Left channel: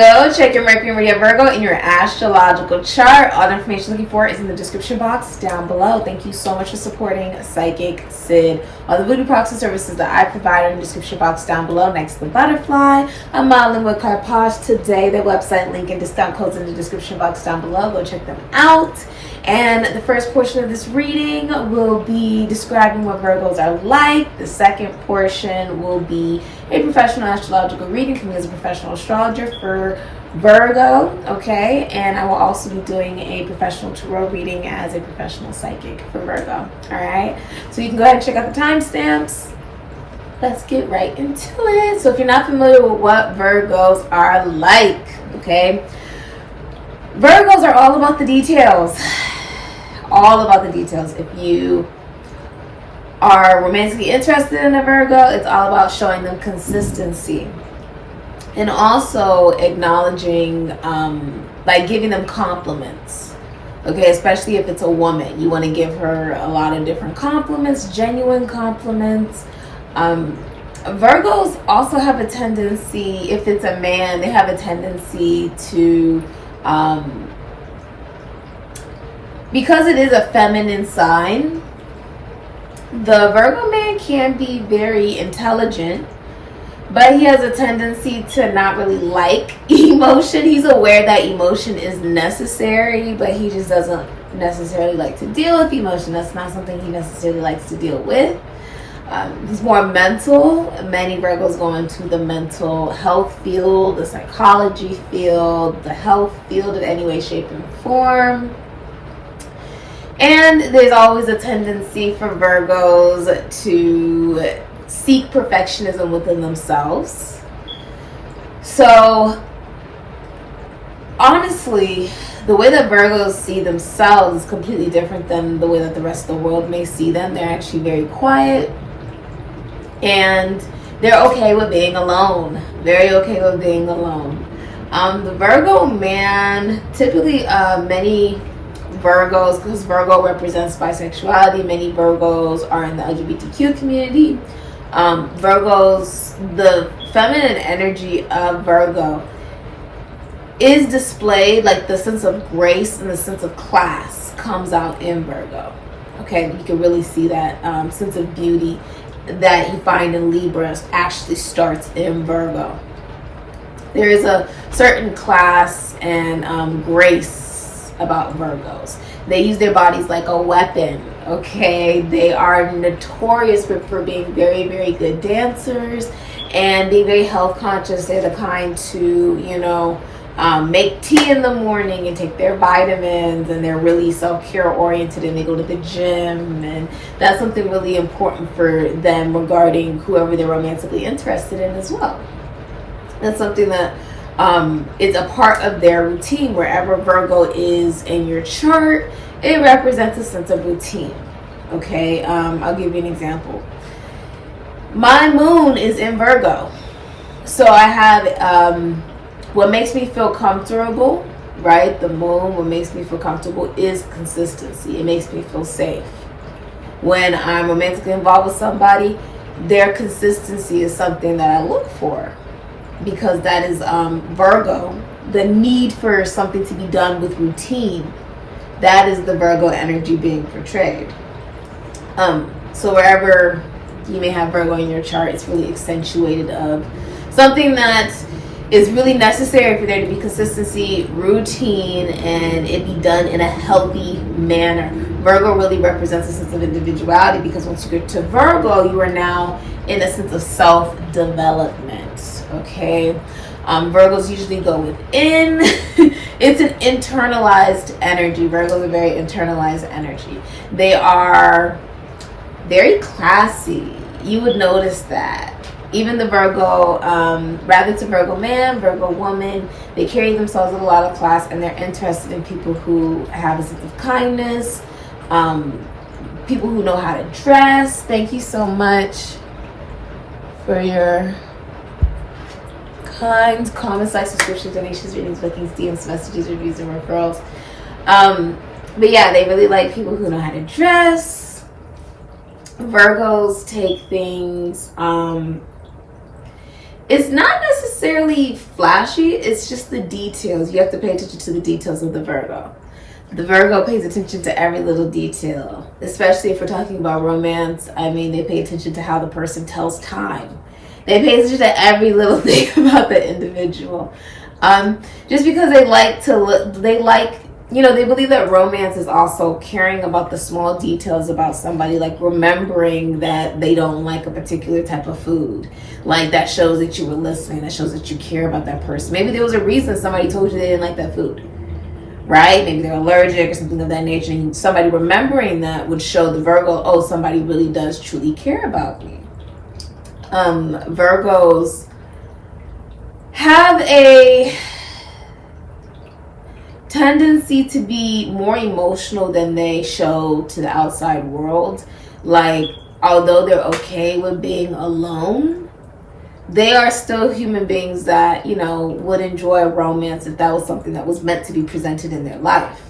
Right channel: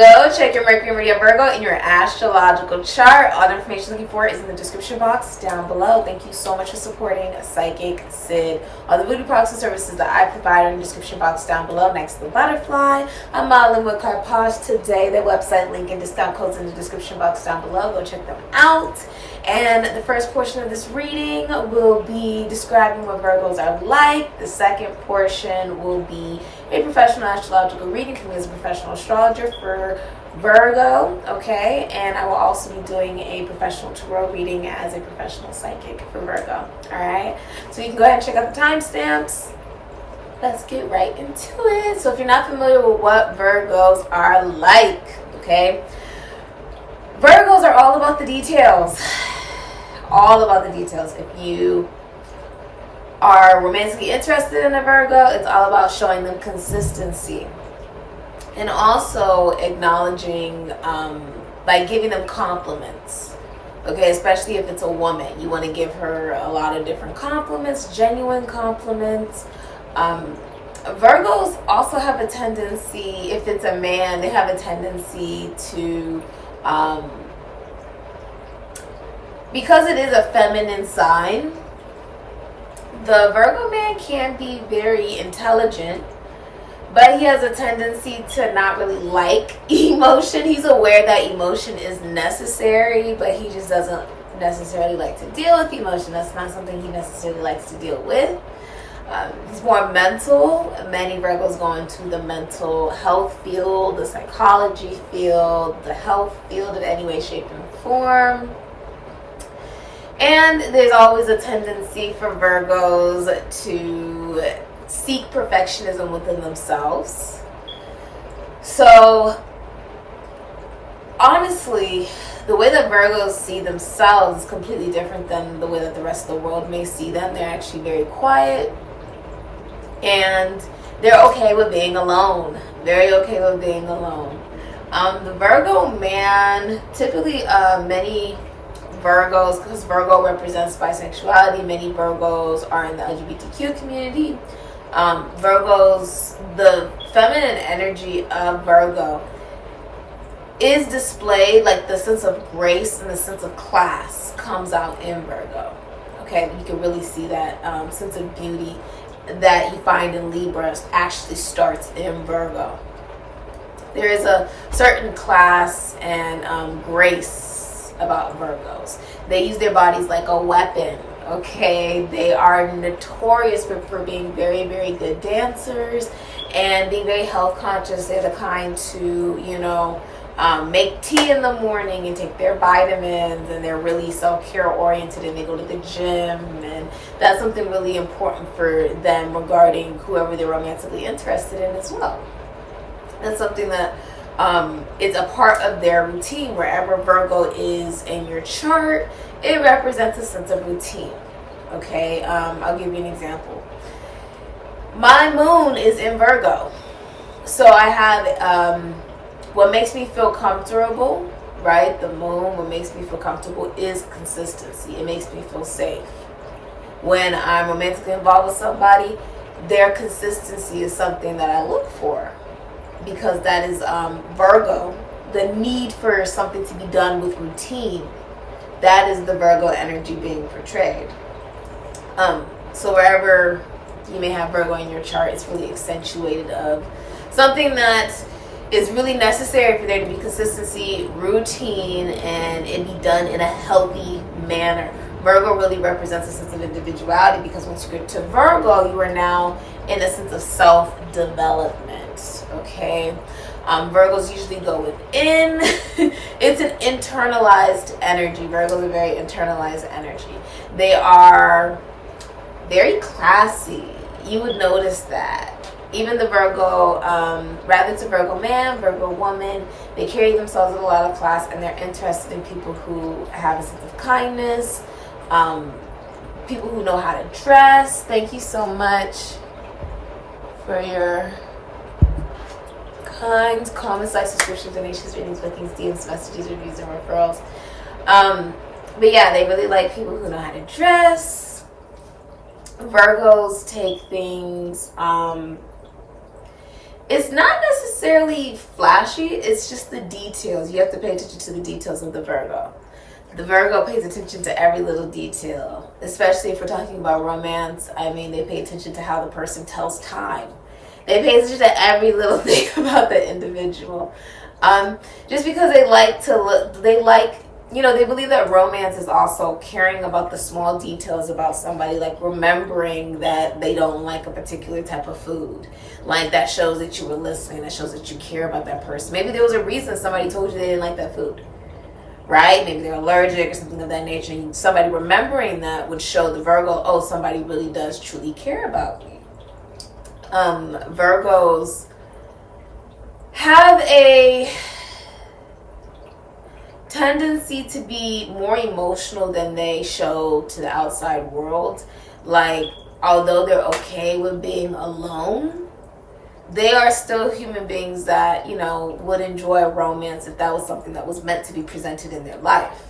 Virgo, check your Mercury and your Virgo in your astrological chart. All the information you're looking for is in the description box down below. Thank you so much for supporting Sikiksyd. All the voodoo products and services that I provide are in the description box down below next to the butterfly. I'm modeling with CASHAPP today. Their website link and discount codes in the description box down below. Go check them out. And the first portion of this reading will be describing what Virgos are like. The second portion will be a professional astrological reading from me as a professional astrologer for Virgo, okay? And I will also be doing a professional tarot reading as a professional psychic for Virgo, all right? So you can go ahead and check out the timestamps. Let's get right into it. So if you're not familiar with what Virgos are like, okay? Virgos are all about the details. All about the details. If you are romantically interested in a Virgo, it's all about showing them consistency. And also acknowledging, like giving them compliments. Okay, especially if it's a woman. You want to give her a lot of different compliments, genuine compliments. Virgos also have a tendency, if it's a man, they have a tendency to, because it is a feminine sign, the Virgo man can be very intelligent, but he has a tendency to not really like emotion. He's aware that emotion is necessary, but he just doesn't necessarily like to deal with emotion. That's not something he necessarily likes to deal with. He's more mental. Many Virgos go into the mental health field, the psychology field, the health field in any way, shape, and form. And there's always a tendency for Virgos to seek perfectionism within themselves. So, honestly, the way that Virgos see themselves is completely different than the way that the rest of the world may see them. They're actually very quiet. And they're okay with being alone. Very okay with being alone. The Virgo man, typically many Virgos, because Virgo represents bisexuality, many Virgos are in the LGBTQ community. Virgos, the feminine energy of Virgo is displayed, like the sense of grace and the sense of class comes out in Virgo. Okay, you can really see that sense of beauty that you find in Libra actually starts in Virgo. There is a certain class and grace about Virgos. They use their bodies like a weapon, okay? They are notorious for being very, very good dancers and being very health conscious. They're the kind to, you know, make tea in the morning and take their vitamins, and they're really self-care oriented, and they go to the gym, and that's something really important for them regarding whoever they're romantically interested in as well. That's something that it's a part of their routine. Wherever Virgo is in your chart, it represents a sense of routine. Okay, I'll give you an example. My moon is in Virgo, so I have what makes me feel comfortable, right? The moon, what makes me feel comfortable is consistency. It makes me feel safe. When I'm romantically involved with somebody, their consistency is something that I look for, because that is Virgo, the need for something to be done with routine. That is the Virgo energy being portrayed. So wherever you may have Virgo in your chart, it's really accentuated of something that is really necessary for there to be consistency, routine, and it be done in a healthy manner. Virgo really represents a sense of individuality, because once you get to Virgo, you are now in a sense of self-development, okay? Virgos usually go within. It's an internalized energy. Virgos are very internalized energy. They are very classy. You would notice that. Even the Virgo, rather it's a Virgo man, Virgo woman, they carry themselves with a lot of class, and they're interested in people who have a sense of kindness, people who know how to dress. Thank you so much for your kind comments, like, subscriptions, donations, readings, bookings, DMs, messages, reviews, and referrals. But yeah, they really like people who know how to dress. Virgos take things It's not necessarily flashy, it's just the details. You have to pay attention to the details of the Virgo. The Virgo pays attention to every little detail, especially if we're talking about romance. I mean, they pay attention to how the person tells time. They pay attention to every little thing about the individual. Just because they like to look, they believe that romance is also caring about the small details about somebody, like remembering that they don't like a particular type of food. Like, that shows that you were listening, that shows that you care about that person. Maybe there was a reason somebody told you they didn't like that food, right? Maybe they're allergic or something of that nature. And somebody remembering that would show the Virgo, oh, somebody really does truly care about me. Virgos have a tendency to be more emotional than they show to the outside world. Like, although they're okay with being alone, they are still human beings that, would enjoy a romance if that was something that was meant to be presented in their life.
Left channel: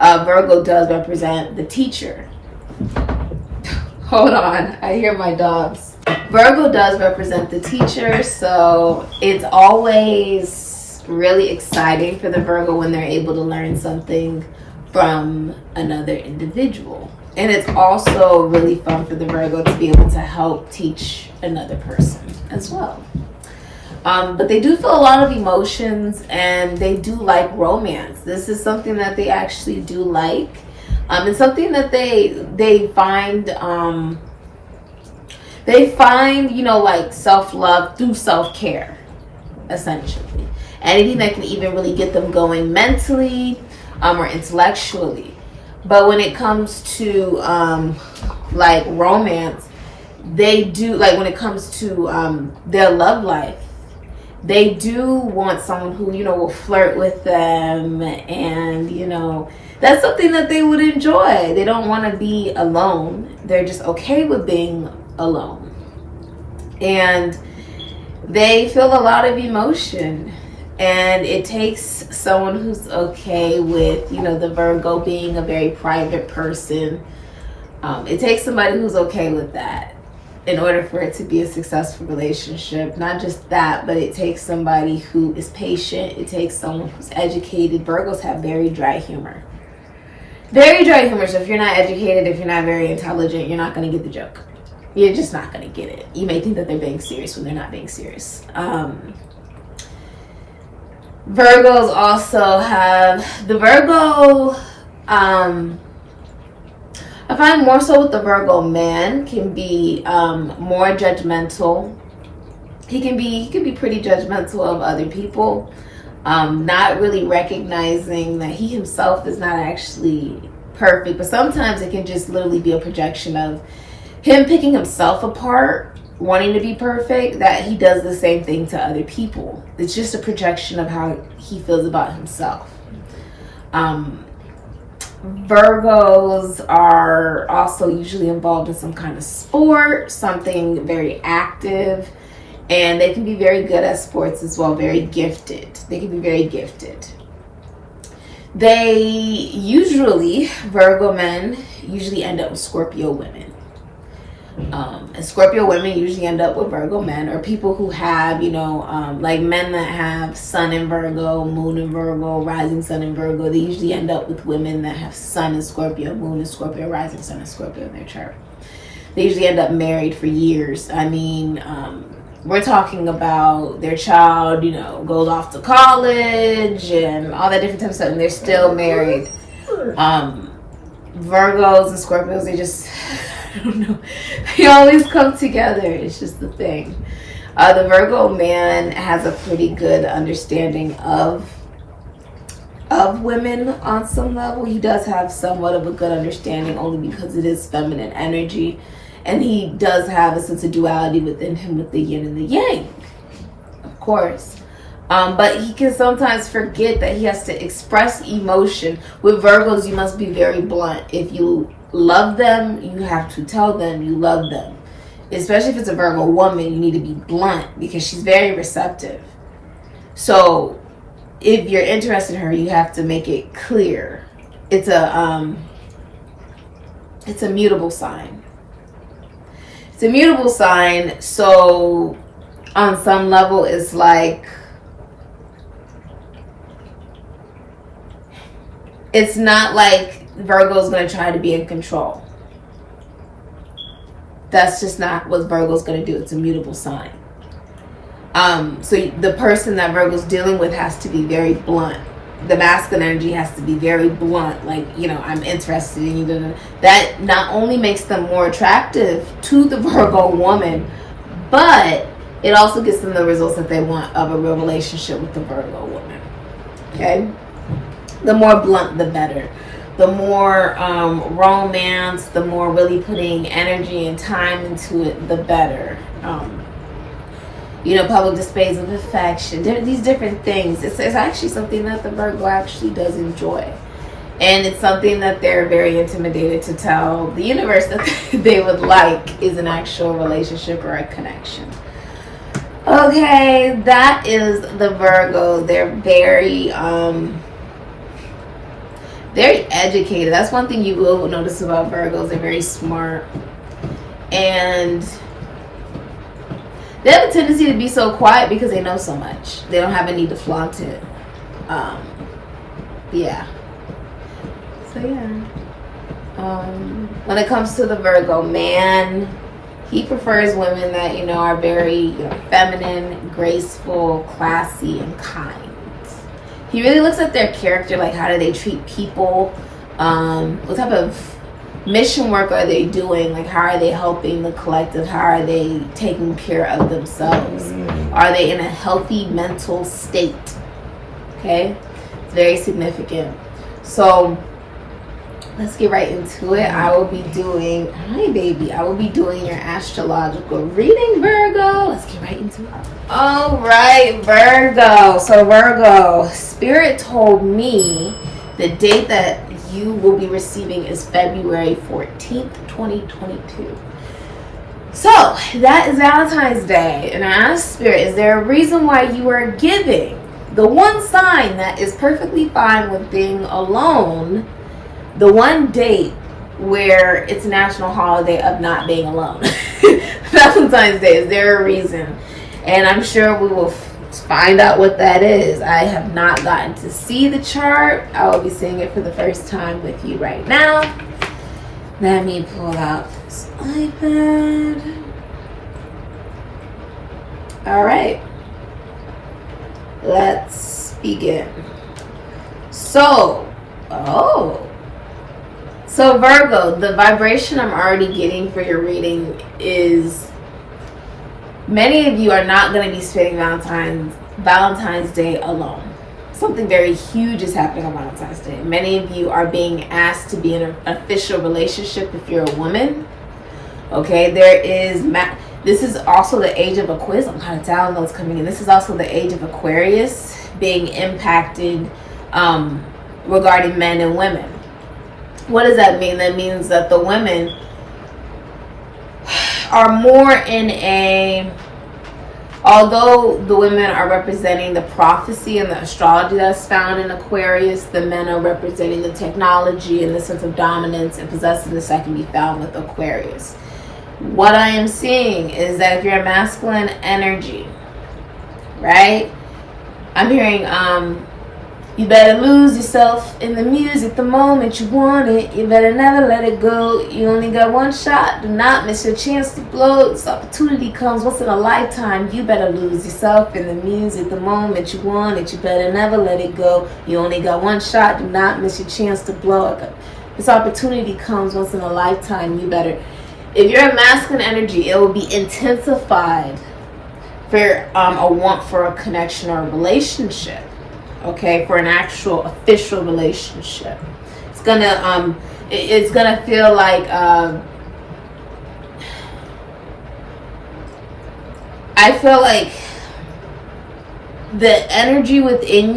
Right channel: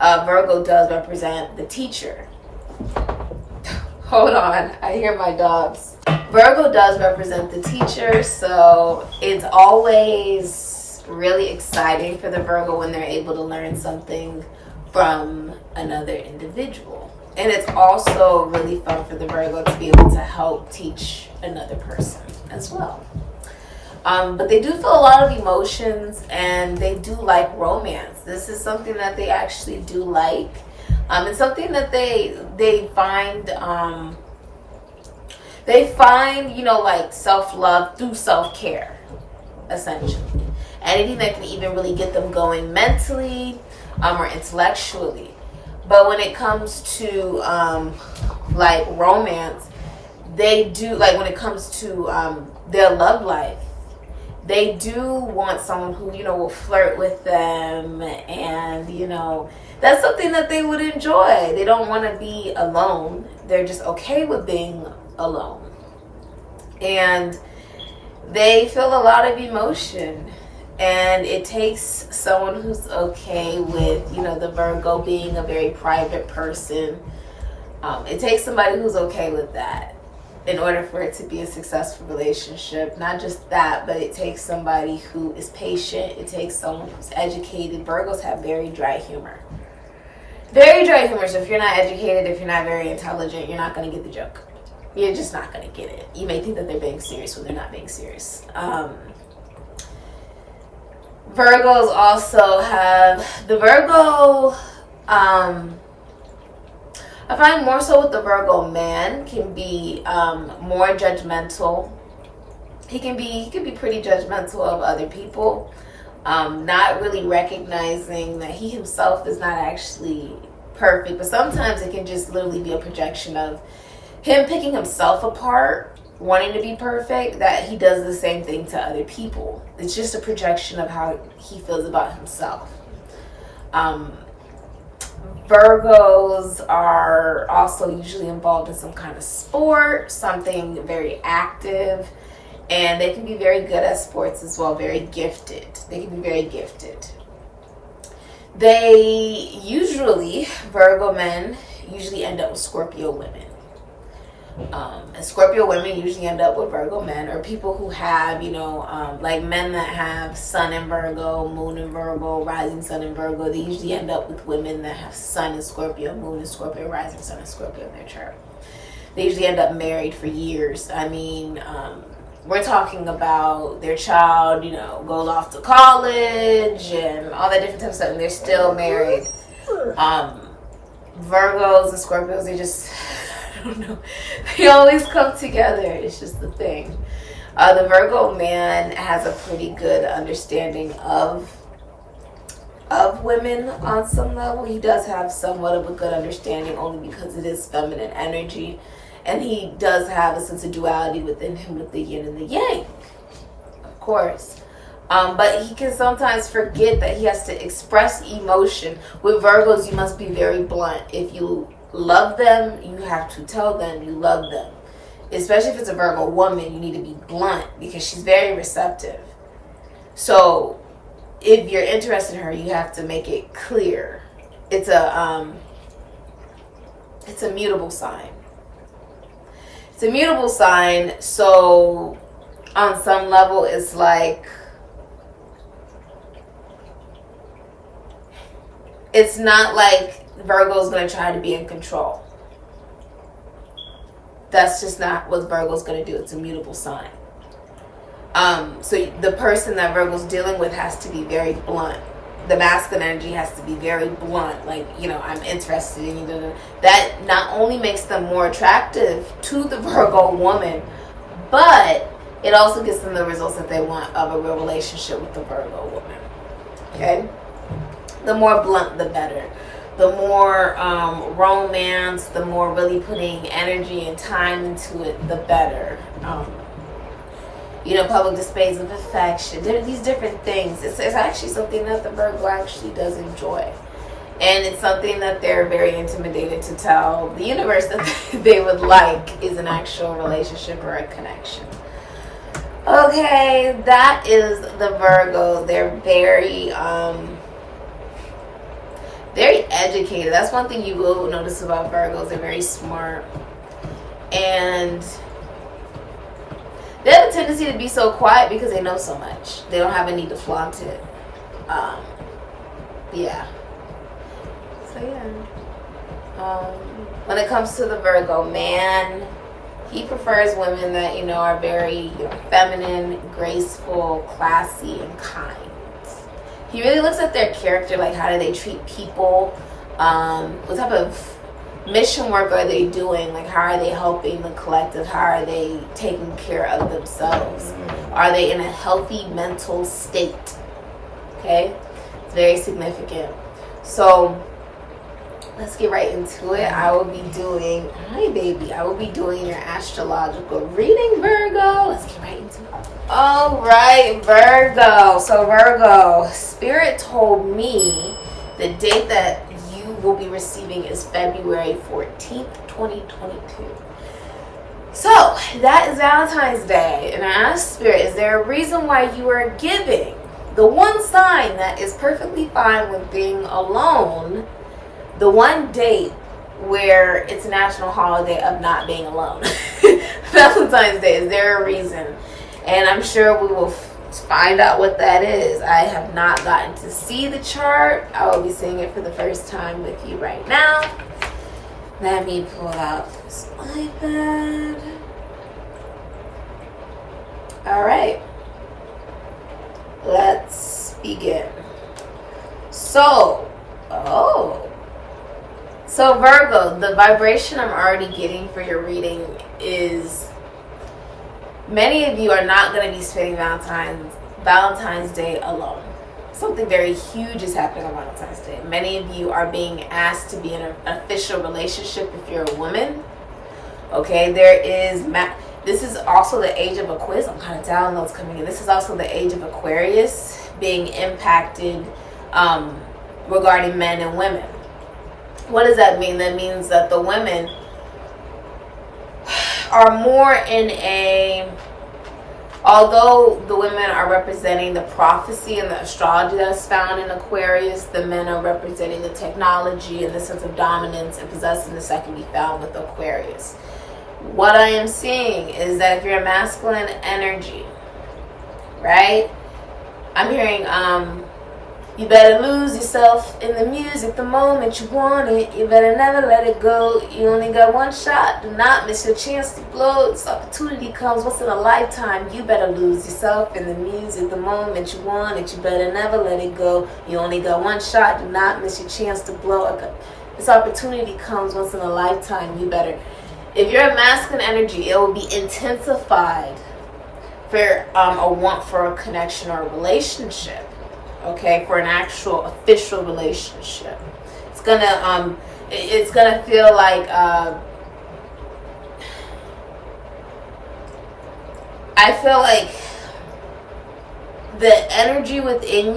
Virgo does represent the teacher. Hold on, I hear my dogs. Virgo does represent the teacher, so it's always really exciting for the Virgo when they're able to learn something from another individual. And it's also really fun for the Virgo to be able to help teach another person as well. But they do feel a lot of emotions, and they do like romance. This is something that they actually do like. It's something that they find like self-love through self-care, essentially. Anything that can even really get them going mentally or intellectually. But when it comes to like romance, they do, like when it comes to their love life, they do want someone who, will flirt with them, and, that's something that they would enjoy. They don't want to be alone. They're just okay with being alone. And they feel a lot of emotion. And it takes someone who's okay with, the Virgo being a very private person. It takes somebody who's okay with that in order for it to be a successful relationship. Not just that, but it takes somebody who is patient. It takes someone who's educated. Virgos have very dry humor. Very dry humor. So if you're not educated, if you're not very intelligent, you're not going to get the joke. You're just not going to get it. You may think that they're being serious when they're not being serious. Virgos also have the Virgo, I find more so with the Virgo man can be more judgmental. He can be pretty judgmental of other people, not really recognizing that he himself is not actually perfect. But sometimes it can just literally be a projection of him picking himself apart, wanting to be perfect, that he does the same thing to other people. It's just a projection of how he feels about himself. Virgos are also usually involved in some kind of sport, something very active, and they can be very good at sports as well, very gifted. They can be very gifted. Virgo men usually end up with Scorpio women. And Scorpio women usually end up with Virgo men, or people who have, like men that have sun in Virgo, moon in Virgo, rising sun in Virgo. They usually end up with women that have sun in Scorpio, moon in Scorpio, rising sun in Scorpio in their chart. They usually end up married for years. I mean, we're talking about their child, goes off to college and all that different type of stuff, and they're still married. Virgos and Scorpios, they just... I don't know. They always come together. It's just the thing. The Virgo man has a pretty good understanding of women on some level. He does have somewhat of a good understanding, only because it is feminine energy. And he does have a sense of duality within him with the yin and the yang, of course. But he can sometimes forget that he has to express emotion. With Virgos, you must be very blunt. If you love them, you have to tell them you love them. Especially if it's a Virgo woman, you need to be blunt because she's very receptive. So if you're interested in her, you have to make it clear. It's a mutable sign. It's a mutable sign, so on some level, it's like, it's not like Virgo's going to try to be in control. That's just not what Virgo's going to do. It's a mutable sign. So the person that Virgo's dealing with has to be very blunt. The masculine energy has to be very blunt. Like, you know, I'm interested in you. That not only makes them more attractive to the Virgo woman, but it also gets them the results that they want of a real relationship with the Virgo woman. Okay? The more blunt, the better. The more romance, the more really putting energy and time into it, the better. You know, public displays of affection, these different things. It's actually something that the Virgo actually does enjoy. And it's something that they're very intimidated to tell the universe that they would like is an actual relationship or a connection. Okay, that is the Virgo. They're very educated. That's one thing you will notice about Virgos. They're very smart. And they have a tendency to be so quiet because they know so much. They don't have a need to flaunt it. Yeah. So yeah. When it comes to the Virgo man, he prefers women that, you know, are very, you know, feminine, graceful, classy, and kind. He really looks at their character, like how do they treat people, what type of mission work are they doing, like how are they helping the collective, how are they taking care of themselves, are they in a healthy mental state? Okay, it's very significant. So let's get right into it. I will be doing, hi baby, I will be doing your astrological reading, Virgo. Let's get right into it. All right, Virgo. So Virgo, Spirit told me the date that you will be receiving is February 14th, 2022. So that is Valentine's Day. And I asked Spirit, is there a reason why you are giving the one sign that is perfectly fine with being alone, the one date where it's a national holiday of not being alone? Valentine's Day, is there a reason? And I'm sure we will find out what that is. I have not gotten to see the chart. I will be seeing it for the first time with you right now. Let me pull out this iPad. All right. Let's begin. So Virgo, the vibration I'm already getting for your reading is many of you are not going to be spending Valentine's Day alone. Something very huge is happening on Valentine's Day. Many of you are being asked to be in an official relationship if you're a woman. Okay, this is also the age of Aquarius. I'm kind of downloads coming in. This is also the age of Aquarius being impacted regarding men and women. What does that mean? That means that the women are more in a, although the women are representing the prophecy and the astrology that's found in Aquarius, the men are representing the technology and the sense of dominance and possessiveness that can be found with Aquarius. What I am seeing is that if you're a masculine energy, right? I'm hearing, you better lose yourself in the music the moment you want it. You better never let it go. You only got one shot. Do not miss your chance to blow. This opportunity comes once in a lifetime. You better lose yourself in the music the moment you want it. You better never let it go. You only got one shot. Do not miss your chance to blow. This opportunity comes once in a lifetime. You better. If you're a masculine energy, it will be intensified for a want for a connection or a relationship. Okay, for an actual official relationship, it's gonna feel like I feel like the energy within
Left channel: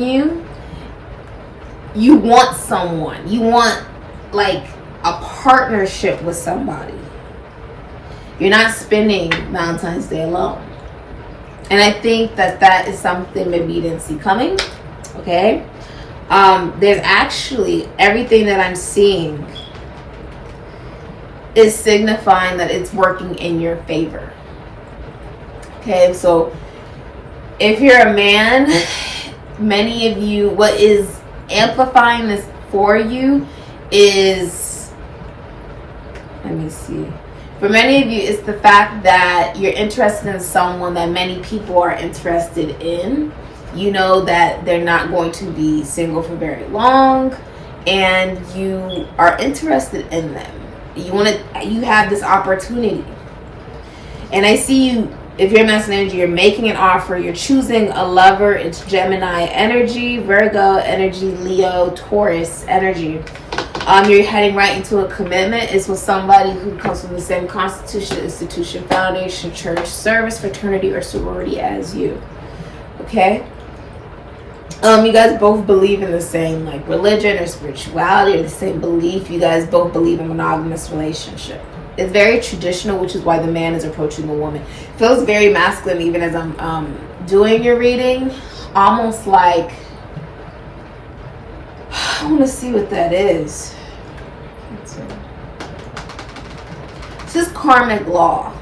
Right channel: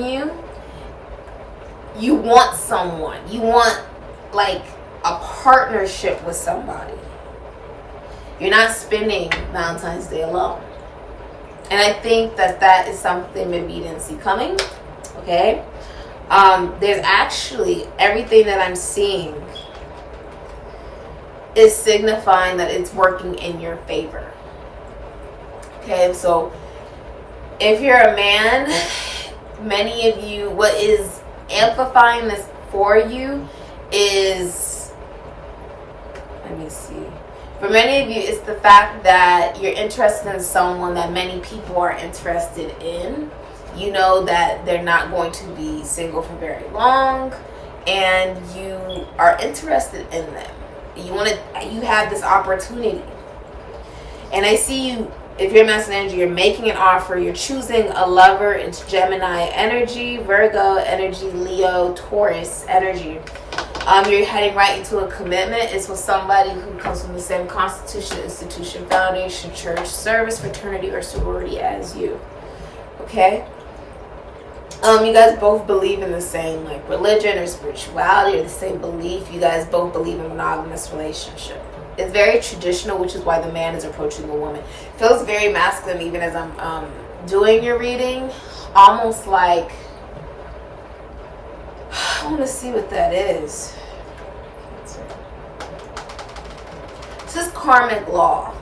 you want someone, you want like a partnership with somebody. You're not spending Valentine's Day alone, and I think that is something maybe you didn't see coming. Okay, there's actually everything that I'm seeing is signifying that it's working in your favor. Okay, so If you're a man, many of you, what is amplifying this for you is, let me see. For many of you, it's the fact that you're interested in someone that many people are interested in. You know that they're not going to be single for very long, and you are interested in them. You have this opportunity. And I see you, if you're masculine energy, you're making an offer, you're choosing a lover. It's Gemini energy, Virgo energy, Leo, Taurus energy. You're heading right into a commitment. It's with somebody who comes from the same constitution, institution, foundation, church, service, fraternity, or sorority as you. Okay? You guys both believe in the same like religion or spirituality, or the same belief. You guys both believe in monogamous relationship. It's very traditional, which is why the man is approaching the woman. It feels very masculine even as I'm doing your reading. Almost like, I want to see what that is. This is karmic law.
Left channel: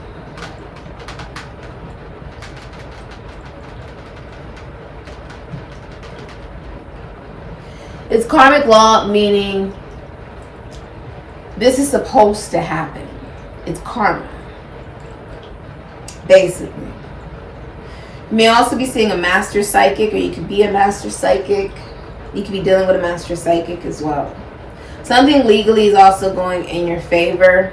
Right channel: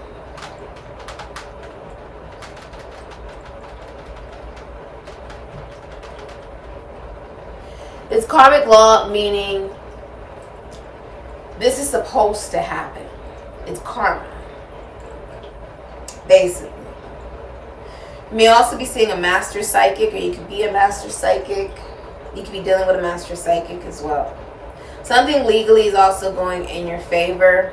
It's karmic law, meaning this is supposed to happen. It's karma, basically. You may also be seeing a master psychic, or you could be a master psychic. You could be dealing with a master psychic as well. Something legally is also going in your favor.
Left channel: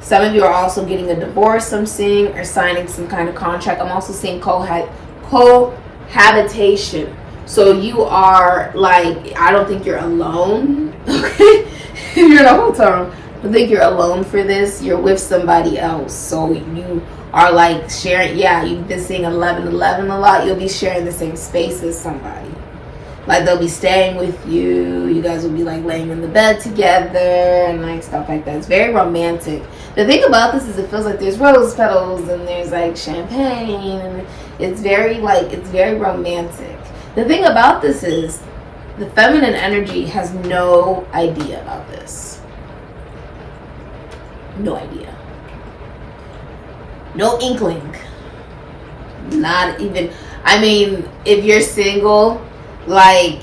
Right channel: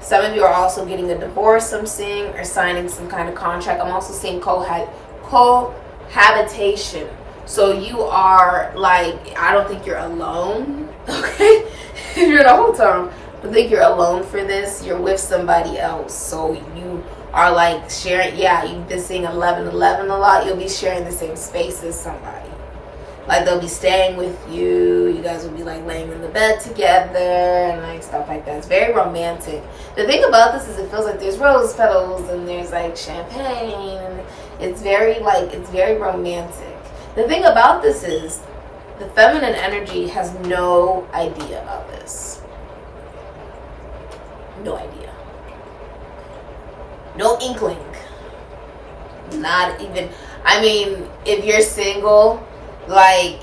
Some of you are also getting a divorce, I'm seeing, or signing some kind of contract. I'm also seeing cohabitation. So you are like, I don't think you're alone, okay? You're in a hotel room. I don't think you're alone for this. You're with somebody else. So you are like sharing, yeah, you've been seeing 1111 a lot. You'll be sharing the same space as somebody. Like they'll be staying with you. You guys will be like laying in the bed together and like stuff like that. It's very romantic. The thing about this is it feels like there's rose petals and there's like champagne. And it's very like, it's very romantic. The thing about this is the feminine energy has no idea about this. No idea. No inkling. Not even, I mean, if you're single, like,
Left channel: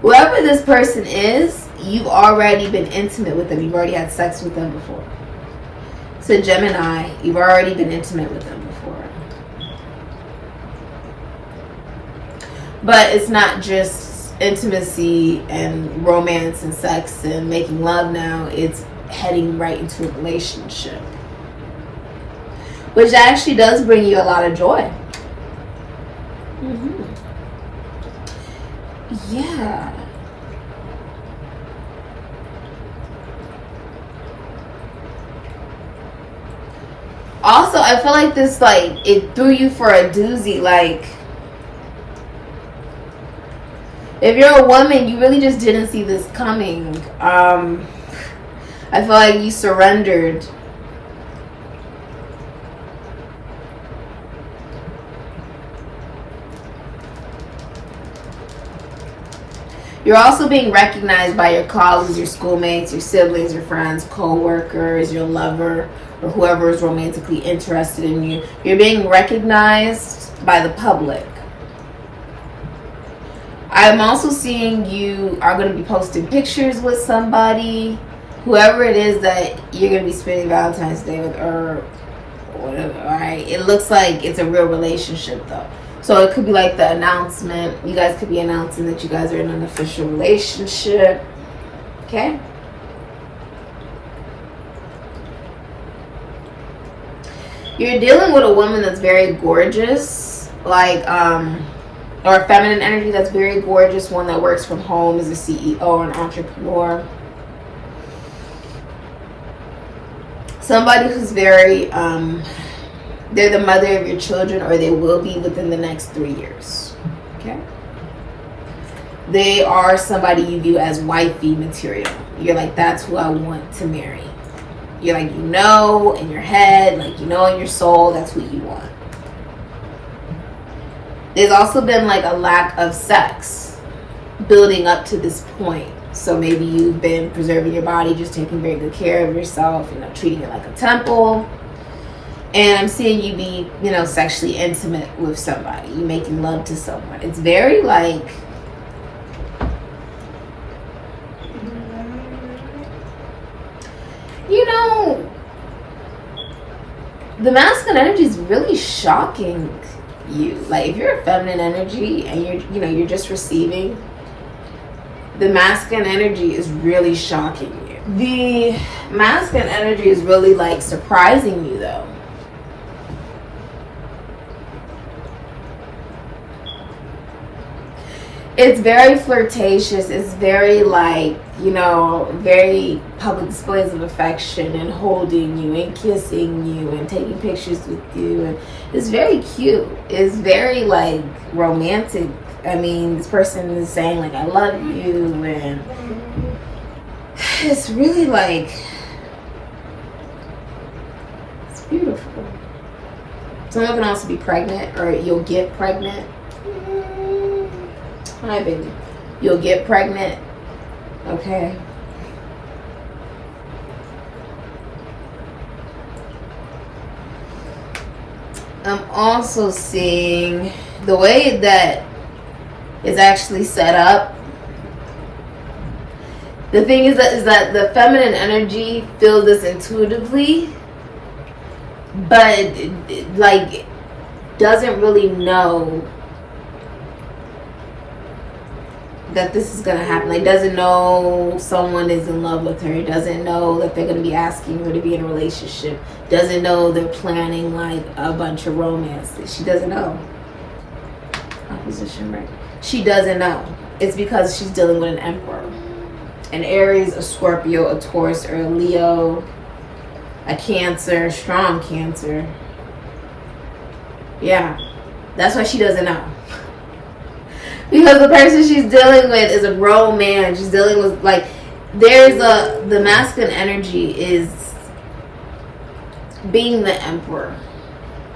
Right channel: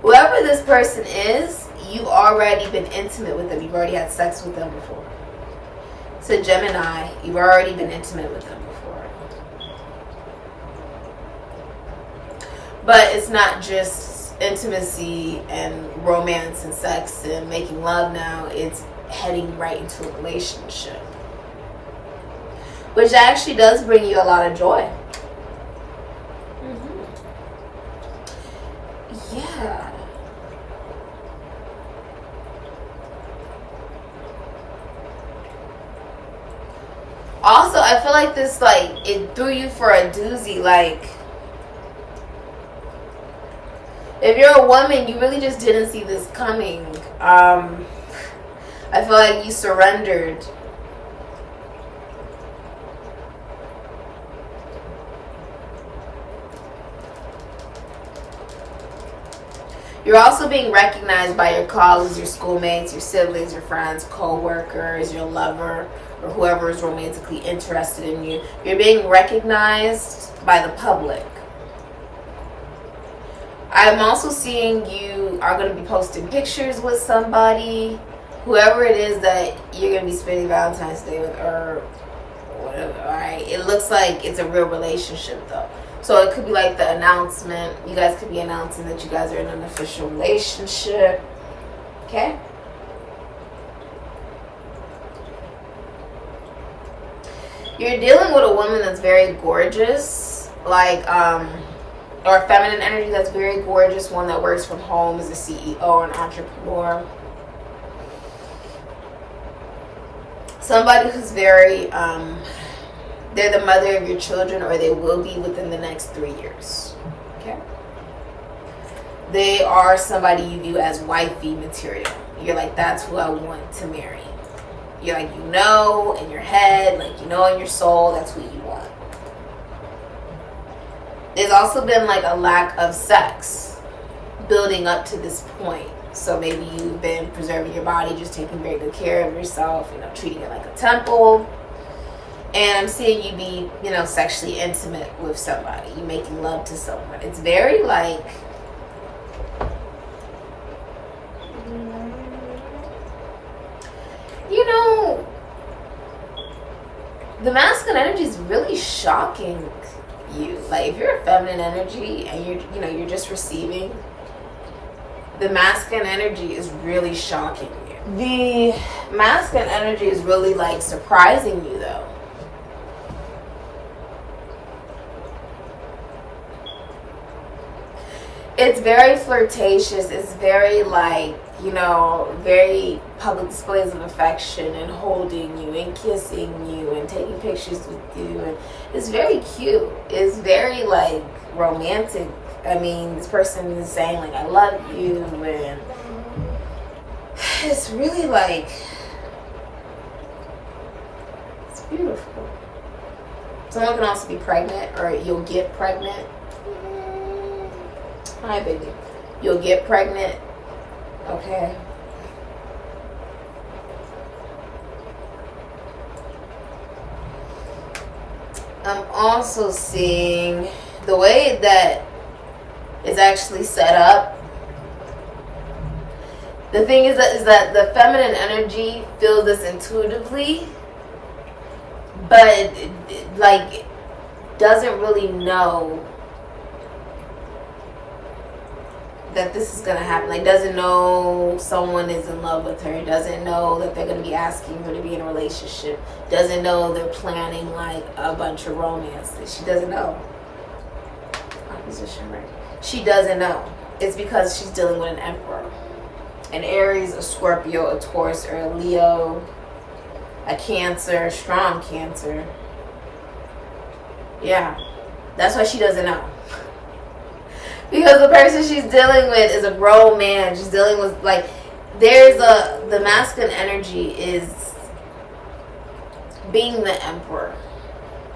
whoever this person is, you've already been intimate with them. You've already had sex with them before. So Gemini, you've already been intimate with them before. But it's not just intimacy and romance and sex and making love now. It's heading right into a relationship, which actually does bring you a lot of joy. Yeah. Also, I feel like this, like, it threw you for a doozy. Like, if you're a woman, you really just didn't see this coming. I feel like you surrendered. You're also being recognized by your colleagues, your schoolmates, your siblings, your friends, co-workers, your lover, or whoever is romantically interested in you. You're being recognized by the public. I'm also seeing you are going to be posting pictures with somebody, whoever it is that you're going to be spending Valentine's Day with, or whatever, alright? It looks like it's a real relationship though. So it could be like the announcement. You guys could be announcing that you guys are in an official relationship. Okay? You're dealing with a woman that's very gorgeous. Like, or feminine energy that's very gorgeous. One that works from home, is a CEO or an entrepreneur. Somebody who's very, they're the mother of your children, or they will be within the next 3 years. Okay? They are somebody you view as wifey material. You're like, that's who I want to marry. You're like, you know in your head, like you know in your soul, that's who you want. There's also been like a lack of sex building up to this point. So maybe you've been preserving your body, just taking very good care of yourself, you know, treating it like a temple. And I'm seeing you be, you know, sexually intimate with somebody. You making love to someone. It's very like, you know, the masculine energy is really shocking you. Like if you're a feminine energy and you're just receiving, the masculine energy is really shocking you. The masculine energy is really like surprising you though. It's very flirtatious. It's very like, you know, very public displays of affection and holding you and kissing you and taking pictures with you. And it's very cute. It's very like romantic. I mean, this person is saying like, I love you. And it's really like, it's beautiful. Someone can also be pregnant or you'll get pregnant. Hi, baby. You'll get pregnant. Okay. I'm also seeing the way that it's actually set up. The thing is that the feminine energy feels this intuitively, but it like doesn't really know that this is gonna happen. Like doesn't know someone is in love with her, doesn't know that they're gonna be asking her to be in a relationship, doesn't know they're planning like a bunch of romance. She doesn't know. Opposition, right? She doesn't know. It's because she's dealing with an emperor, an Aries, a Scorpio, a Taurus, or a Leo, a Cancer, strong Cancer. Yeah, that's why she doesn't know. Because the person she's dealing with is a grown man. She's dealing with like, the masculine energy is being the emperor,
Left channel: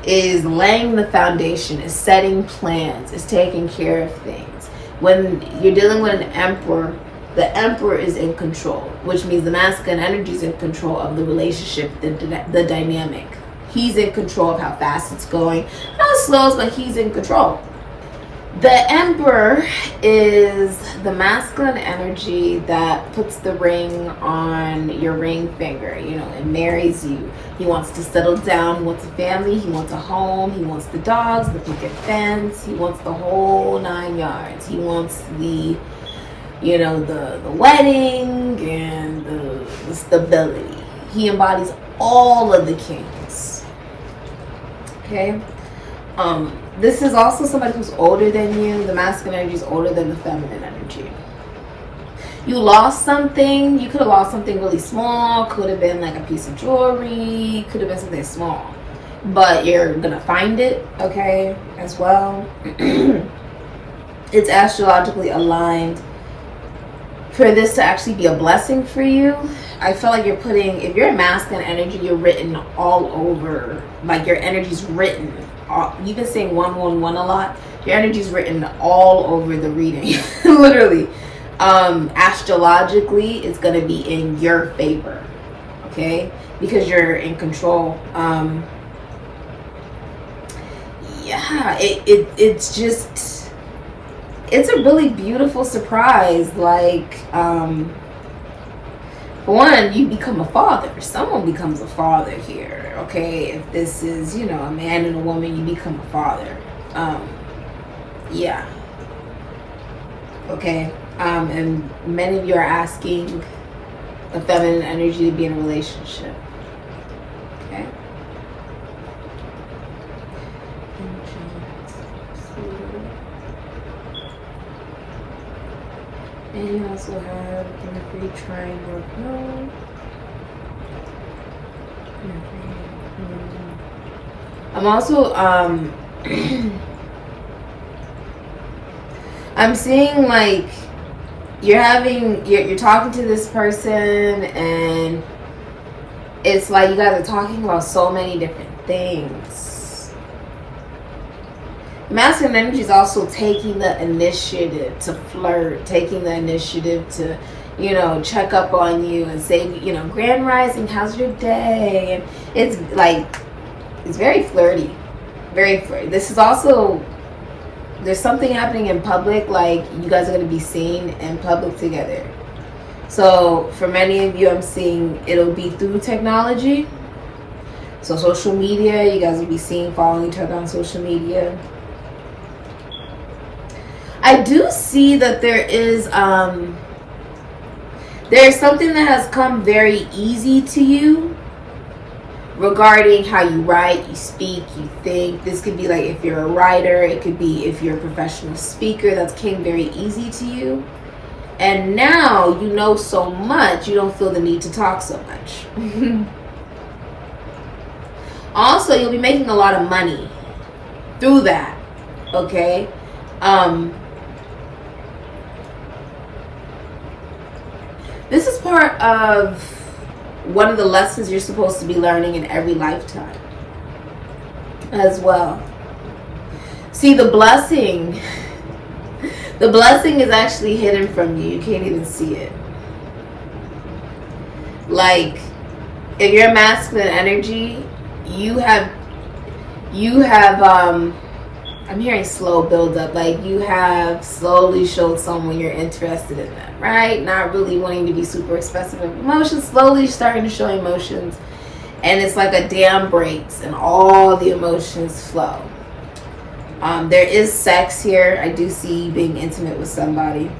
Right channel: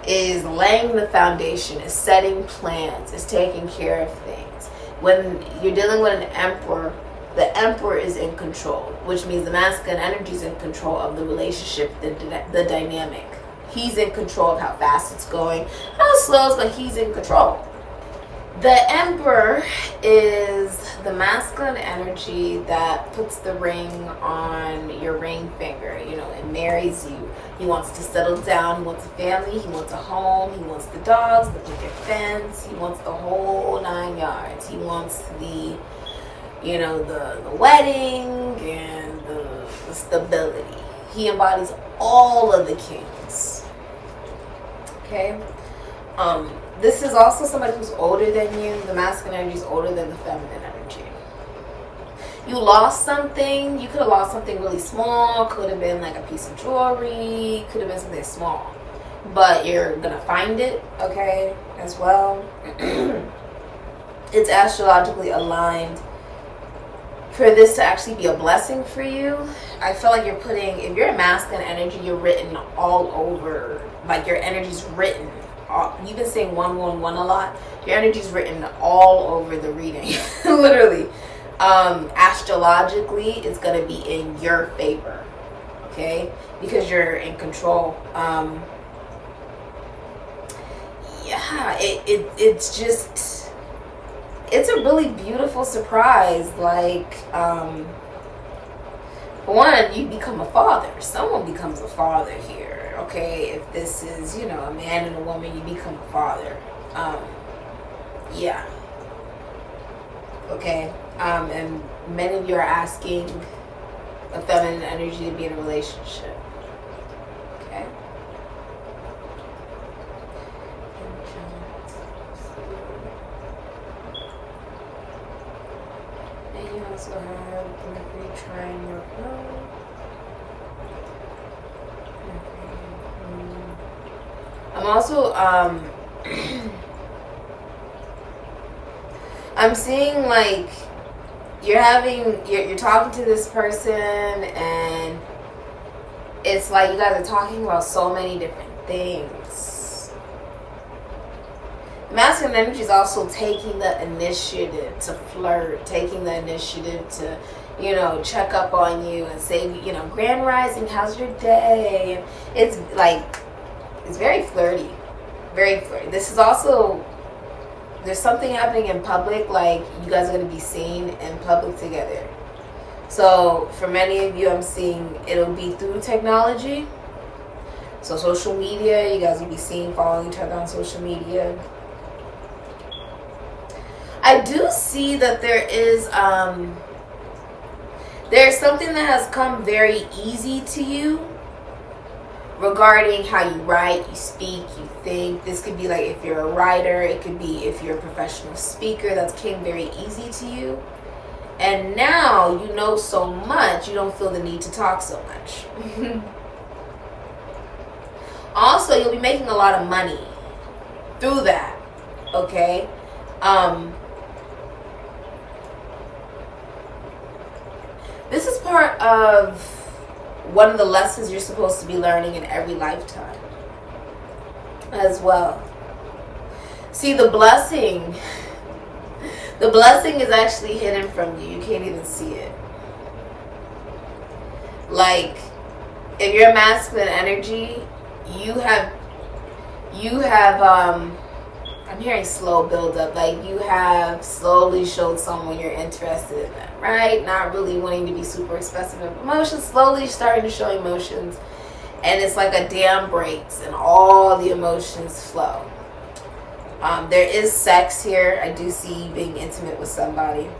is laying the foundation, is setting plans, is taking care of things. When you're dealing with an emperor, the emperor is in control, which means the masculine energy is in control of the relationship, the dynamic. He's in control of how fast it's going, how slow, but he's in control. The emperor is the masculine energy that puts the ring on your ring finger, you know, and marries you. He wants to settle down. He wants a family. He wants a home. He wants the dogs, the picket fence. He wants the whole 9 yards. He wants the, you know, the wedding and the stability. He embodies all of the kings. Okay? This is also somebody who's older than you. The masculine energy is older than the feminine energy. You lost something. You could have lost something really small. Could have been like a piece of jewelry. Could have been something small. But you're going to find it, okay, as well. It's astrologically aligned for this to actually be a blessing for you. I feel like you're putting, if you're a masculine energy, you're written all over. Like your energy's written. You've been saying 111 a lot. Your energy's written all over the reading. Literally. Astrologically, it's going to be in your favor. Okay? Because you're in control. Yeah, it's just, it's a really beautiful surprise. Like, one, you become a father. Someone becomes a father here, okay? If this is, you know, a man and a woman, you become a father. Yeah. Okay. And many of you are asking a feminine energy to be in a relationship. Okay? And you also have Mercury trine North Node. I'm also I'm seeing like you're talking to this person and it's like you guys are talking about so many different things. Masculine energy is also taking the initiative to flirt, taking the initiative to, you know, check up on you and say, you know, grand rising, how's your day? And it's like It's very flirty. Very flirty. This is also, there's something happening in public, like you guys are going to be seen in public together. So for many of you, I'm seeing it'll be through technology. So social media, you guys will be seen following each other on social media. I do see that there's something that has come very easy to you regarding how you write, you speak, you think. This could be like if you're a writer, it could be if you're a professional speaker, that came very easy to you. And now you know so much, you don't feel the need to talk so much. Also, you'll be making a lot of money through that, okay? This is part of one of the lessons you're supposed to be learning in every lifetime as well. See, the blessing is actually hidden from you. You can't even see it. Like, if you're masculine energy, you have I'm hearing slow build up, like you have slowly showed someone you're interested in them, right? Not really wanting to be super expressive of emotions, slowly starting to show emotions, and it's like a dam breaks and all the emotions flow. There is sex here. I do see you being intimate with somebody.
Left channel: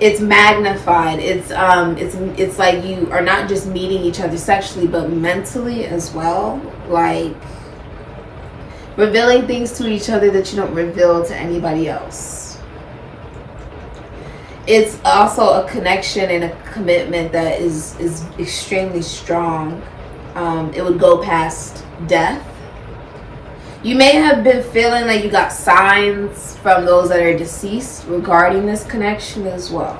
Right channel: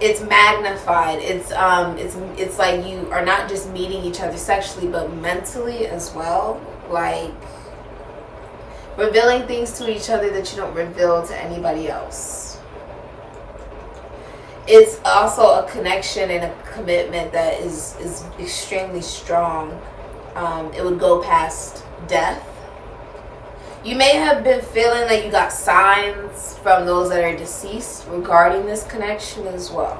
It's magnified. It's like you are not just meeting each other sexually, but mentally as well. Like revealing things to each other that you don't reveal to anybody else. It's also a connection and a commitment that is extremely strong. It would go past death. You may have been feeling like you got signs from those that are deceased regarding this connection as well.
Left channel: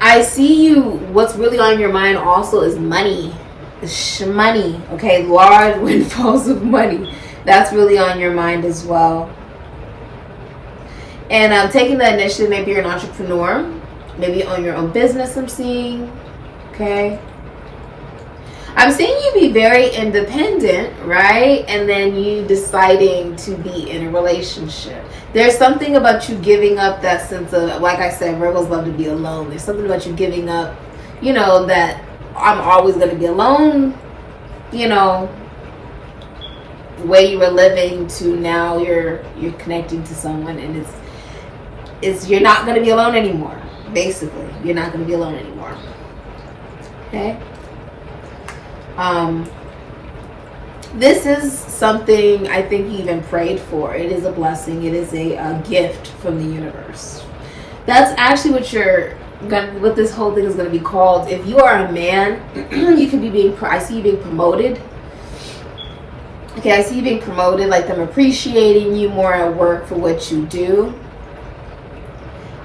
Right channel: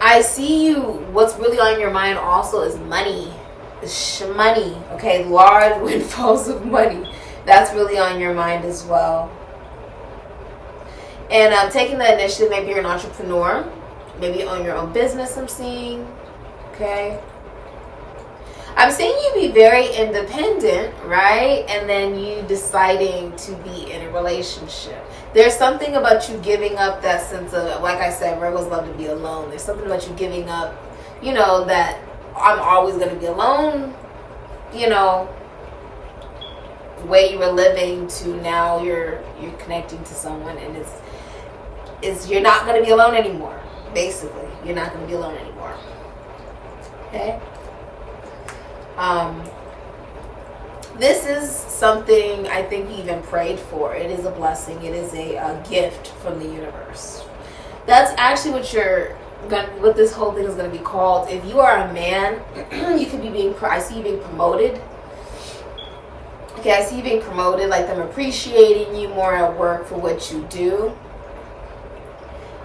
I see you, what's really on your mind also is money. Money, okay? Large windfalls of money. That's really on your mind as well. And taking the initiative, maybe you're an entrepreneur. Maybe you own your own business, I'm seeing. Okay? I'm seeing you be very independent, right? And then you deciding to be in a relationship. There's something about you giving up that sense of, like I said, Virgos love to be alone. There's something about you giving up, you know, that I'm always going to be alone, you know, way you were living to now you're connecting to someone, and it's you're not going to be alone anymore. Basically, you're not going to be alone anymore. Okay? This is something I think you even prayed for. It is a blessing. It is a gift from the universe. That's actually what this whole thing is going to be called. If you are a man, you could be I see you being promoted. Okay, I see you being promoted, like them appreciating you more at work for what you do.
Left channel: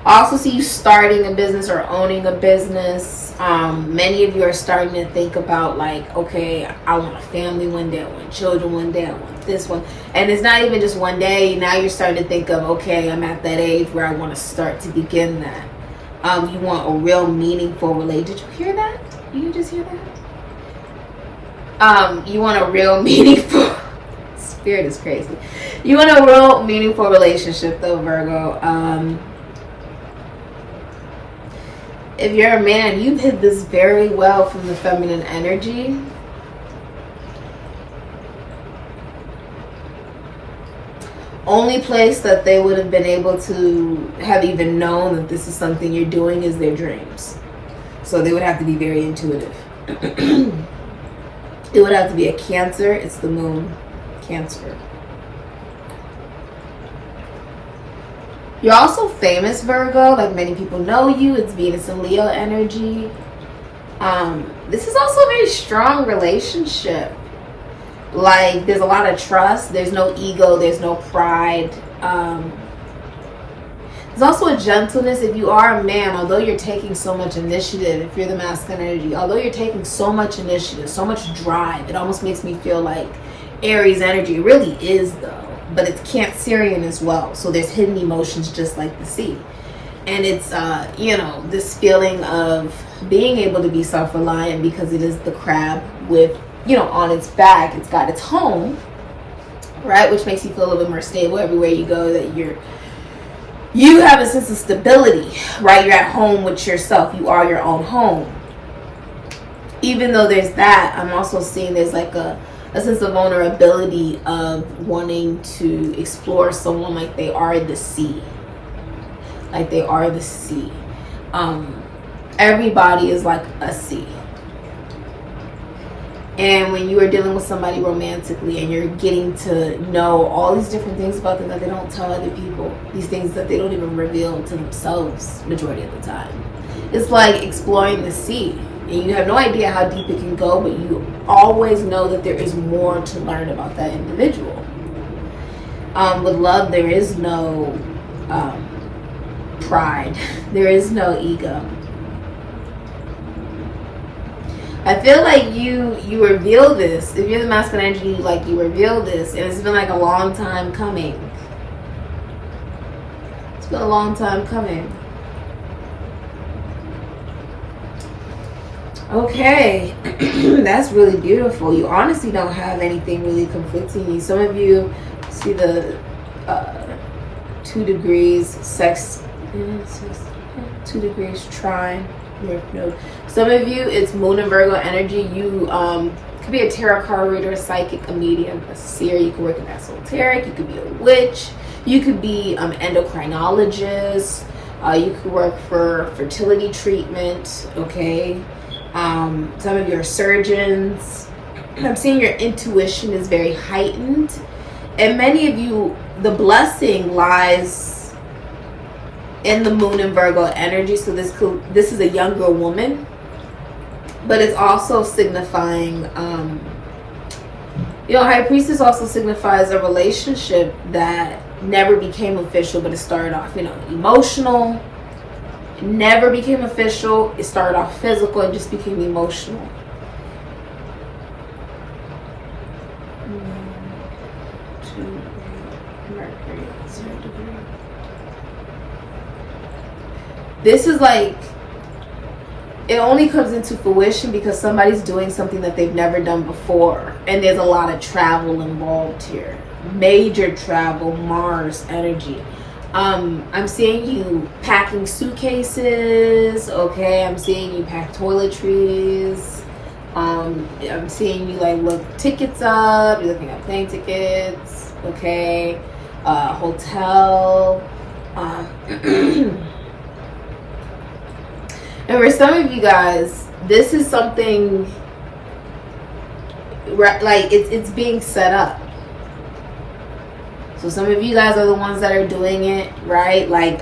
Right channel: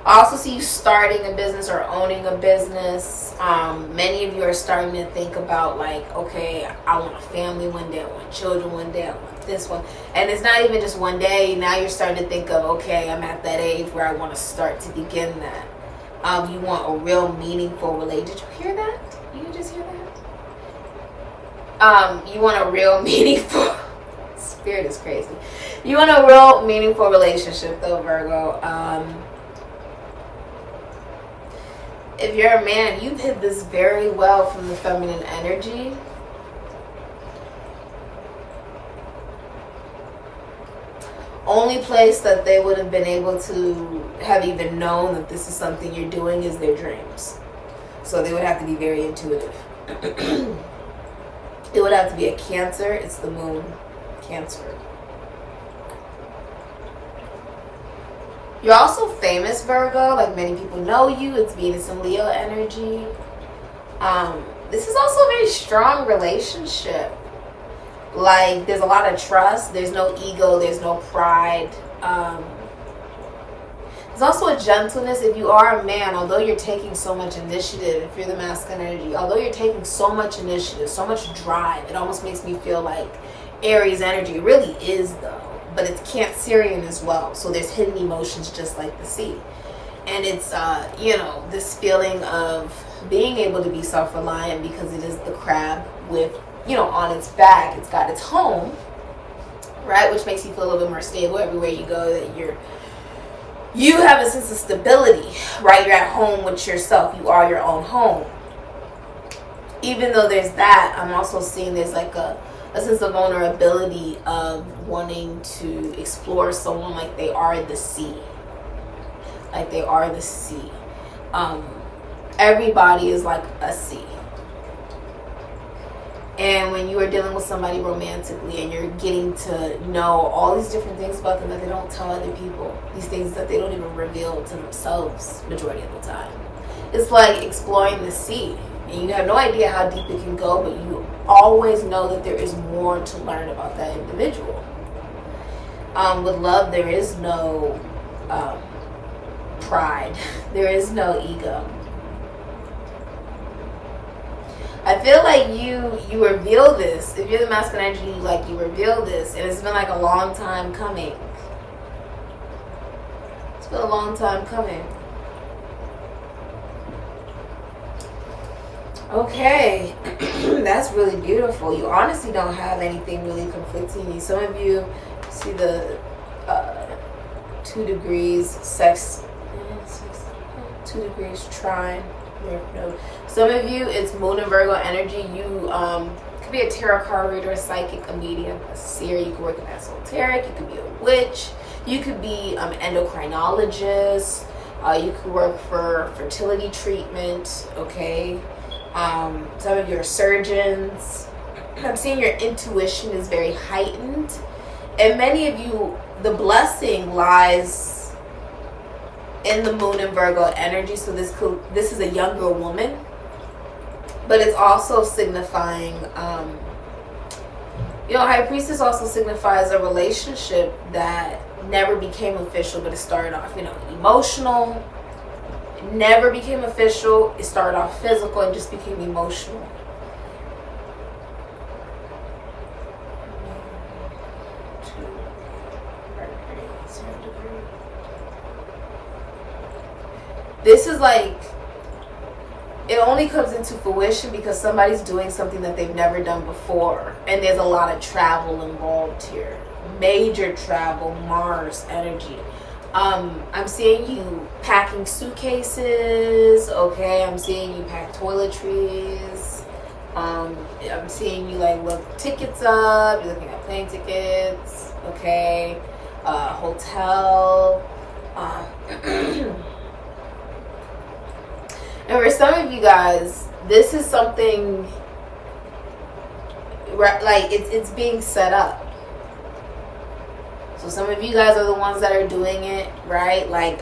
I also see you starting a business or owning a business. Many of you are starting to think about like, okay, I want a family one day, I want children one day, I want this one. And it's not even just one day. Now you're starting to think of, okay, I'm at that age where I want to start to begin that. You want a real meaningful relationship. Did you hear that? You didn't just hear that? You want a real meaningful... Spirit is crazy. You want a real meaningful relationship though, Virgo. If you're a man, you've hid this very well from the feminine energy. Only place that they would have been able to have even known that this is something you're doing is their dreams. So they would have to be very intuitive. It would have to be a Cancer. It's the moon. Cancer. You're also famous, Virgo. Like many people know you. It's Venus and Leo energy. This is also a very strong relationship. Like there's a lot of trust. There's no ego. There's no pride. There's also a gentleness. If you are a man, although you're taking so much initiative, if you're the masculine energy, although you're taking so much initiative, so much drive, it almost makes me feel like Aries energy. It really is though. But it's Cancerian as well. So there's hidden emotions just like the sea. And it's, you know, this feeling of being able to be self-reliant because it is the crab with you know, on its back. It's got its home, right? Which makes you feel a little bit more stable everywhere you go, that you have a sense of stability, right? You're at home with yourself. You are your own home. Even though there's that, I'm also seeing there's like a sense of vulnerability of wanting to explore someone like they are the sea. Like they are the sea. Everybody is like a sea. And when you are dealing with somebody romantically and you're getting to know all these different things about them that they don't tell other people, these things that they don't even reveal to themselves majority of the time, it's like exploring the sea. And you have no idea how deep it can go, but you always know that there is more to learn about that individual. With love, there is no pride. There is no ego. I feel like you reveal this. If you're the masculine energy, like you reveal this, and it's been like a long time coming. It's been a long time coming. Okay, that's really beautiful. You honestly don't have anything really conflicting you. Some of you see the 2 degrees sex, 2 degrees trine. Some of you, it's Moon and Virgo energy. You could be a tarot card reader, a psychic, a medium, a seer. You could work in esoteric. You could be a witch. You could be endocrinologist. You could work for fertility treatment. Okay. Some of you are surgeons. I'm seeing your intuition is very heightened, and many of you, the blessing lies in the Moon and Virgo energy. So this is a younger woman, but it's also signifying, you know, High Priestess also signifies a relationship that never became official, but it started off, you know, emotional. It never became official. It started off physical and just became emotional. Mercury, 0 degree. This is like, it only comes into fruition because somebody's doing something that they've never done before. And there's a lot of travel involved here. Major travel, Mars energy. I'm seeing you packing suitcases, okay? I'm seeing you pack toiletries. I'm seeing you like look tickets up. You're looking at plane tickets, okay? Hotel. And for some of you guys, this is something like it's being set up. So some of you guys are the ones that are doing it, right? Like,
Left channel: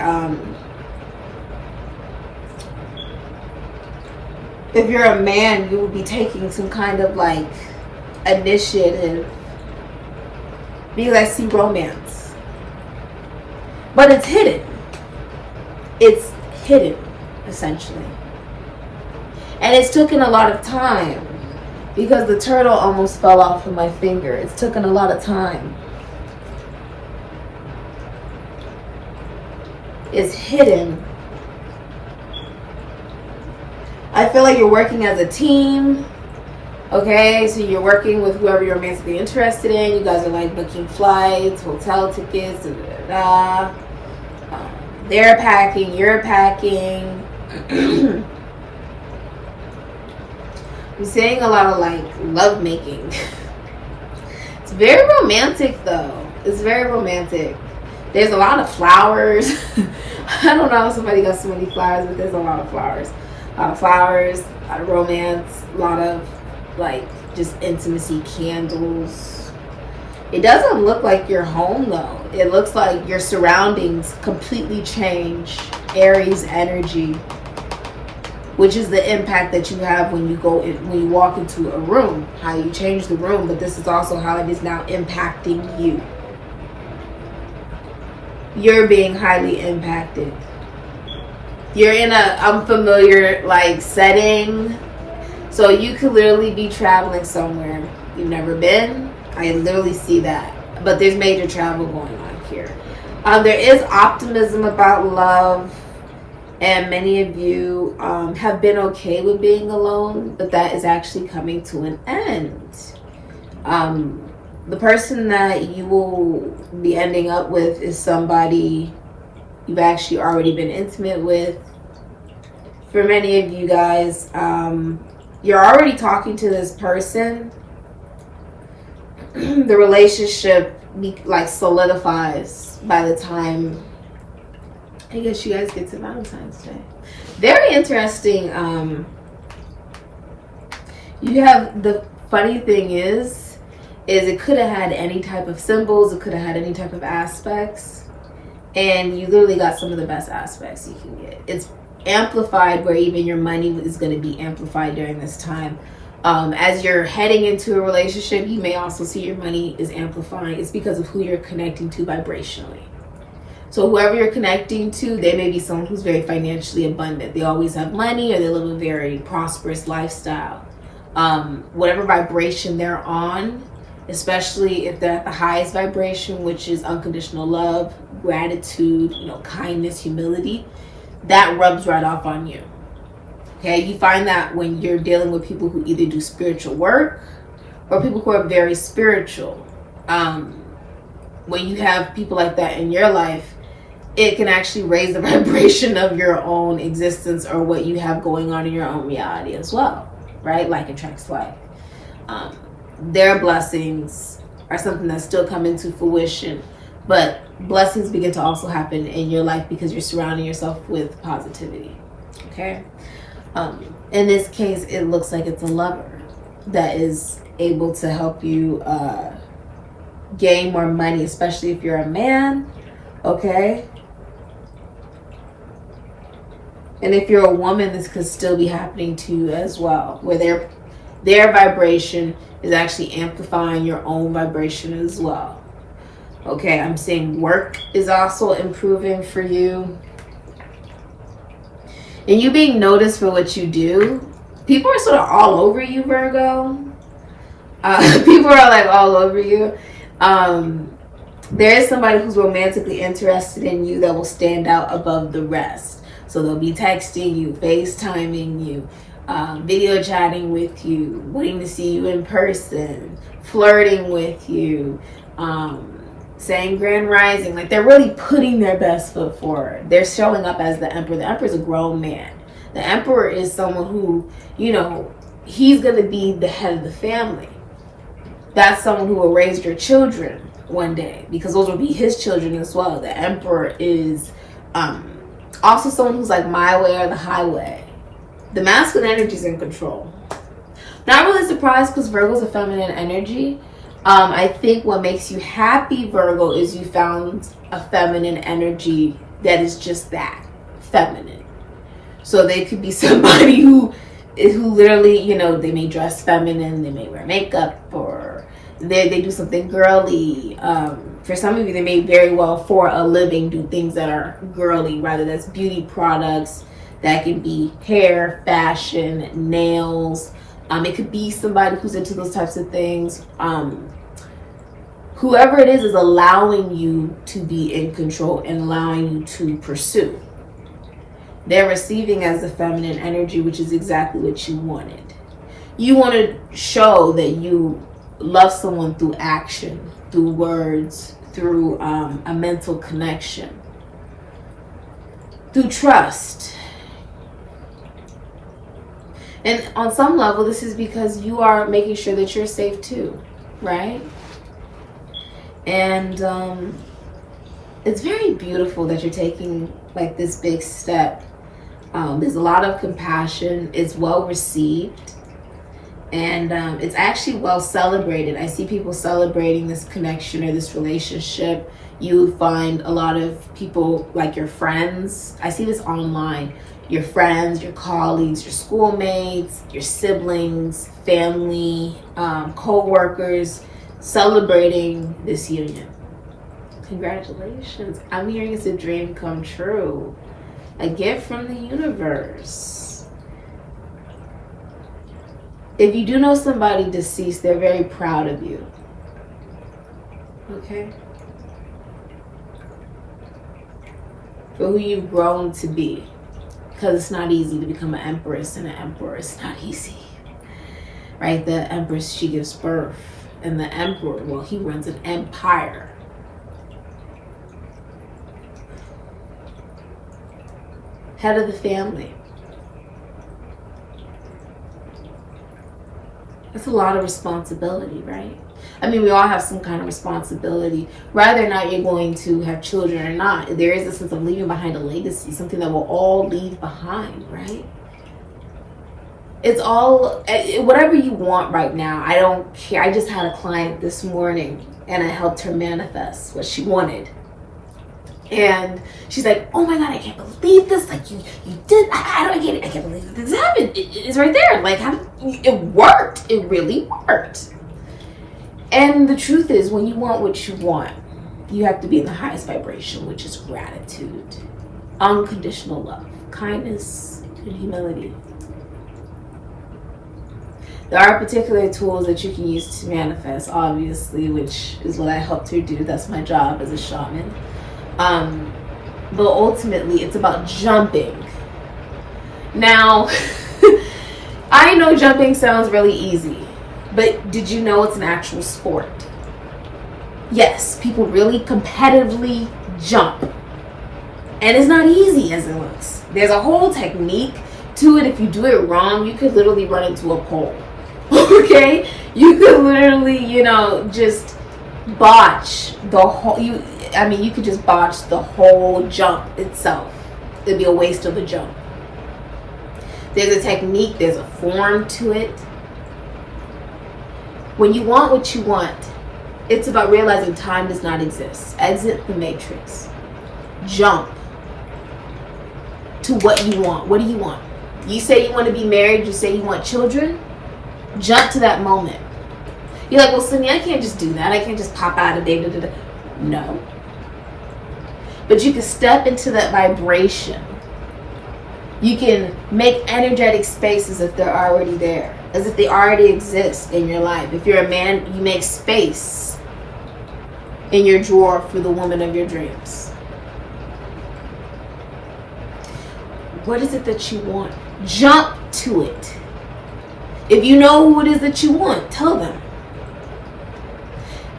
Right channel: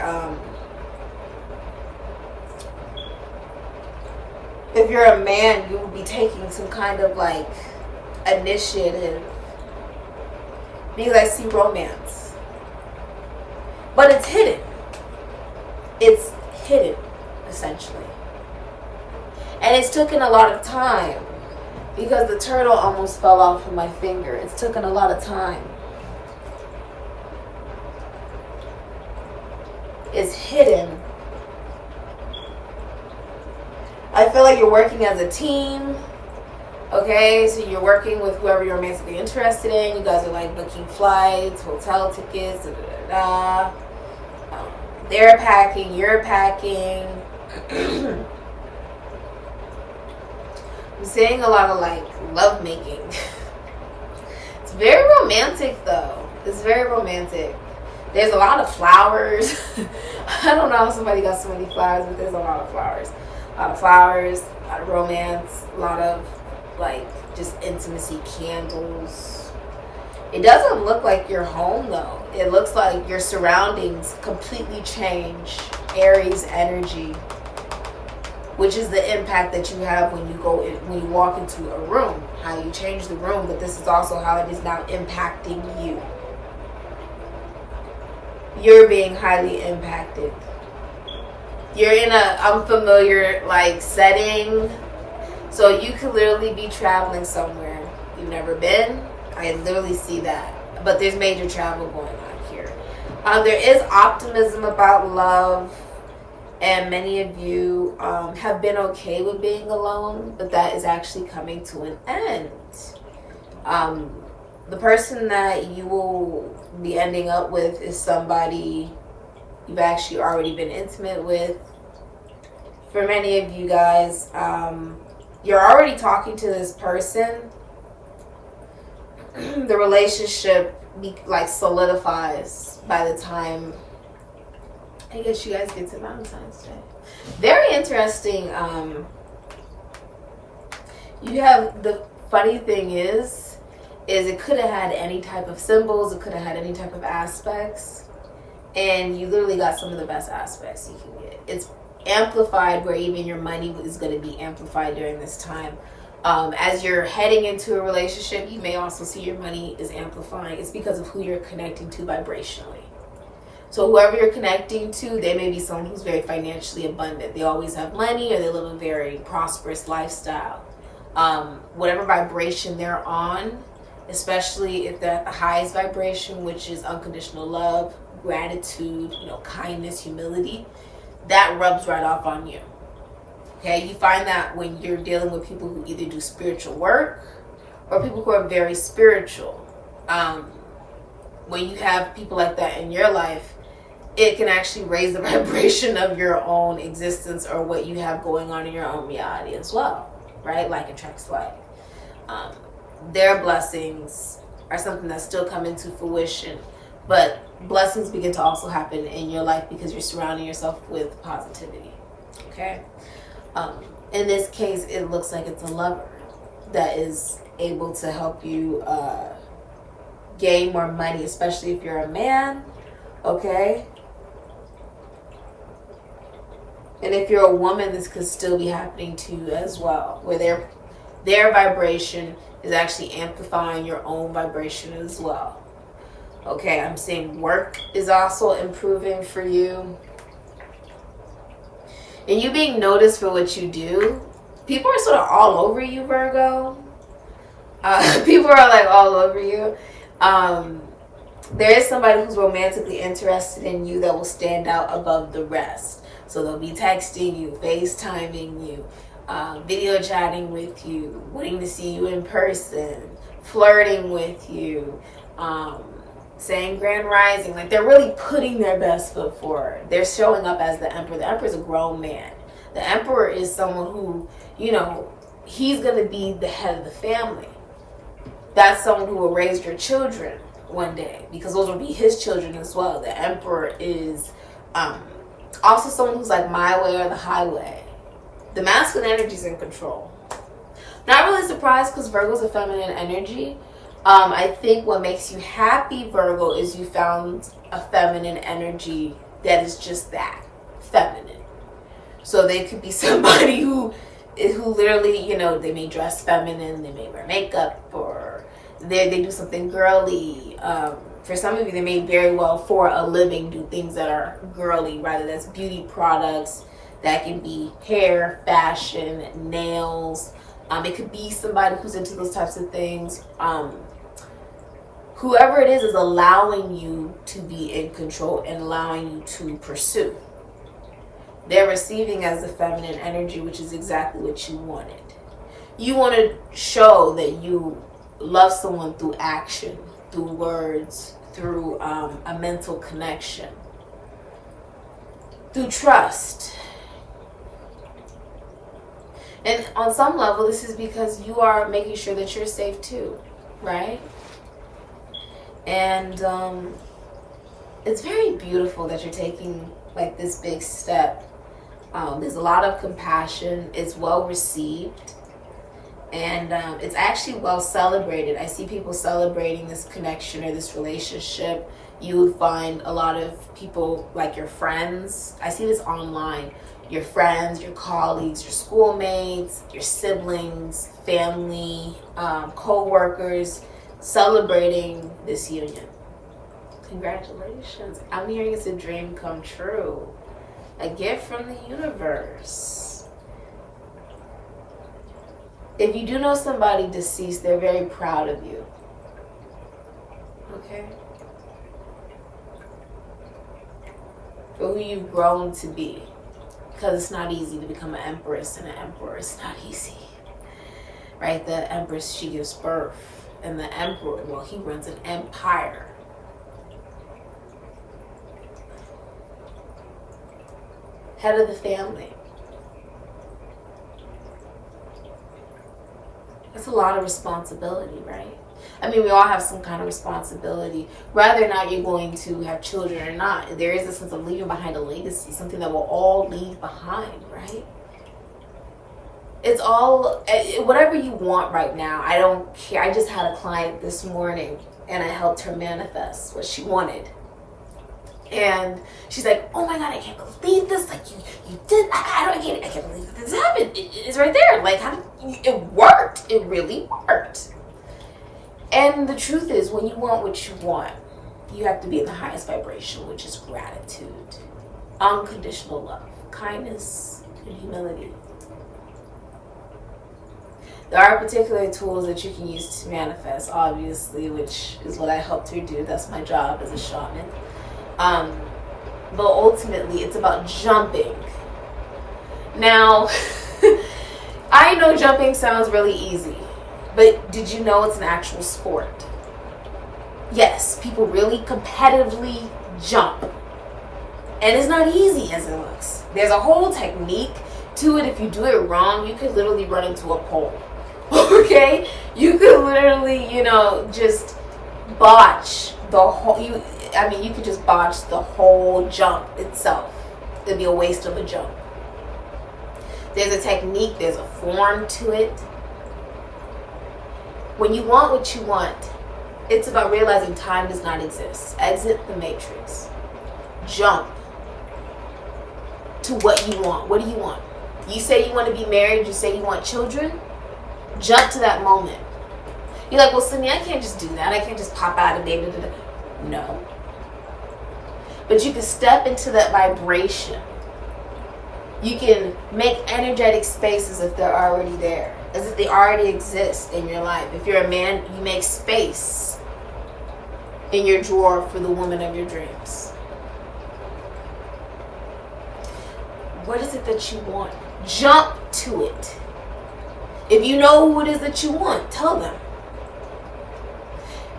if you're a man, you will be taking some kind of like initiative, because I see romance, but it's hidden. It's hidden, essentially. And it's taken a lot of time, because the turtle almost fell off of my finger. It's taken a lot of time. Is hidden. I feel like you're working as a team. Okay, so you're working with whoever you're romantically interested in. You guys are like booking flights, hotel tickets, they're packing, you're packing. I'm seeing a lot of like love making. It's very romantic though. It's very romantic. There's a lot of flowers. I don't know how somebody got so many flowers, but there's a lot of flowers. A lot of flowers, a lot of romance, a lot of like just intimacy, candles. It doesn't look like you're home though. It looks like your surroundings completely change. Aries energy, which is the impact that you have when you go in, when you walk into a room, how you change the room, but this is also how it is now impacting you. You're being highly impacted. You're in a unfamiliar like setting. So you could literally be traveling somewhere you've never been. I literally see that. But there's major travel going on here. There is optimism about love. And many of you have been okay with being alone. But that is actually coming to an end. The person that you will be ending up with is somebody you've actually already been intimate with. For many of you guys, you're already talking to this person. The relationship solidifies by the time I guess you guys get to Valentine's Day. Very interesting. You have, the funny thing is it could have had any type of symbols, it could have had any type of aspects, and you literally got some of the best aspects you can get. It's amplified where even your money is going to be amplified during this time. As you're heading into a relationship, you may also see your money is amplifying. It's because of who you're connecting to vibrationally. So whoever you're connecting to, they may be someone who's very financially abundant. They always have money, or they live a very prosperous lifestyle. Whatever vibration they're on, especially if they're at the highest vibration, which is unconditional love, gratitude, kindness, humility, that rubs right off on you. Okay, you find that when you're dealing with people who either do spiritual work or people who are very spiritual. When you have people like that in your life, it can actually raise the vibration of your own existence or what you have going on in your own reality as well, right? Like attracts like. Their blessings are something that's still coming to fruition, but blessings begin to also happen in your life because you're surrounding yourself with positivity. Okay. In this case, it looks like it's a lover that is able to help you gain more money, especially if you're a man. Okay. And if you're a woman, this could still be happening to you as well, where their vibration is actually amplifying your own vibration as well. Okay, I'm saying work is also improving for you. And you being noticed for what you do. People are sort of all over you, Virgo. People are like all over you. There is somebody who's romantically interested in you that will stand out above the rest. So they'll be texting you, FaceTiming you, video chatting with you, wanting to see you in person, flirting with you, saying grand rising. Like, they're really putting their best foot forward. They're showing up as the emperor. The emperor is a grown man. The emperor is someone who, he's going to be the head of the family. That's someone who will raise your children one day, because those will be his children as well. The emperor is also someone who's like my way or the highway. The masculine energy is in control. Not really surprised, because Virgo's a feminine energy. I think what makes you happy, Virgo, is you found a feminine energy that is just that, feminine. So they could be somebody who literally, they may dress feminine, they may wear makeup, or they do something girly. For some of you, they may very well, for a living, do things that are girly, rather that's beauty products. That can be hair, fashion, nails. It could be somebody who's into those types of things. Whoever it is allowing you to be in control and allowing you to pursue. They're receiving as the feminine energy, which is exactly what you wanted. You want to show that you love someone through action, through words, through a mental connection, through trust. And on some level, this is because you are making sure that you're safe too, right? And it's very beautiful that you're taking like this big step. There's a lot of compassion. It's well received. And it's actually well celebrated. I see people celebrating this connection or this relationship. You find a lot of people, like your friends. I see this online. Your friends, your colleagues, your schoolmates, your siblings, family, co-workers, celebrating this union. Congratulations. I'm hearing it's a dream come true. A gift from the universe. If you do know somebody deceased, they're very proud of you. Okay? For who you've grown to be. Because it's not easy to become an empress, and an emperor is not easy. Right? The empress, she gives birth. And the emperor, well, he runs an empire. Head of the family. That's a lot of responsibility, right? I mean, we all have some kind of responsibility. Whether or not you're going to have children or not, there is a sense of leaving behind a legacy, something that we'll all leave behind, right? It's all, whatever you want right now. I don't care. I just had a client this morning and I helped her manifest what she wanted. And she's like, oh my God, I can't believe this. Like you did, I get it. I can't believe that this happened. It's right there. Like it worked. It really worked. And the truth is, when you want what you want, you have to be in the highest vibration, which is gratitude, unconditional love, kindness, and humility. There are particular tools that you can use to manifest, obviously, which is what I helped her do. That's my job as a shaman. But ultimately, it's about jumping. Now, I know jumping sounds really easy, but did you know it's an actual sport? Yes, people really competitively jump. And it's not easy as it looks. There's a whole technique to it. If you do it wrong, you could literally run into a pole. Okay? You could literally, just botch the whole, you could just botch the whole jump itself. It'd be a waste of a jump. There's a technique, there's a form to it. When you want what you want, it's about realizing time does not exist. Exit the matrix. Jump to what you want. What do you want? You say you want to be married, you say you want children. Jump to that moment. You're like, well, Cindy, I can't just do that. I can't just pop out a day. No. But you can step into that vibration. You can make energetic spaces if they're already there, as if they already exist in your life. If you're a man, you make space in your drawer for the woman of your dreams. What is it that you want? Jump to it. If you know who it is that you want, tell them.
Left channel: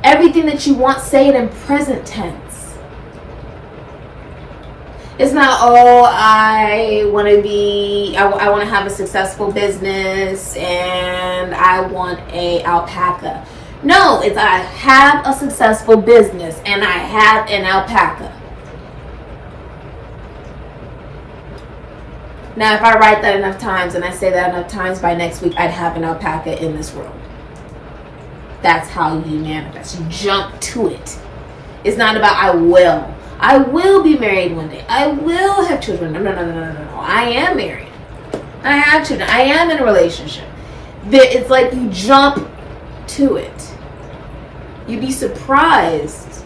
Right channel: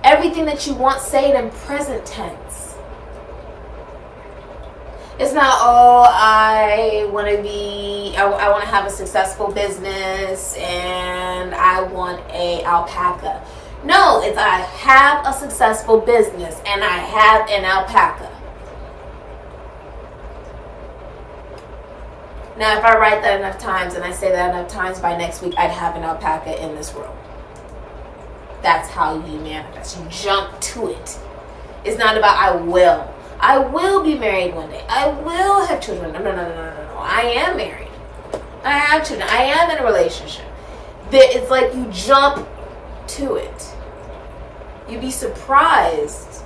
Everything that you want, say it in present tense. It's not, I want to have a successful business and I want a alpaca. No, it's I have a successful business and I have an alpaca. Now, if I write that enough times and I say that enough times, by next week I'd have an alpaca in this room. That's how you manifest. You jump to it. It's not about I will be married one day. I will have children. No. I am married. I have children. I am in a relationship. It's like you jump to it. You'd be surprised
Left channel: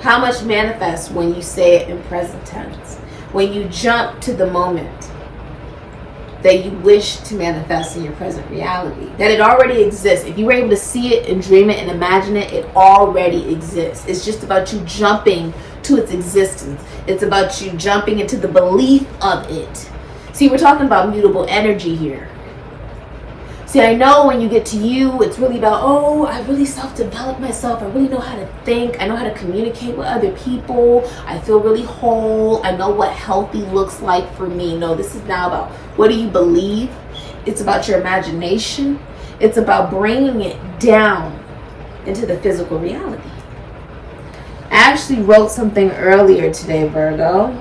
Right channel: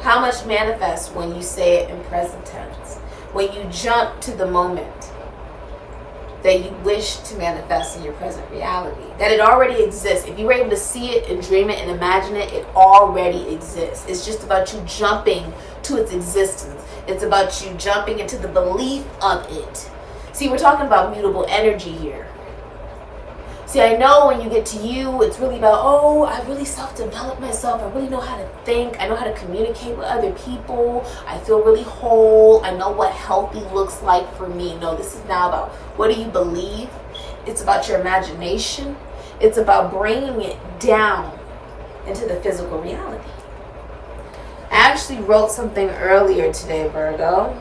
how much manifests when you say it in present tense. When you jump to the moment that you wish to manifest in your present reality. That it already exists. If you were able to see it and dream it and imagine it, it already exists. It's just about you jumping to its existence. It's about you jumping into the belief of it. See, we're talking about mutable energy here. See, I know when you get to you, it's really about, I really self-developed myself. I really know how to think. I know how to communicate with other people. I feel really whole. I know what healthy looks like for me. No, this is now about what do you believe? It's about your imagination. It's about bringing it down into the physical reality. I actually wrote something earlier today, Virgo.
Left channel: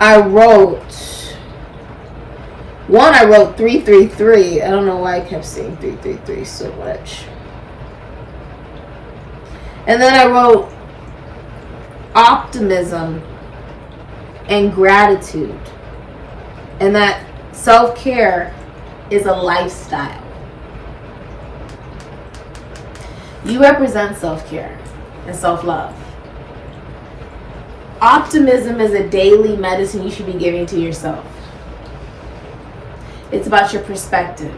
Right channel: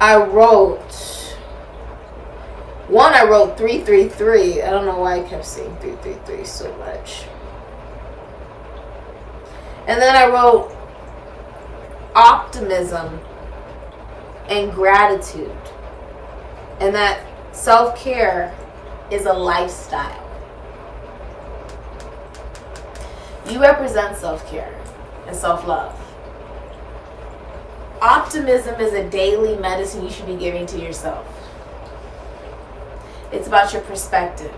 I wrote 333. I don't know why I kept saying 333 so much. And then I wrote optimism and gratitude. And that self-care is a lifestyle. You represent self-care and self-love. Optimism is a daily medicine you should be giving to yourself. It's about your perspective.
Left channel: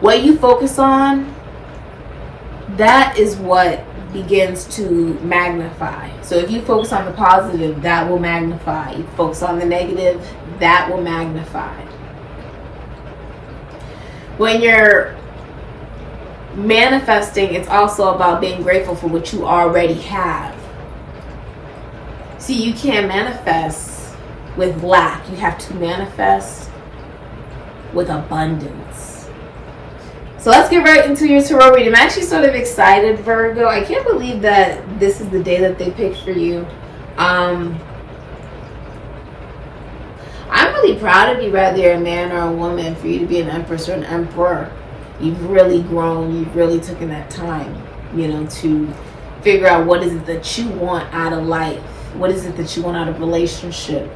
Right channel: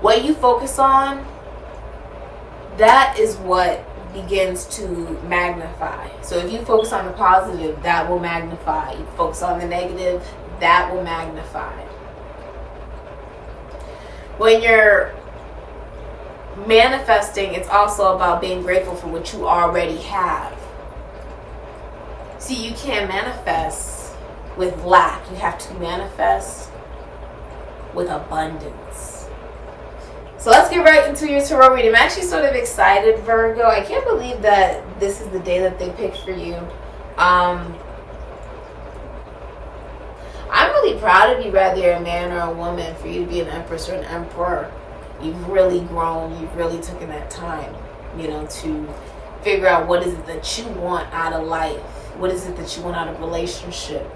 What you focus on, that is what begins to magnify. So if you focus on the positive, that will magnify. You focus on the negative, that will magnify. when you're manifesting, it's also about being grateful for what you already have. See, you can't manifest with lack. You have to manifest with abundance. So let's get right into your tarot reading. I'm actually sort of excited, Virgo. I can't believe that this is the day that they picked for you. I'm really proud of you, whether you're a man or a woman, for you to be an empress or an emperor. You've really grown. You've really taken that time, you know, to figure out what is it that you want out of life. What is it that you want out of relationship?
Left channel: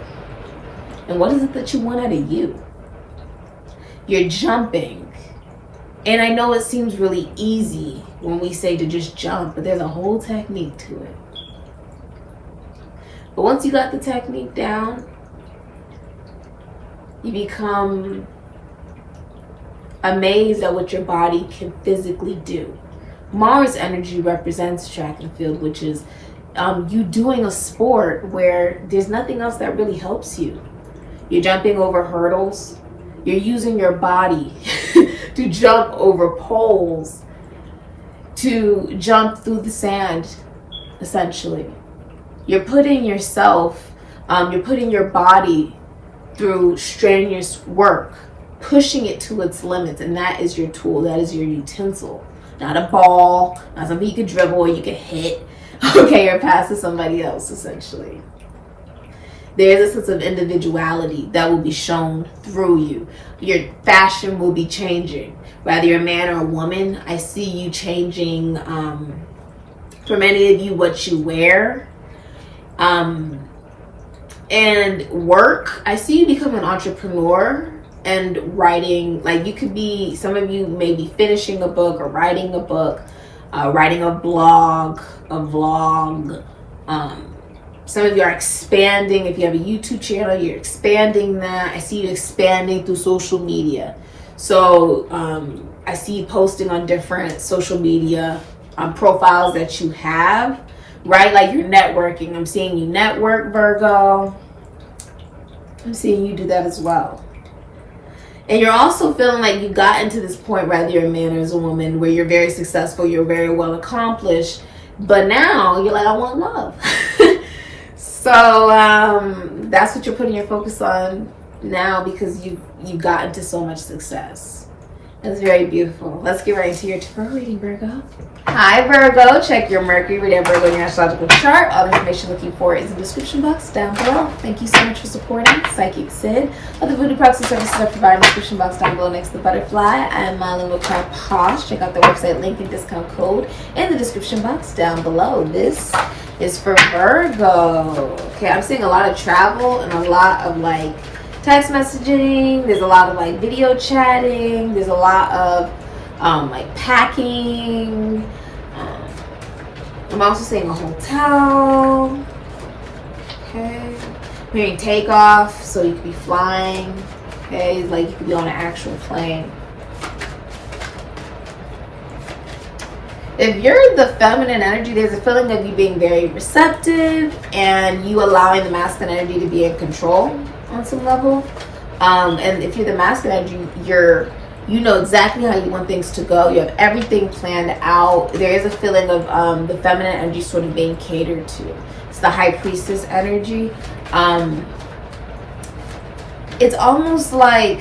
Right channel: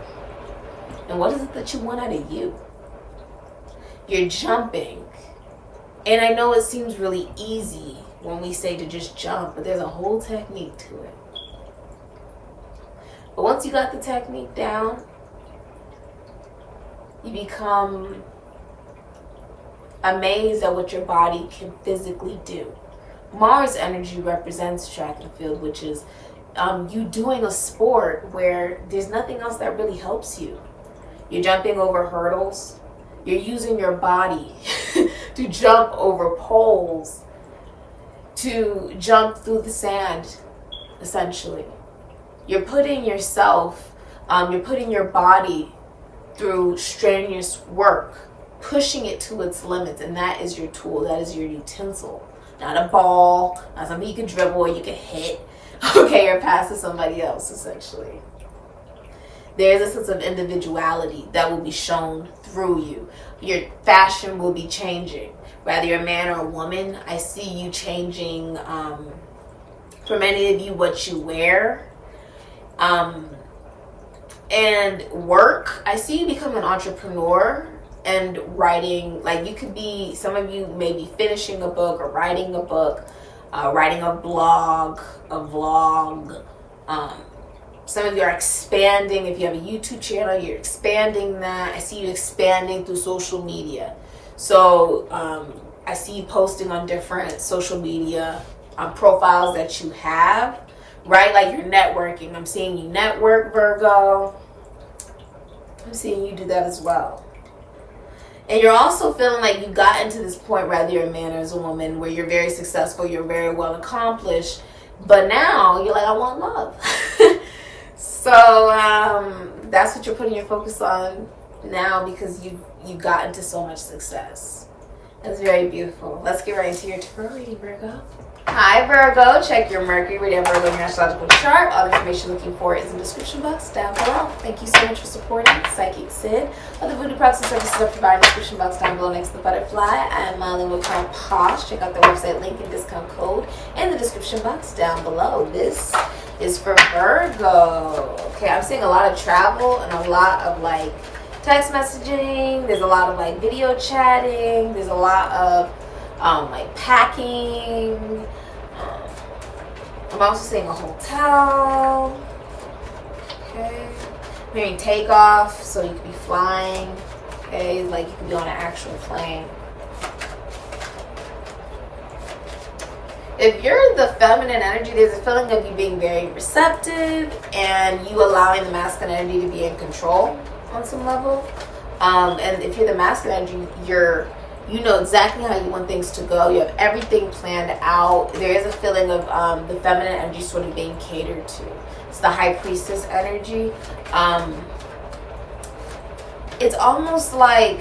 And what is it that you want out of you? You're jumping. And I know it seems really easy when we say to just jump, but there's a whole technique to it. But once you got the technique down, you become amazed at what your body can physically do. Mars energy represents track and field, which is you doing a sport where there's nothing else that really helps you. You're jumping over hurdles. You're using your body to jump over poles, to jump through the sand, essentially. You're putting yourself, you're putting your body through strenuous work, pushing it to its limits, and that is your tool, that is your utensil. Not a ball, not something you could dribble or you could hit, okay, or pass to somebody else, essentially. There's a sense of individuality that will be shown through you. Your fashion will be changing. Whether you're a man or a woman, I see you changing, for many of you, what you wear. And work, I see you become an entrepreneur and writing. Like, you could be, some of you may be finishing a book or writing a book, writing a blog, a vlog. Some of you are expanding. If you have a YouTube channel, you're expanding that. I see you expanding through social media. So I see you posting on different social media profiles that you have, right? Like, you're networking. I'm seeing you network, Virgo. I'm seeing you do that as well. And you're also feeling like you got into this point, whether you're a man or as a woman, where you're very successful, you're very well accomplished, but now you're like, I want love. So that's what you're putting your focus on now, because you got into so much success. That's very beautiful. Let's get right into your tarot reading, Virgo. Hi, Virgo. Check your Mercury, read Virgo in your astrological chart. All the information you're looking for is in the description box down below. Thank you so much for supporting Sikiksyd. Other voodoo products and services are provided in the description box down below next to the butterfly. I am Mambo Posh. Check out the website link and discount code in the description box down below. This is for Virgo. Okay, I'm seeing a lot of travel and a lot of like text messaging. There's a lot of like video chatting. There's a lot of like packing. I'm also seeing a hotel. Okay, I'm hearing takeoff, so you could be flying. Okay, like you could be on an actual plane. If you're the feminine energy, there's a feeling of you being very receptive and you allowing the masculine energy to be in control on some level. And if you're the masculine energy, you know exactly how you want things to go. You have everything planned out. There is a feeling of the feminine energy sort of being catered to. It's the high priestess energy. It's almost like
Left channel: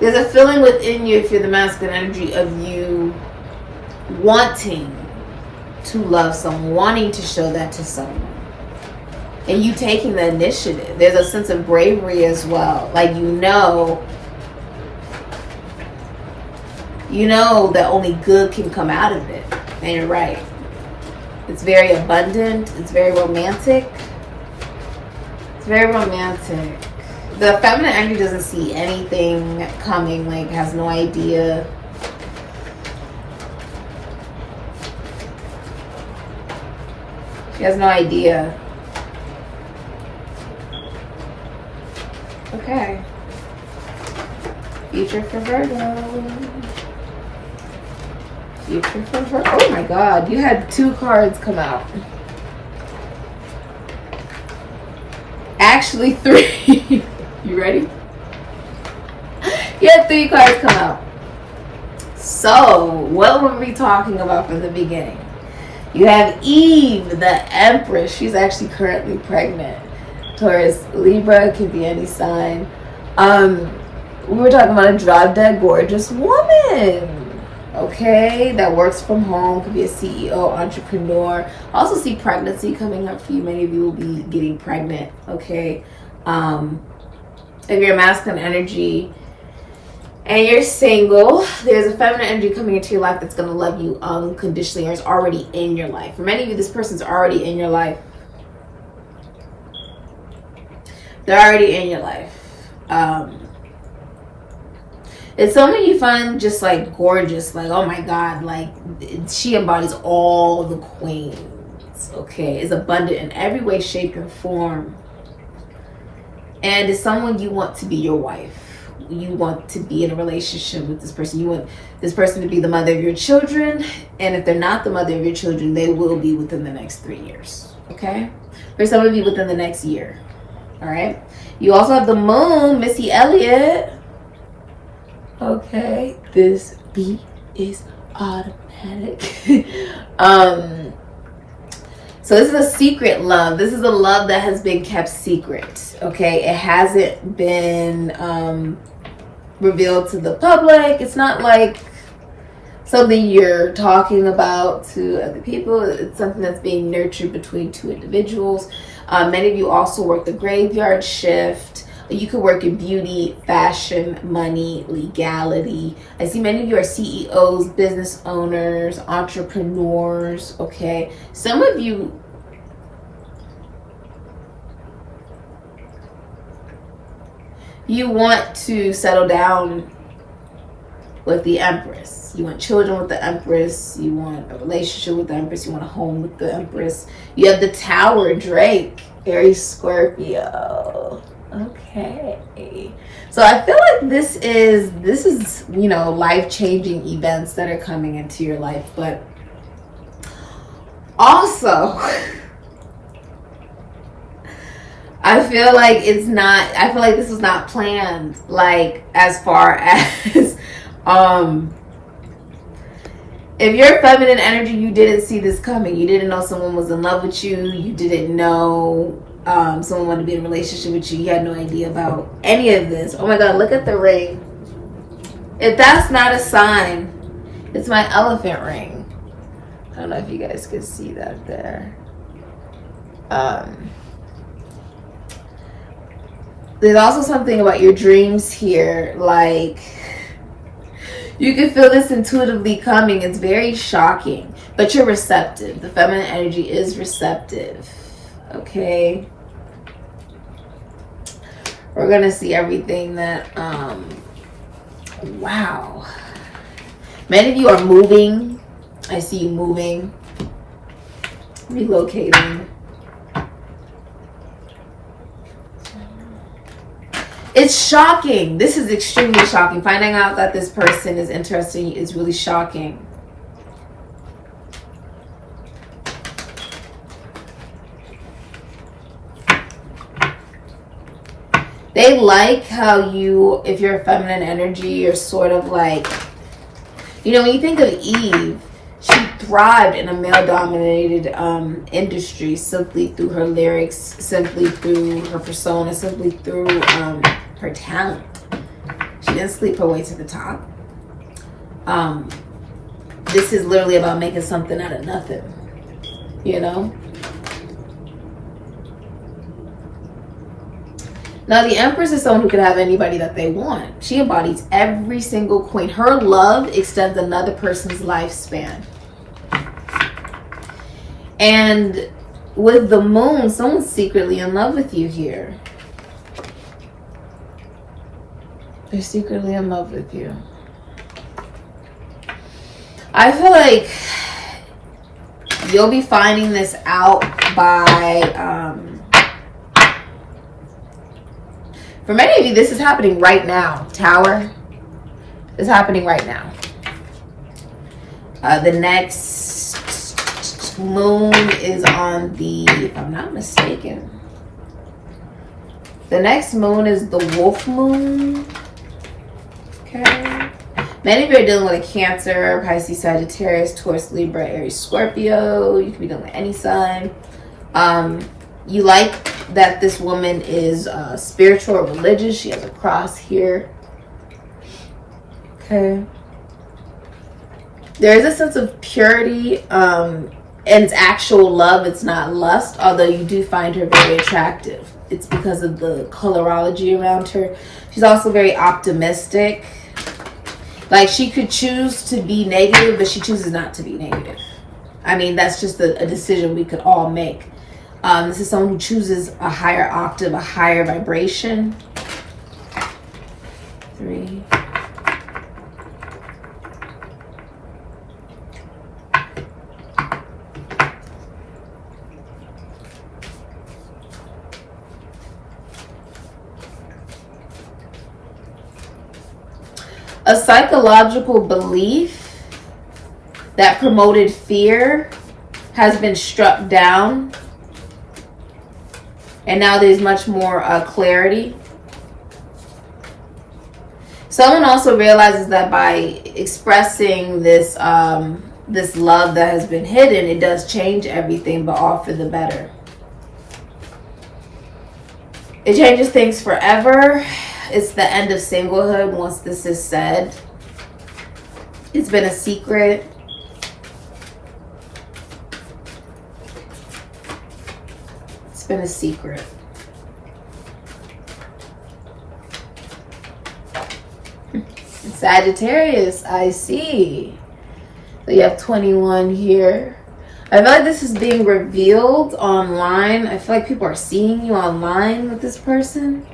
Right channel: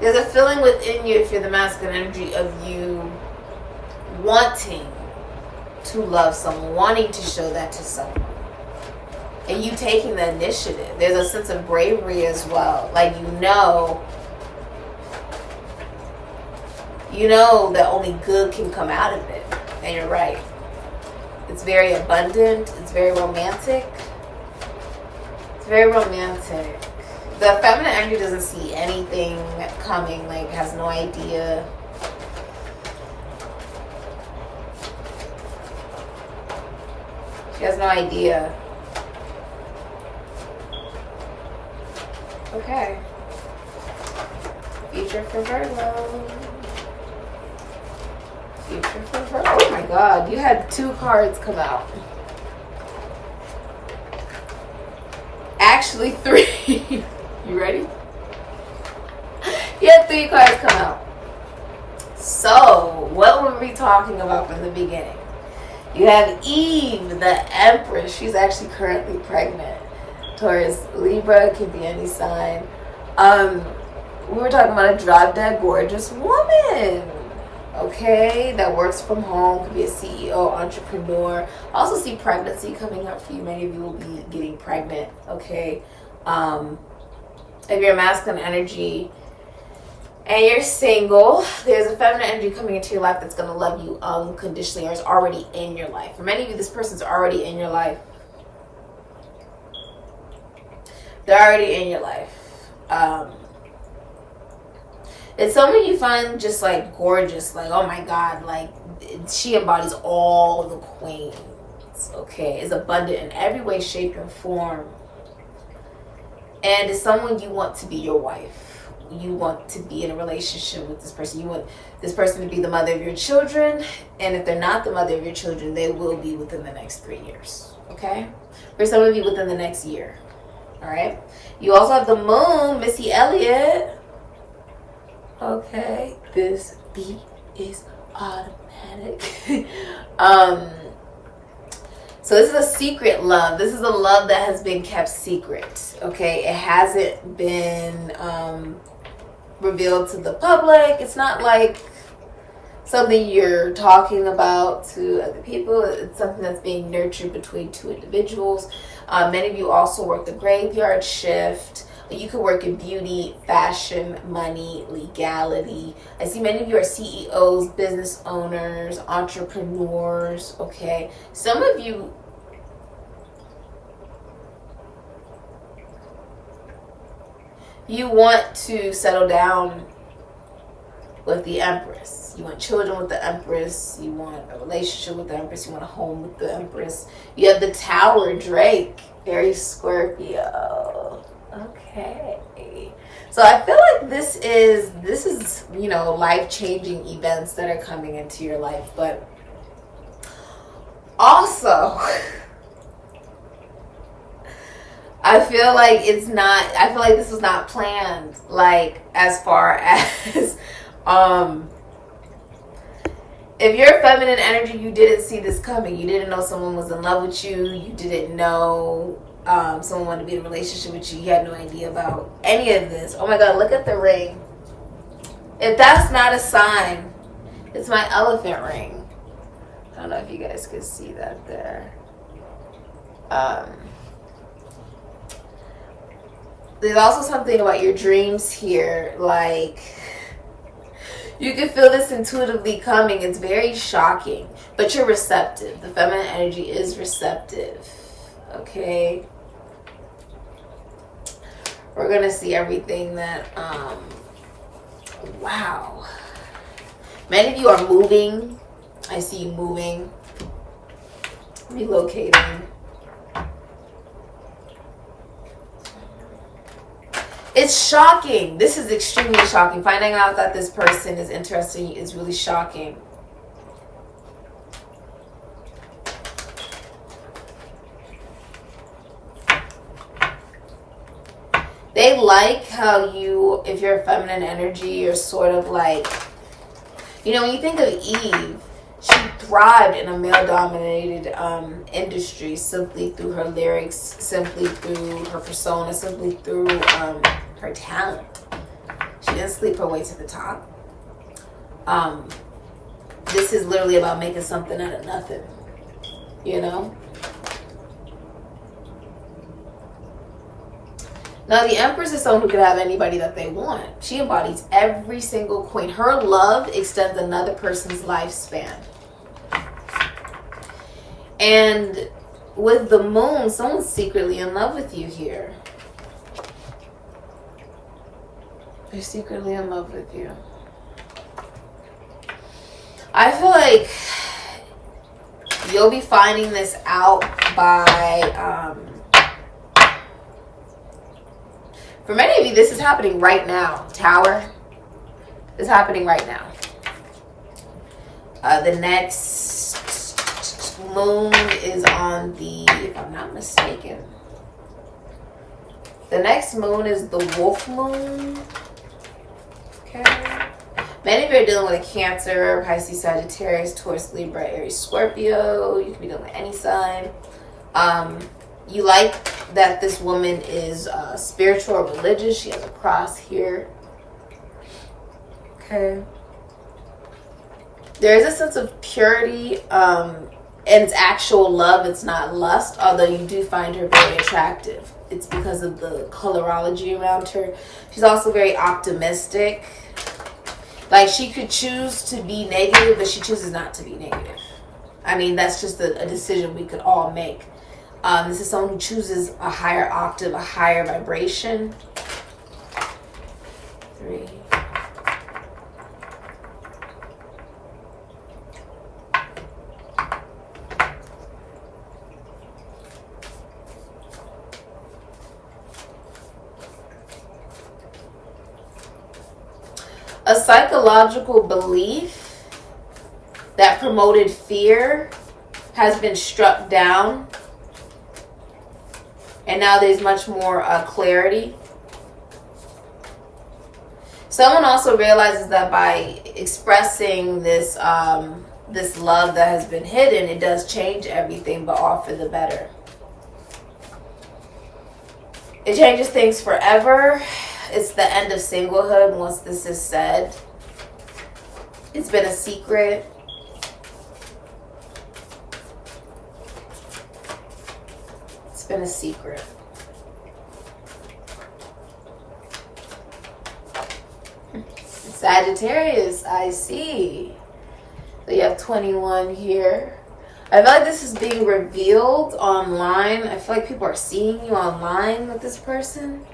there's a feeling within you, if you're the masculine energy, of you wanting to love someone, wanting to show that to someone. And you taking the initiative. There's a sense of bravery as well. Like, you know that only good can come out of it. And you're right. It's very abundant. It's very romantic. It's very romantic. The feminine energy doesn't see anything coming, like has no idea. She has no idea. Okay. Future for Virgo. Future for Virgo. Oh my God, you had 2 cards come out. Actually 3. You ready? You had 3 cards come out. So, what were we talking about from the beginning? You have Eve, the Empress. She's actually currently pregnant. Taurus, Libra, could be any sign. We were talking about a drop-dead gorgeous woman. Okay, that works from home, could be a CEO, entrepreneur. I also see pregnancy coming up for you. Many of you will be getting pregnant. Okay, if you're a masculine energy and you're single, there's a feminine energy coming into your life that's going to love you unconditionally, or is already in your life. For many of you, this person's already in your life. They're already in your life. It's someone you find just like gorgeous, like, oh my God, like she embodies all the queens, okay? Is abundant in every way, shape, and form. And it's someone you want to be your wife. You want to be in a relationship with this person. You want this person to be the mother of your children. And if they're not the mother of your children, they will be within the next 3 years, okay? For some of you, within the next year, all right? You also have the moon, Missy Elliott. Okay, this beat is automatic. So this is a secret love. This is a love that has been kept secret. Okay, it hasn't been revealed to the public. It's not like something you're talking about to other people. It's something that's being nurtured between 2 individuals. Many of you also work the graveyard shift. You could work in beauty, fashion, money, legality. I see many of you are CEOs, business owners, entrepreneurs, okay? Some of you, you want to settle down with the Empress. You want children with the Empress. You want a relationship with the Empress. You want a home with the Empress. You have the Tower, Drake, Aries, Scorpio. Okay, so I feel like this is you know, life-changing events that are coming into your life, but also I feel like this was not planned, like as far as if you're feminine energy, you didn't see this coming. You didn't know someone was in love with you. You didn't know someone wanted to be in a relationship with you. You had no idea about any of this. Oh my God, look at the ring. If that's not a sign, it's my elephant ring. I don't know if you guys can see that there. There's also something about your dreams here, like you can feel this intuitively coming. It's very shocking, but you're receptive. The feminine energy is receptive. Okay, we're gonna see everything that wow, many of you are moving. I see you moving, relocating. It's shocking. This is extremely shocking. Finding out that this person is interested in you is really shocking. They like how you, if you're a feminine energy, you're sort of like, you know, when you think of Eve, she thrived in a male-dominated industry simply through her lyrics, simply through her persona, simply through her talent. She didn't sleep her way to the top. This is literally about making something out of nothing, you know? Now, the Empress is someone who could have anybody that they want. She embodies every single queen. Her love extends another person's lifespan. And with the moon, someone's secretly in love with you here. They're secretly in love with you. I feel like you'll be finding this out by... for many of you, this is happening right now. Tower is happening right now. The next moon is on the, if I'm not mistaken, the next moon is the wolf moon. Okay. Many of you are dealing with a Cancer, Pisces, Sagittarius, Taurus, Libra, Aries, Scorpio. You could be dealing with any sign. You like that this woman is spiritual or religious. She has a cross here. Okay. There is a sense of purity, and it's actual love. It's not lust, although you do find her very attractive. It's because of the colorology around her. She's also very optimistic. Like, she could choose to be negative, but she chooses not to be negative. I mean, that's just a decision we could all make. This is someone who chooses a higher octave, a higher vibration. 3. A psychological belief that promoted fear has been struck down. And now there's much more clarity. Someone also realizes that by expressing this this love that has been hidden, it does change everything, but all for the better. It changes things forever. It's the end of singlehood once this is said. It's been a secret. It's been a secret. Sagittarius, I see. So you have 21 here. I feel like this is being revealed online. I feel like people are seeing you online with this person.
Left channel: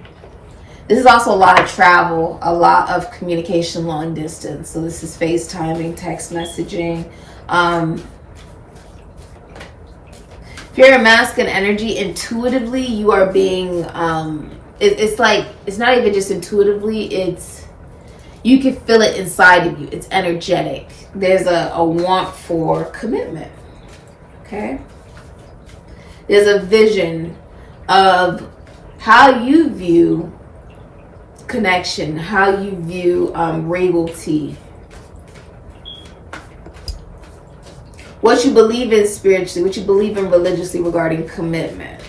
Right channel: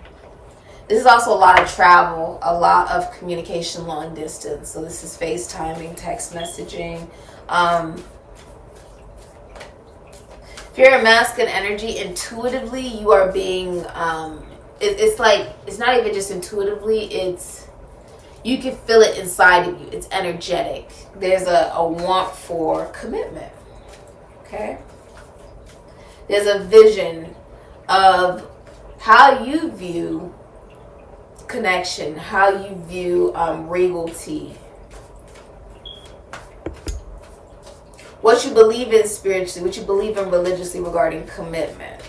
This is also a lot of travel, a lot of communication long distance. So this is FaceTiming, text messaging. If you're a masculine energy, intuitively you are being, it's like, it's not even just intuitively, it's, you can feel it inside of you. It's energetic. There's a want for commitment. Okay? There's a vision of how you view connection, how you view regality, what you believe in spiritually, what you believe in religiously regarding commitment.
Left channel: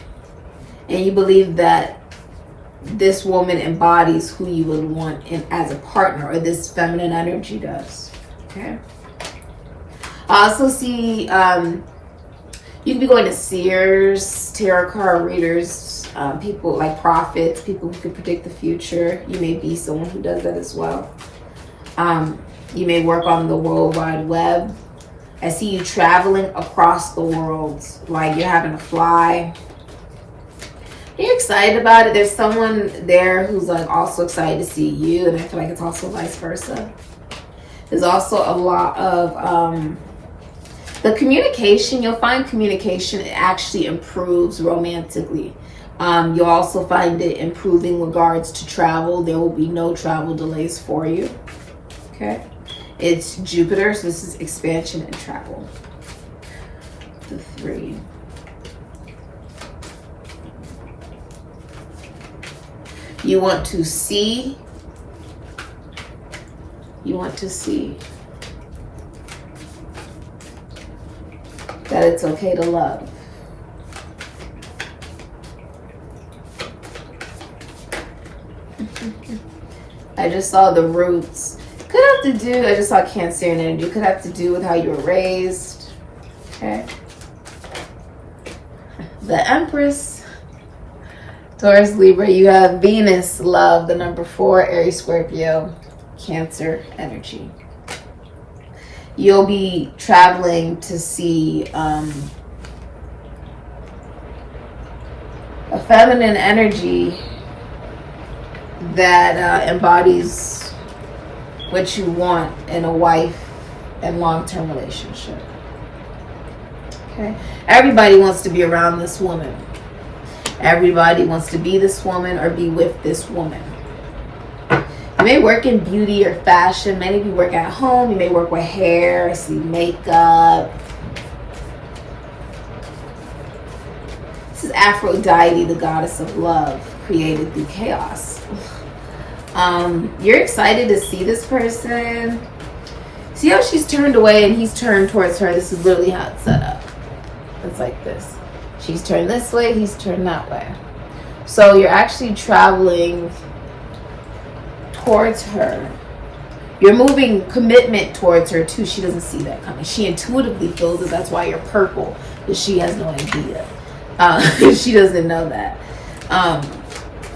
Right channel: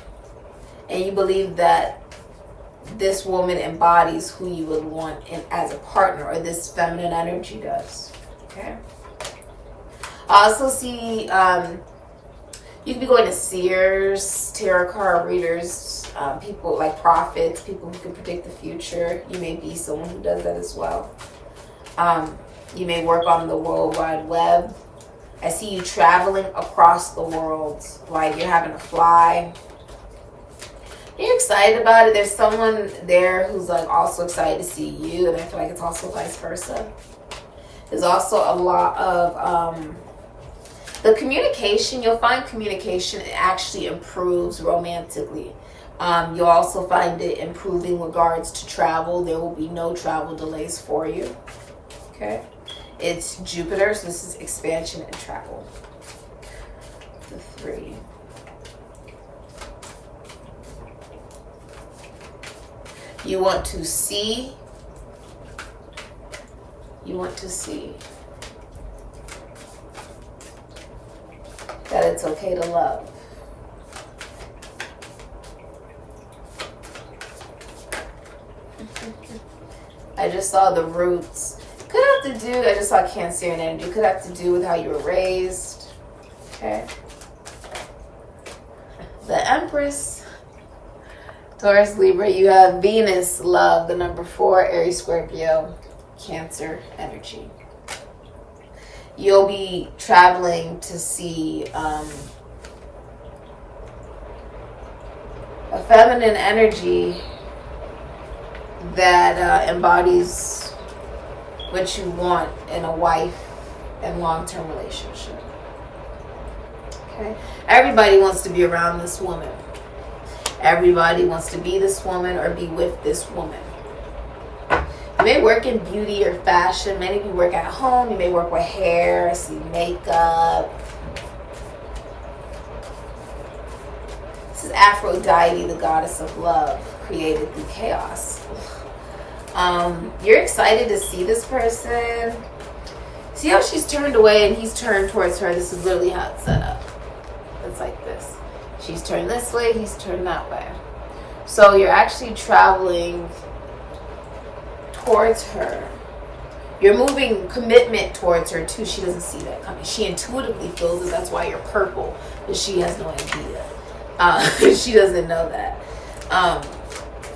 And you believe that this woman embodies who you would want in as a partner, or this feminine energy does. Okay. I also see you could be going to seers, tarot card readers, people like prophets, people who can predict the future. You may be someone who does that as well. You may work on the World Wide Web. I see you traveling across the world, like you're having to fly. You're excited about it. There's someone there who's like also excited to see you, and I feel like it's also vice versa. There's also a lot of the communication. You'll find communication actually improves romantically. You'll also find it improving regards to travel. There will be no travel delays for you. Okay. It's Jupiter, so this is expansion and travel. The 3. You want to see. You want to see that it's okay to love. I just saw the roots. Could have to do, I just saw Cancerian energy. Could have to do with how you were raised. Okay. The Empress. Taurus, Libra. You have Venus, love, the number 4, Aries, Scorpio, Cancer energy. You'll be traveling to see a feminine energy that embodies what you want in a wife and long-term relationship. Okay? Everybody wants to be around this woman. Everybody wants to be this woman or be with this woman. You may work in beauty or fashion. Many of you work at home. You may work with hair. I see makeup. This is Aphrodite, the goddess of love, created through chaos. You're excited to see this person. See how she's turned away and he's turned towards her? This is literally how it's set up. It's like this. She's turned this way, he's turned that way. So you're actually traveling towards her. You're moving commitment towards her too. She doesn't see that coming. She intuitively feels it. That's why you're purple. But she has no idea. She doesn't know that.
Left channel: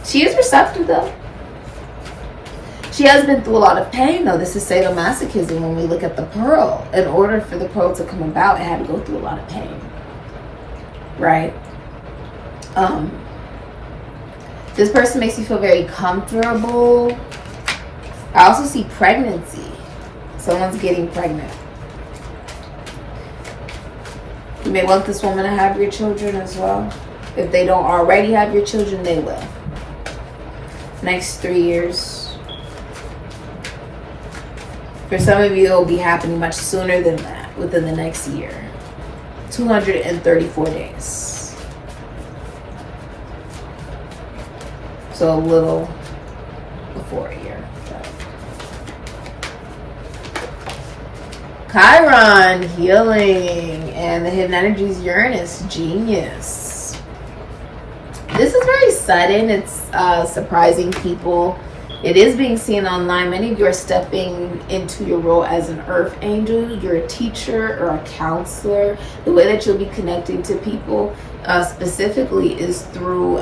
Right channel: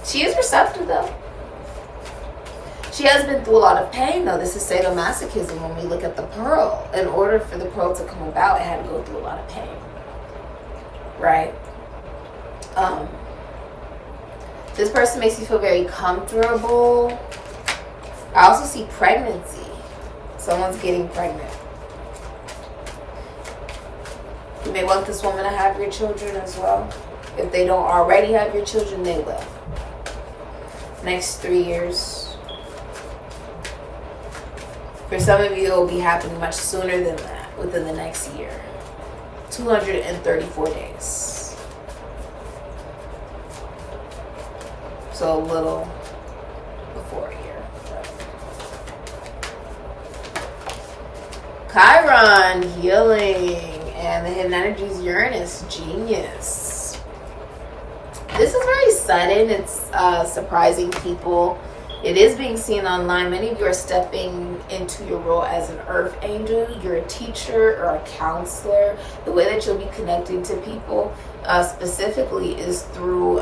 She is receptive though. She has been through a lot of pain though. This is sadomasochism when we look at the pearl. In order for the pearl to come about, it had to go through a lot of pain. Right? This person makes you feel very comfortable. I also see pregnancy. Someone's getting pregnant. You may want this woman to have your children as well. If they don't already have your children, they will. Next 3 years. For some of you, it will be happening much sooner than that, within the next year. 234 days. So a little before a year. Chiron, healing, and the hidden energies, Uranus, genius. This is very sudden. It's surprising people. It is being seen online. Many of you are stepping into your role as an earth angel. You're a teacher or a counselor. The way that you'll be connecting to people specifically is through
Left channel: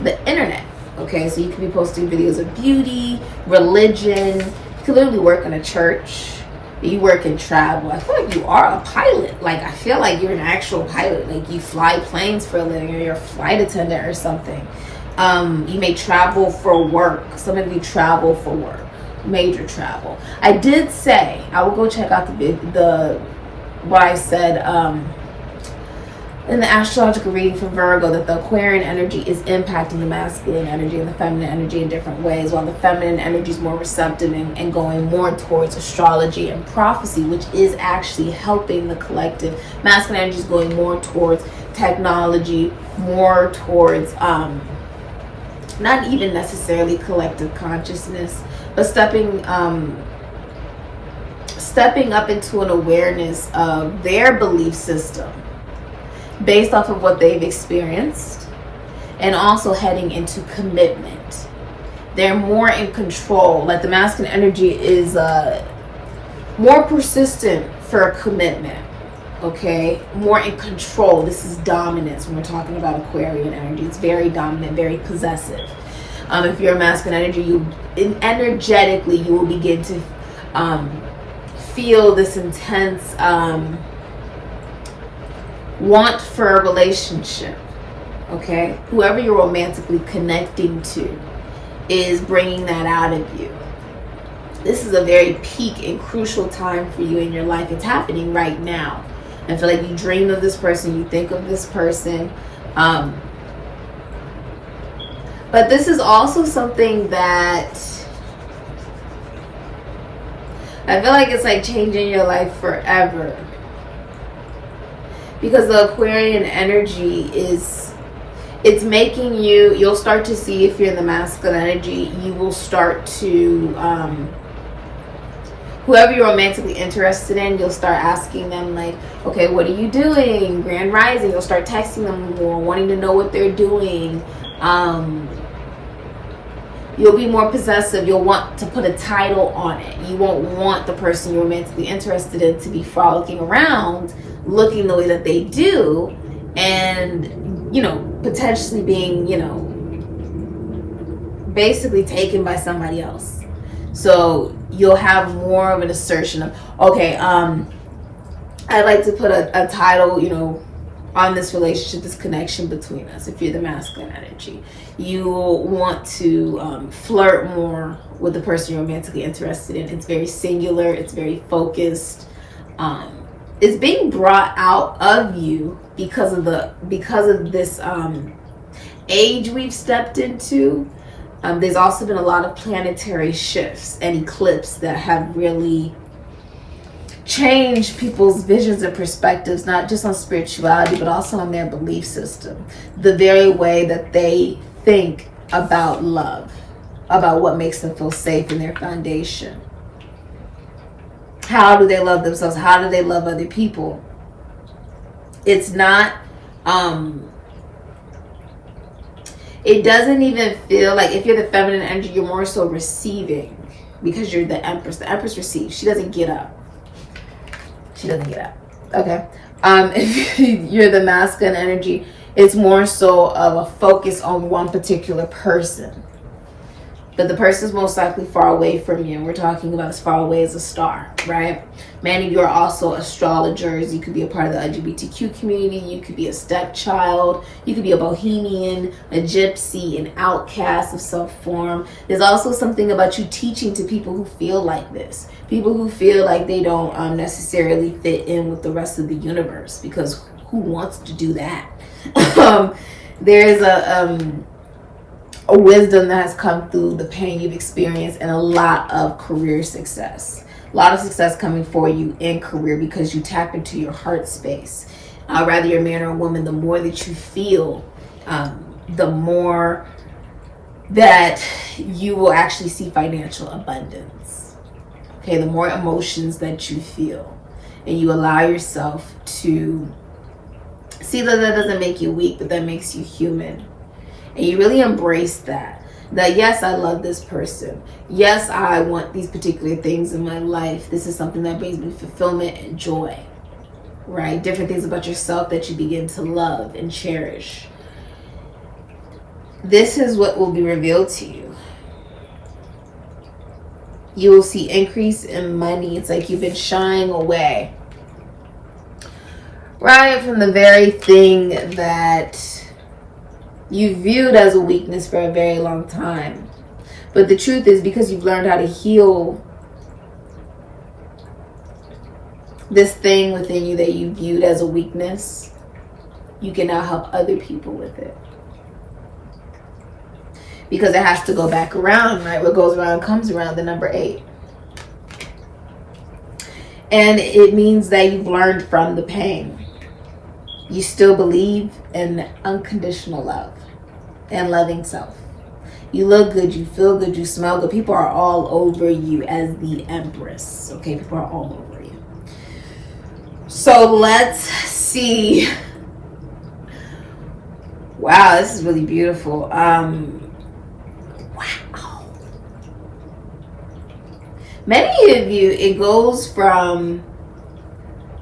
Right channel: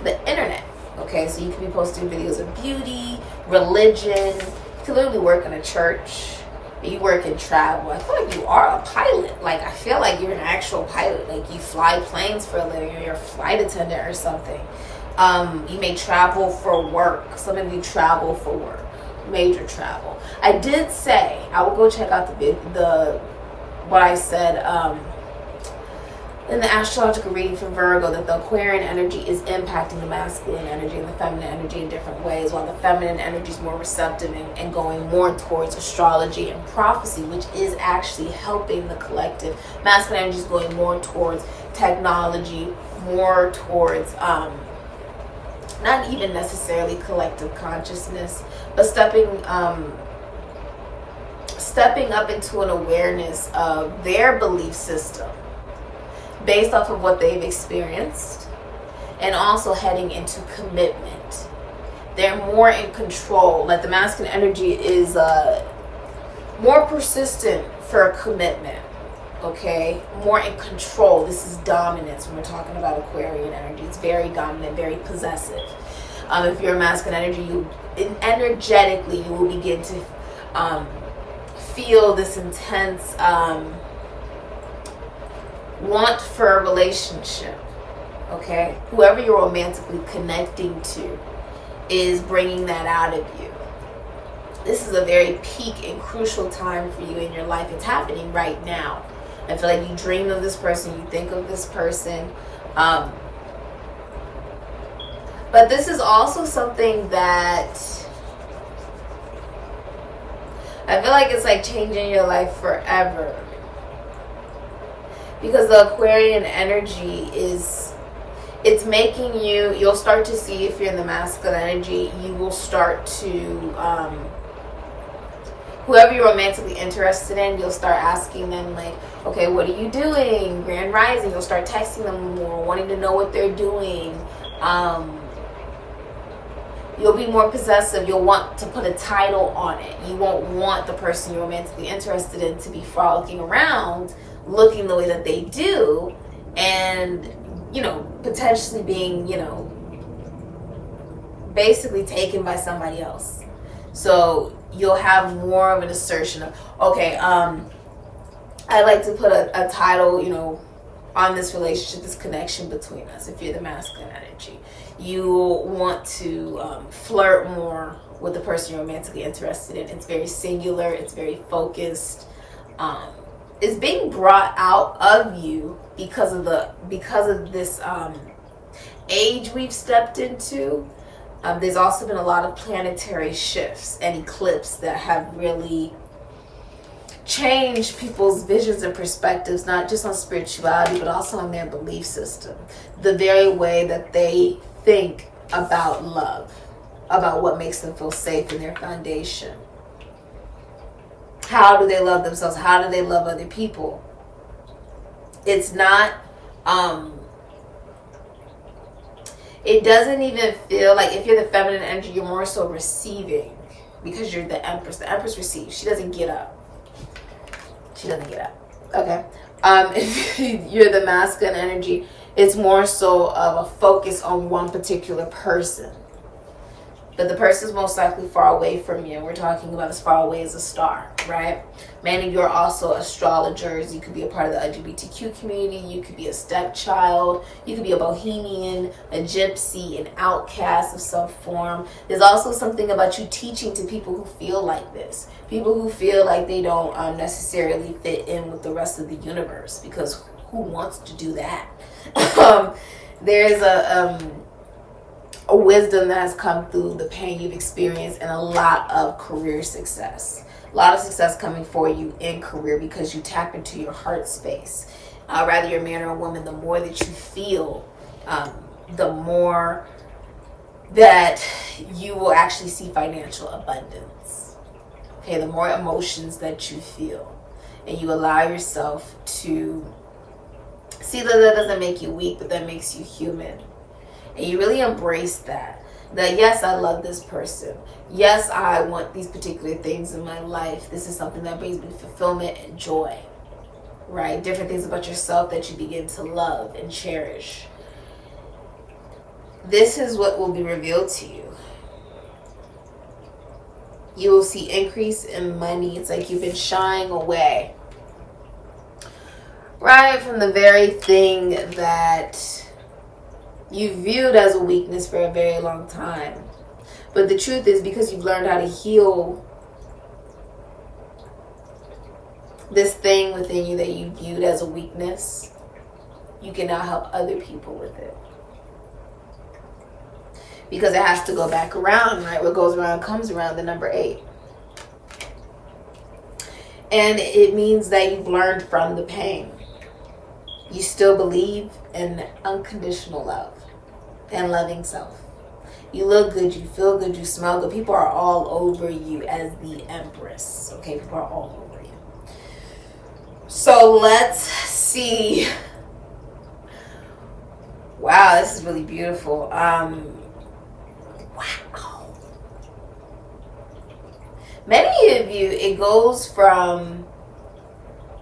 the internet. Okay, so you can be posting videos of beauty, religion. You can literally work in a church. You work in travel. I feel like you are a pilot. Like, I feel like you're an actual pilot. Like, you fly planes for a living, or you're a flight attendant or something. You may travel for work. Some of you travel for work. Major travel. I did say, I will go check out what I said in the astrological reading for Virgo, that the Aquarian energy is impacting the masculine energy and the feminine energy in different ways, while the feminine energy is more receptive and going more towards astrology and prophecy, which is actually helping the collective. Masculine energy is going more towards technology, more towards not even necessarily collective consciousness, but stepping up into an awareness of their belief system based off of what they've experienced, and also heading into commitment. They're more in control. Like, the masculine energy is more persistent for a commitment. Okay, more in control. This is dominance when we're talking about Aquarian energy. It's very dominant, very possessive. If you're a masculine energy, energetically you will begin to feel this intense want for a relationship. Okay, whoever you're romantically connecting to is bringing that out of you. This is a very peak and crucial time for you in your life. It's happening right now. I feel like you dream of this person, you think of this person. But this is also something that I feel like it's like changing your life forever. Because the Aquarian energy it's making you'll start to see, if you're in the masculine energy, you will start to, whoever you're romantically interested in, you'll start asking them, like, okay, what are you doing? Grand Rising. You'll start texting them more, wanting to know what they're doing. You'll be more possessive. You'll want to put a title on it. You won't want the person you're romantically interested in to be frolicking around looking the way that they do, and, you know, potentially being, you know, basically taken by somebody else. So you'll have more of an assertion of, okay, I like to put a title, you know, on this relationship, this connection between us. If you're the masculine energy, you want to flirt more with the person you're romantically interested in. It's very singular. It's very focused. It's being brought out of you because of this age we've stepped into. There's also been a lot of planetary shifts and eclipses that have really changed people's visions and perspectives, not just on spirituality, but also on their belief system. The very way that they think about love. about what makes them feel safe in their foundation. How do they love themselves? How do they love other people? It's not, it doesn't even feel like, if you're the feminine energy, you're more so receiving, because you're the Empress. The Empress receives. She doesn't get up. She doesn't get up. Okay. If you're the masculine energy, it's more so of a focus on one particular person. But the person is most likely far away from you. We're talking about as far away as a star, right? Many of you are also astrologers. You could be a part of the LGBTQ community. You could be a stepchild. You could be a bohemian, a gypsy, an outcast of some form. There's also something about you teaching to people who feel like this. People who feel like they don't necessarily fit in with the rest of the universe, because who wants to do that? There's a wisdom that has come through the pain you've experienced, and a lot of career success. A lot of success coming for you in career, because you tap into your heart space. Rather you're a man or a woman, the more that you feel, the more that you will actually see financial abundance. Okay, the more emotions that you feel, and you allow yourself to see that doesn't make you weak, but that makes you human. And you really embrace that yes, I love this person. Yes, I want these particular things in my life. This is something that brings me fulfillment and joy, right? Different things about yourself that you begin to love and cherish. This is what will be revealed to you. You will see increase in money. It's like you've been shying away, right, from the very thing that you viewed as a weakness for a very long time. But the truth is, because you've learned how to heal this thing within you that you viewed as a weakness, you can now help other people with it. Because it has to go back around, right? What goes around comes around, the number 8. And it means that you've learned from the pain. You still believe in unconditional love and loving self. You look good, you feel good, you smell good. People are all over you as the Empress. Okay, people are all over you. So let's see. Wow, this is really beautiful. Wow. Many of you, it goes from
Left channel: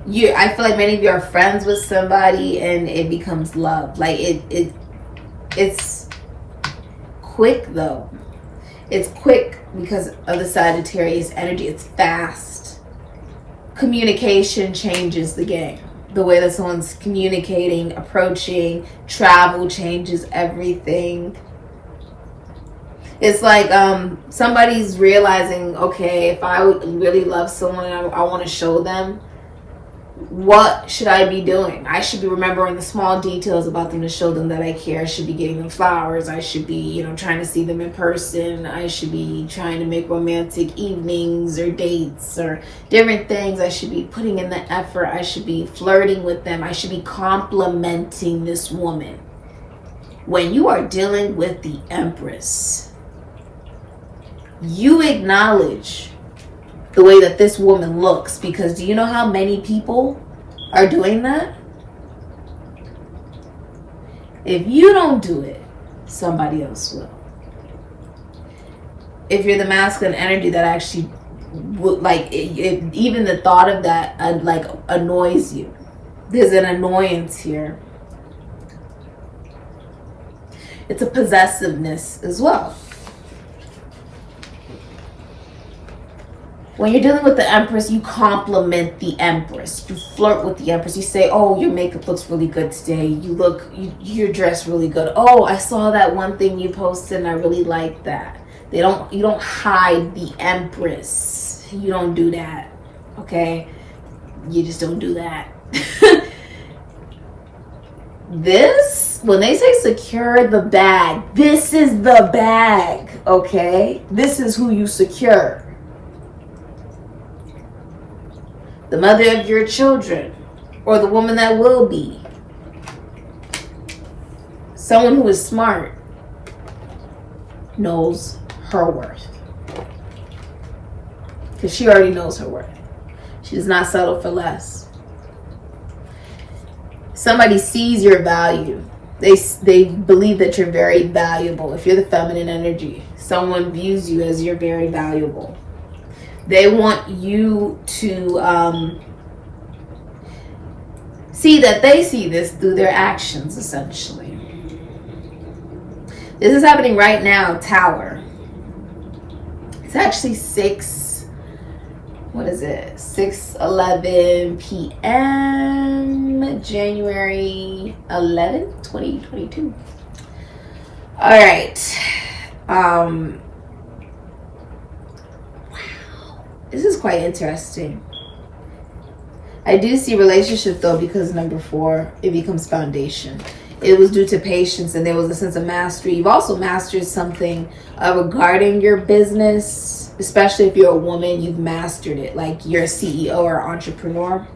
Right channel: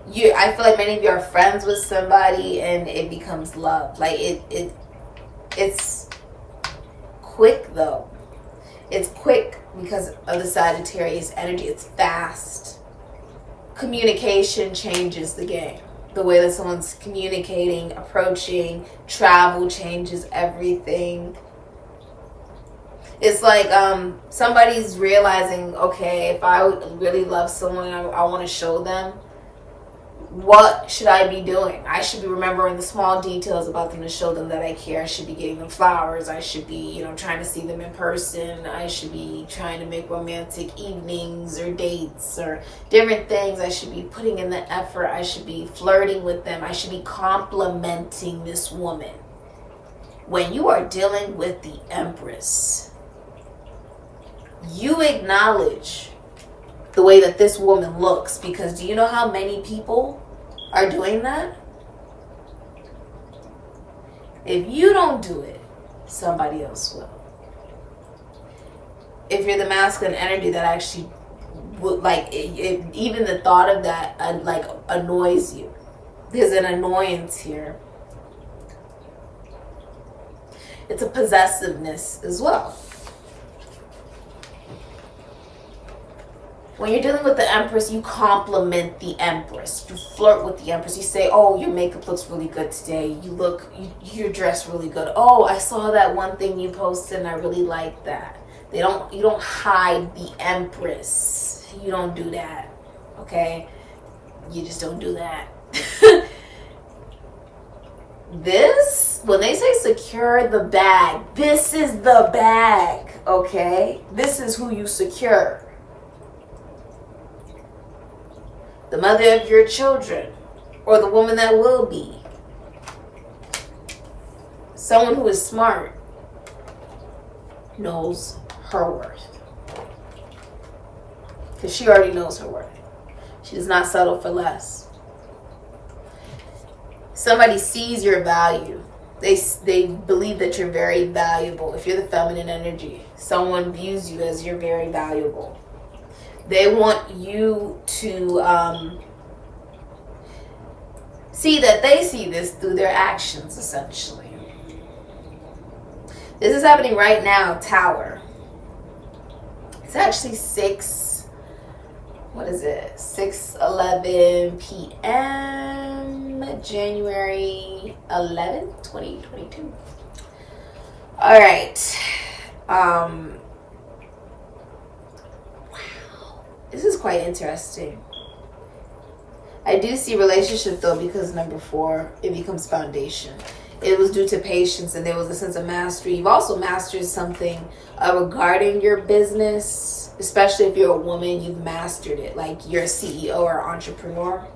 you. I feel like many of you are friends with somebody and it becomes love. Like it's quick though. It's quick because of the Sagittarius energy. It's fast. Communication changes the game. The way that someone's communicating, approaching, travel changes everything. It's like somebody's realizing, okay, if I really love someone and I want to show them, what should I be doing? I should be remembering the small details about them to show them that I care. I should be getting them flowers. I should be, trying to see them in person. I should be trying to make romantic evenings or dates or different things. I should be putting in the effort. I should be flirting with them. I should be complimenting this woman. When you are dealing with the Empress, you acknowledge the way that this woman looks, because do you know how many people are doing that? If you don't do it, somebody else will. If you're the masculine energy, that actually would, even the thought of that annoys you. There's an annoyance here. It's a possessiveness as well. When you're dealing with the Empress, you compliment the Empress. You flirt with the Empress. You say, oh, your makeup looks really good today. You're dressed really good. Oh, I saw that one thing you posted and I really like that. You don't hide the Empress. You don't do that. Okay? You just don't do that. When they say secure the bag, this is the bag, okay? This is who you secure. The mother of your children, or the woman that will be. Someone who is smart knows her worth. Because she already knows her worth. She does not settle for less. Somebody sees your value. They believe that you're very valuable. If you're the feminine energy, someone views you as you're very valuable. They want you to see that they see this through their actions, essentially. This is happening right now, Tower. It's actually 6:11 p.m. January 11, 2022. All right. Wow. This is quite interesting. I do see relationship though, because number 4, it becomes foundation. It was due to patience, and there was a sense of mastery. You've also mastered something regarding your business, especially if you're a woman. You've mastered it, like you're a CEO or entrepreneur.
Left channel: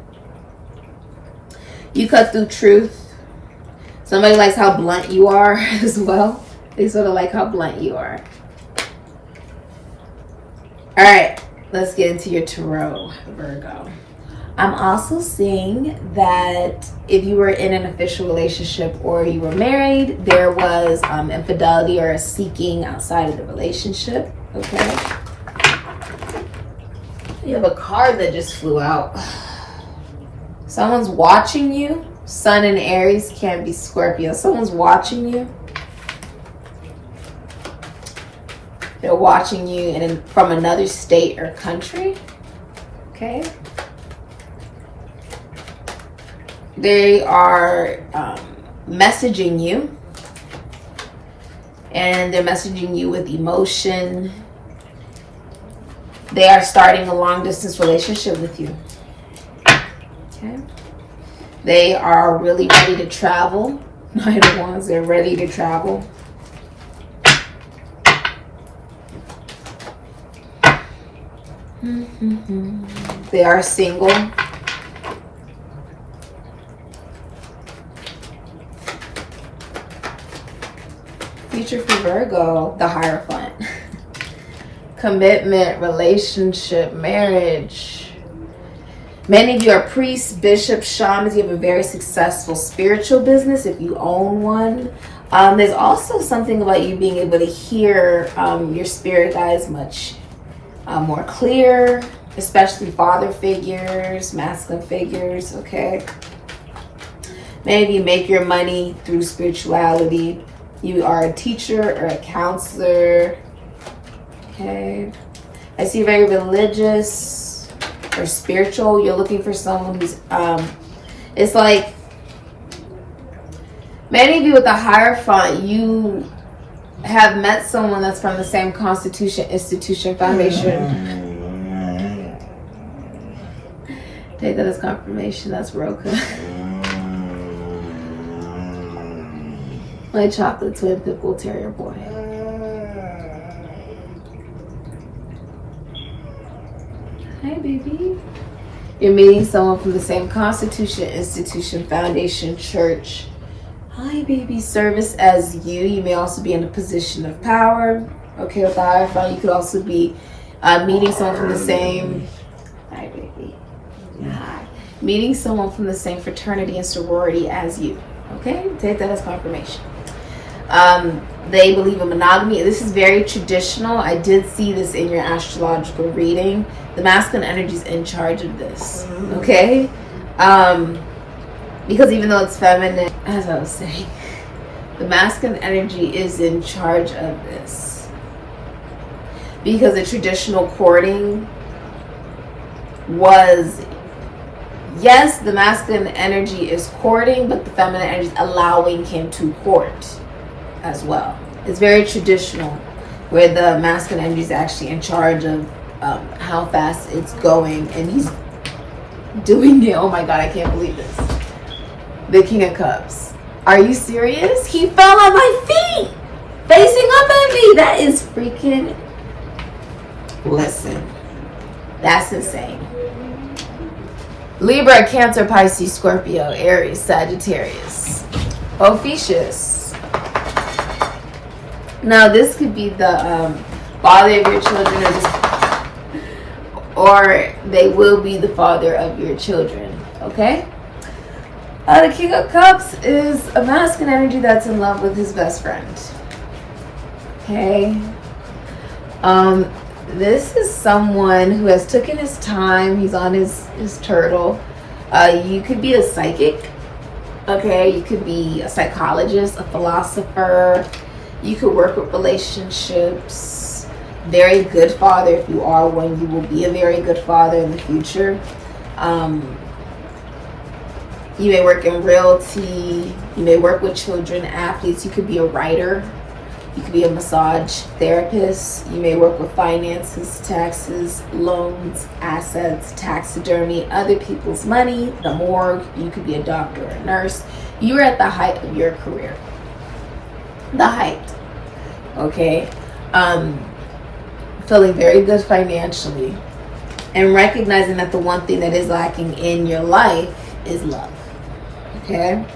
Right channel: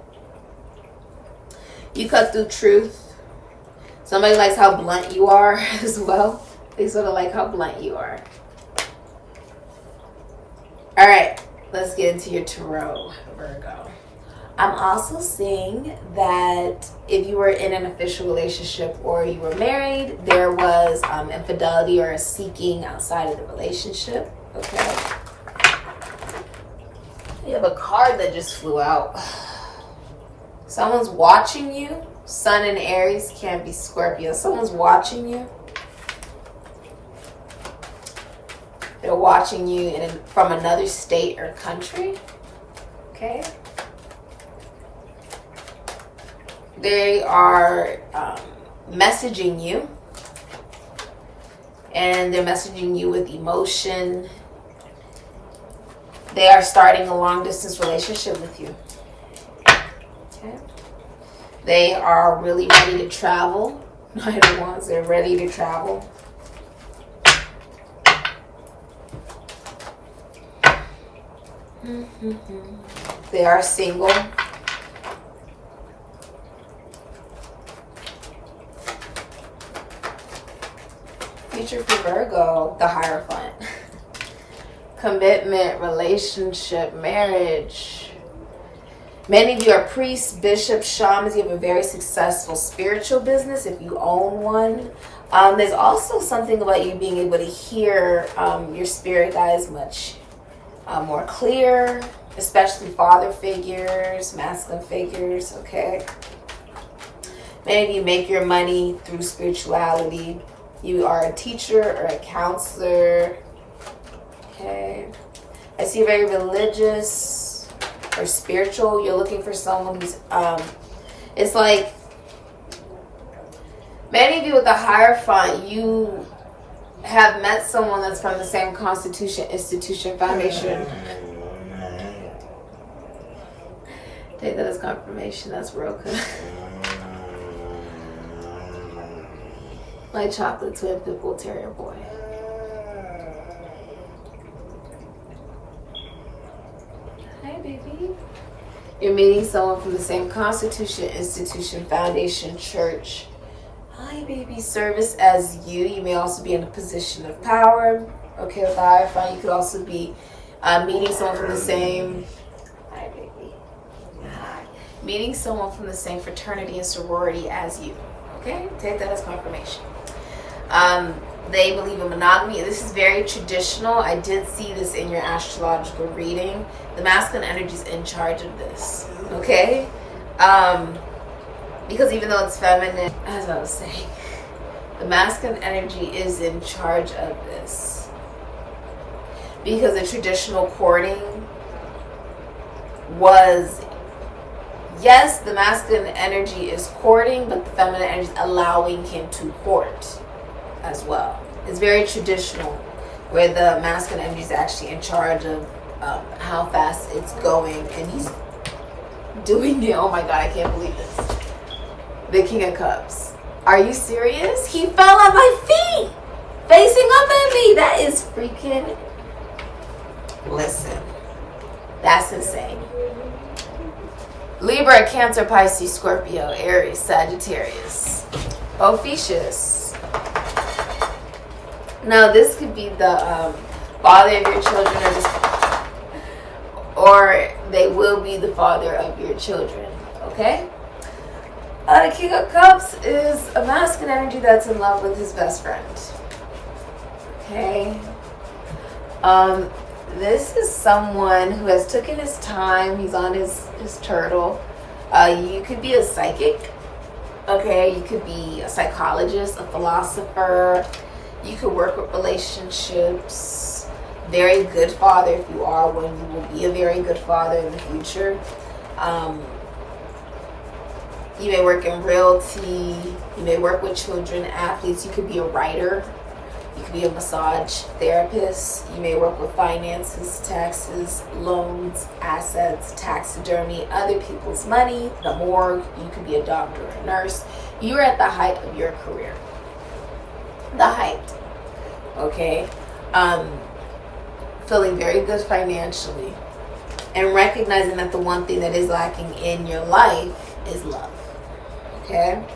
You cut through truth. Somebody likes how blunt you are as well. They sort of like how blunt you are. All right, let's get into your tarot, Virgo. I'm also seeing that if you were in an official relationship or you were married, there was infidelity or a seeking outside of the relationship. Okay. You have a card that just flew out. Someone's watching you. Sun and Aries, can't be Scorpio. Someone's watching you. They're watching you from another state or country. Okay. They are messaging you, and they're messaging you with emotion. They are starting a long distance relationship with you. Okay. They are really ready to travel. Knight of Wands, they're ready to travel. They are single. Future for Virgo, the Hierophant. Commitment, relationship, marriage. Many of you are priests, bishops, shamans. You have a very successful spiritual business if you own one. There's also something about you being able to hear your spirit guides much more clear, especially father figures, masculine figures, okay? Many of you make your money through spirituality. You are a teacher or a counselor. Okay. I see very religious or spiritual. You're looking for someone who's, it's like, many of you with the Hierophant, you have met someone that's from the same constitution, institution, foundation. Take that as confirmation. That's Roka. My chocolate twin pitbull terrier boy. Hi, baby. You're meeting someone from the same constitution, institution, foundation, church. Hi, baby. Service as you. You may also be in a position of power. Okay, with the Hierophant, you could also be meeting someone from the same. Hi, baby. Hi. Meeting someone from the same fraternity and sorority as you. Okay, take that as confirmation. They believe in monogamy. This is very traditional. I did see this in your astrological reading. The masculine energy is in charge of this. Okay, because even though it's feminine, as I was saying, the masculine energy is in charge of this, because the traditional courting was, yes, the masculine energy is courting, but the feminine energy is allowing him to court as well. It's very traditional, where the masculine energy is actually in charge of how fast it's going, and he's doing it. Oh my God, I can't believe this. The King of Cups. Are you serious? He fell on my feet, facing up at me. That is freaking, listen, that's insane. Libra, Cancer, Pisces, Scorpio, Aries, Sagittarius. Ophiuchus. Now this could be the father of your children, or they will be the father of your children. Okay. The King of Cups is a masculine energy that's in love with his best friend. Okay. This is someone who has taken his time. He's on his turtle. You could be a psychic. Okay. You could be a psychologist, a philosopher. You could work with relationships. Very good father if you are one. You will be a very good father in the future. You may work in realty. You may work with children, athletes. You could be a writer. You could be a massage therapist. You may work with finances, taxes, loans, assets, taxidermy, other people's money, the morgue. You could be a doctor or a nurse. You're at the height of your career. The height. Okay. Feeling very good financially. And recognizing that the one thing that is lacking in your life is love. Okay.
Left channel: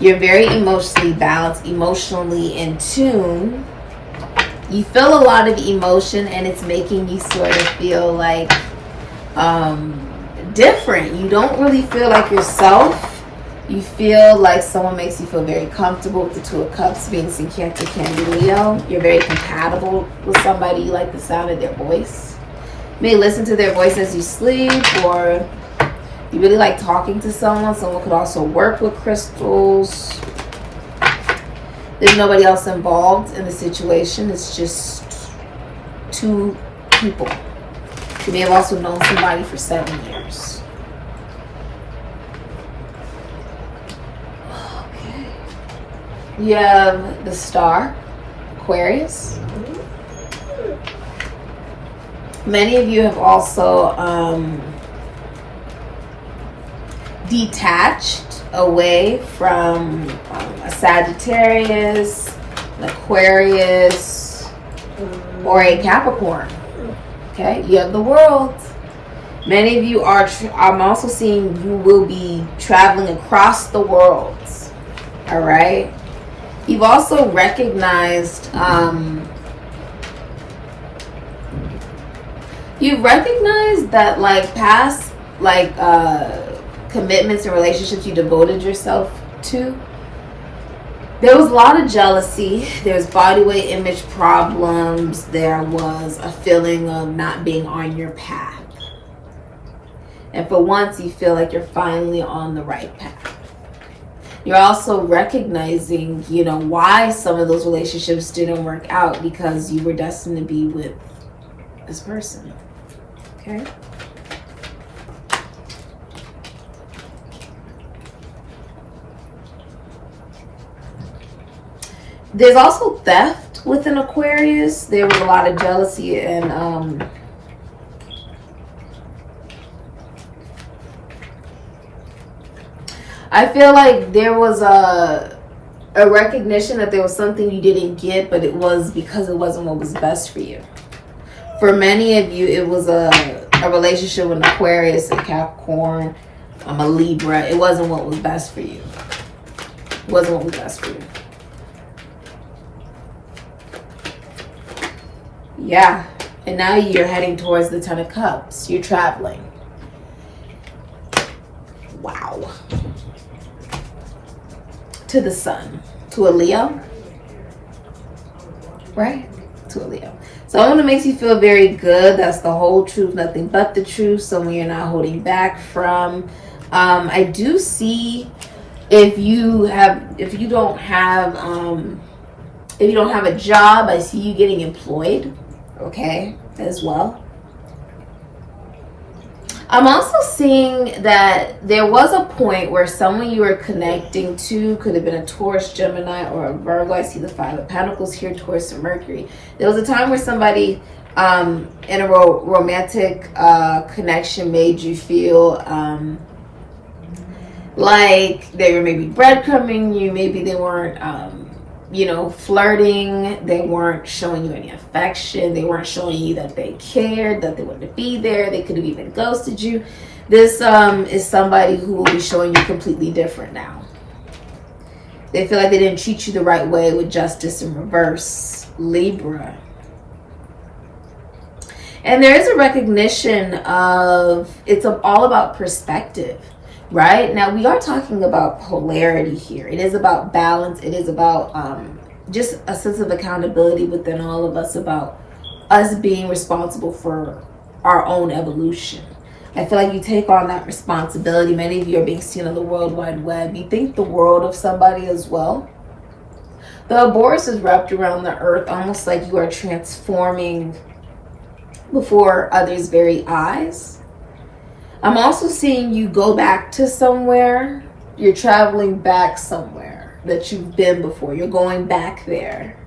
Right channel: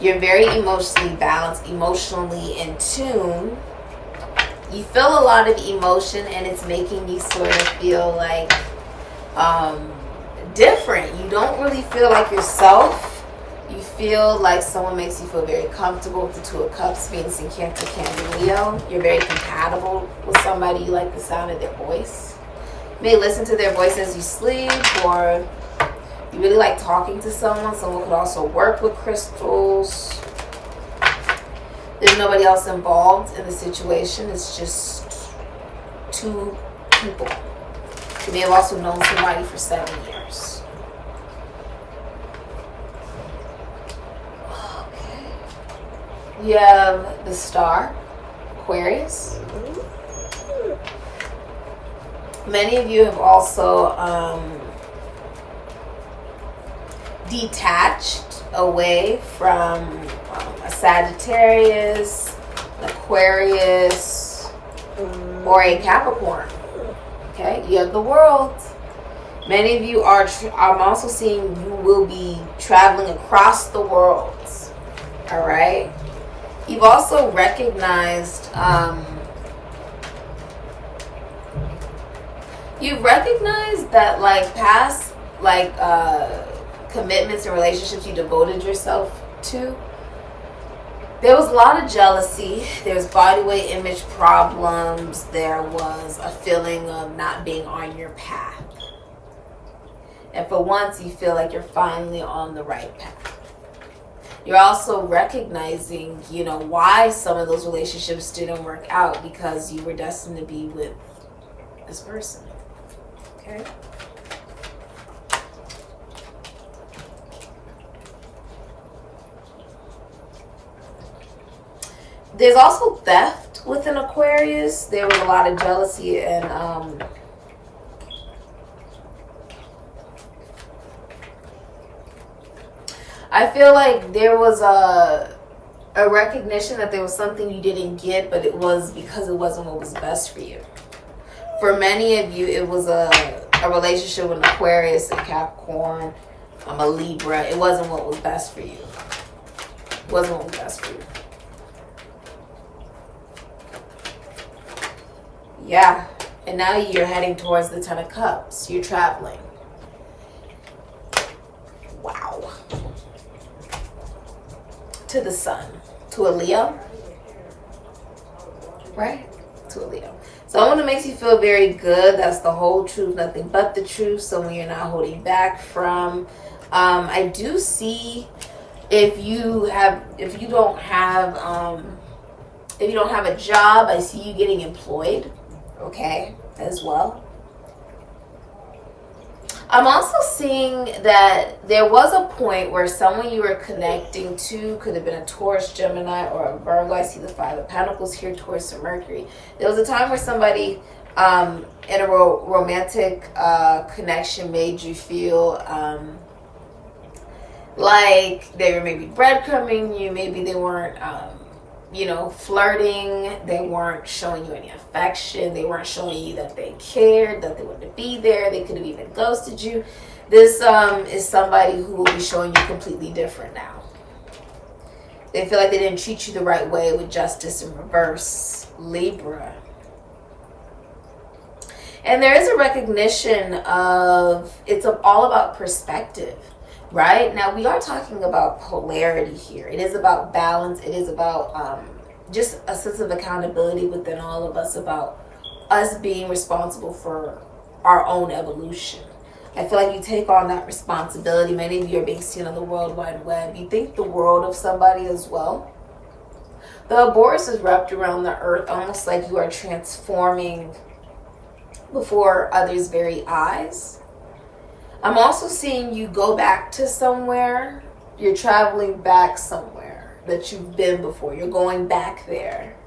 You're very emotionally balanced, emotionally in tune. You feel a lot of emotion, and it's making you sort of feel like different. You don't really feel like yourself. You feel like someone makes you feel very comfortable with the Two of Cups, Venus in Cancer, Cancer, Leo. You're very compatible with somebody. You like the sound of their voice. You may listen to their voice as you sleep, or you really like talking to someone. Someone could also work with crystals. There's nobody else involved in the situation. It's just two people. You may have also known somebody for 7 years. Okay. You have the Star, Aquarius. Many of you have also detached away from a Sagittarius, an Aquarius, or a Capricorn. Okay, you have the World. Many of you are, I'm also seeing you will be traveling across the world. All right. You've also recognized, that like past, like, commitments and relationships you devoted yourself to, there was a lot of jealousy. There's body weight image problems. There was a feeling of not being on your path. And for once, you feel like you're finally on the right path. You're also recognizing, you know, why some of those relationships didn't work out, because you were destined to be with this person. Okay. There's also theft with an Aquarius. There was a lot of jealousy and I feel like there was a recognition that there was something you didn't get, but it was because it wasn't what was best for you. For many of you, it was a relationship with an Aquarius, a Capricorn, a Libra. It wasn't what was best for you. It wasn't what was best for you. Yeah, and now you're heading towards the Ten of Cups. You're traveling. Wow. To the Sun. To a Leo. Right? To a Leo. Someone that makes you feel very good. That's the whole truth, nothing but the truth. Someone you're not holding back from. I do see if you don't have a job, I see you getting employed. Okay, as well. I'm also seeing that there was a point where someone you were connecting to could have been a Taurus, Gemini, or a Virgo. I see the Five of Pentacles here, Taurus and Mercury. There was a time where somebody in a romantic connection made you feel like they were maybe breadcrumbing you. Maybe they weren't flirting. They weren't showing you any affection. They weren't showing you that they cared, that they wanted to be there. They could have even ghosted you. This is somebody who will be showing you completely different now. They feel like they didn't treat you the right way with justice in reverse. Libra. And there is a recognition of, it's all about perspective, right? Now, we are talking about polarity here. It is about balance. It is about just a sense of accountability within all of us, about us being responsible for our own evolution. I feel like you take on that responsibility. Many of you are being seen on the World Wide Web. You think the world of somebody as well. The Ouroboros is wrapped around the earth, almost like you are transforming before others' very eyes. I'm also seeing you go back to somewhere. You're traveling back somewhere that you've been before. You're going back there.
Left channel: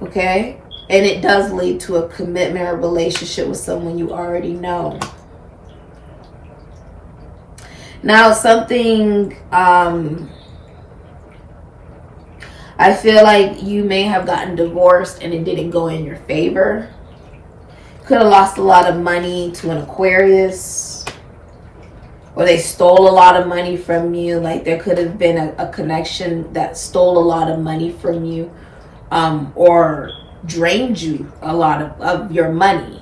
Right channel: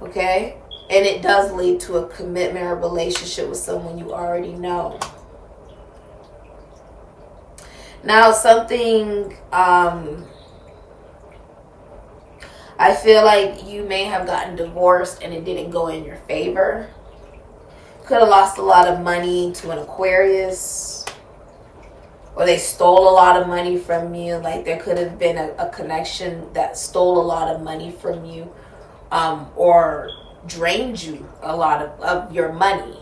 Okay? And it does lead to a commitment or relationship with someone you already know. Now, something, I feel like you may have gotten divorced and it didn't go in your favor. Could have lost a lot of money to an Aquarius. Or they stole a lot of money from you. Like there could have been a connection that stole a lot of money from you. Or drained you a lot of your money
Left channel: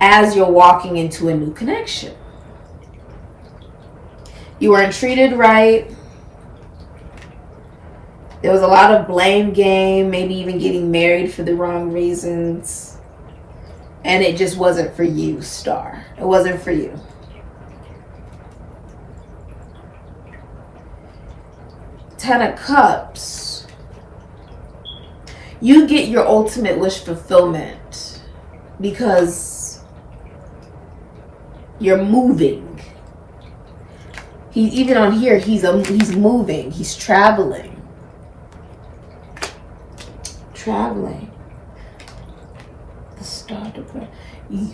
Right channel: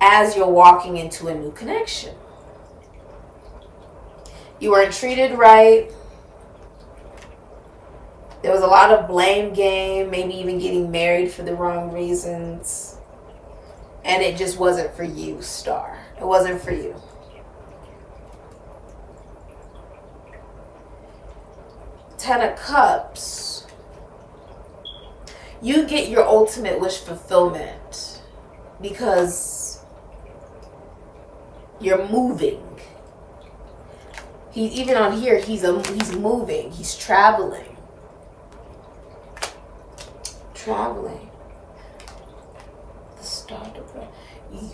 as you're walking into a new connection. You weren't treated right. There was a lot of blame game, maybe even getting married for the wrong reasons. And it just wasn't for you, Star. It wasn't for you. Ten of Cups. You get your ultimate wish fulfillment because you're moving. He's even on here, he's moving, he's traveling. Traveling. The Star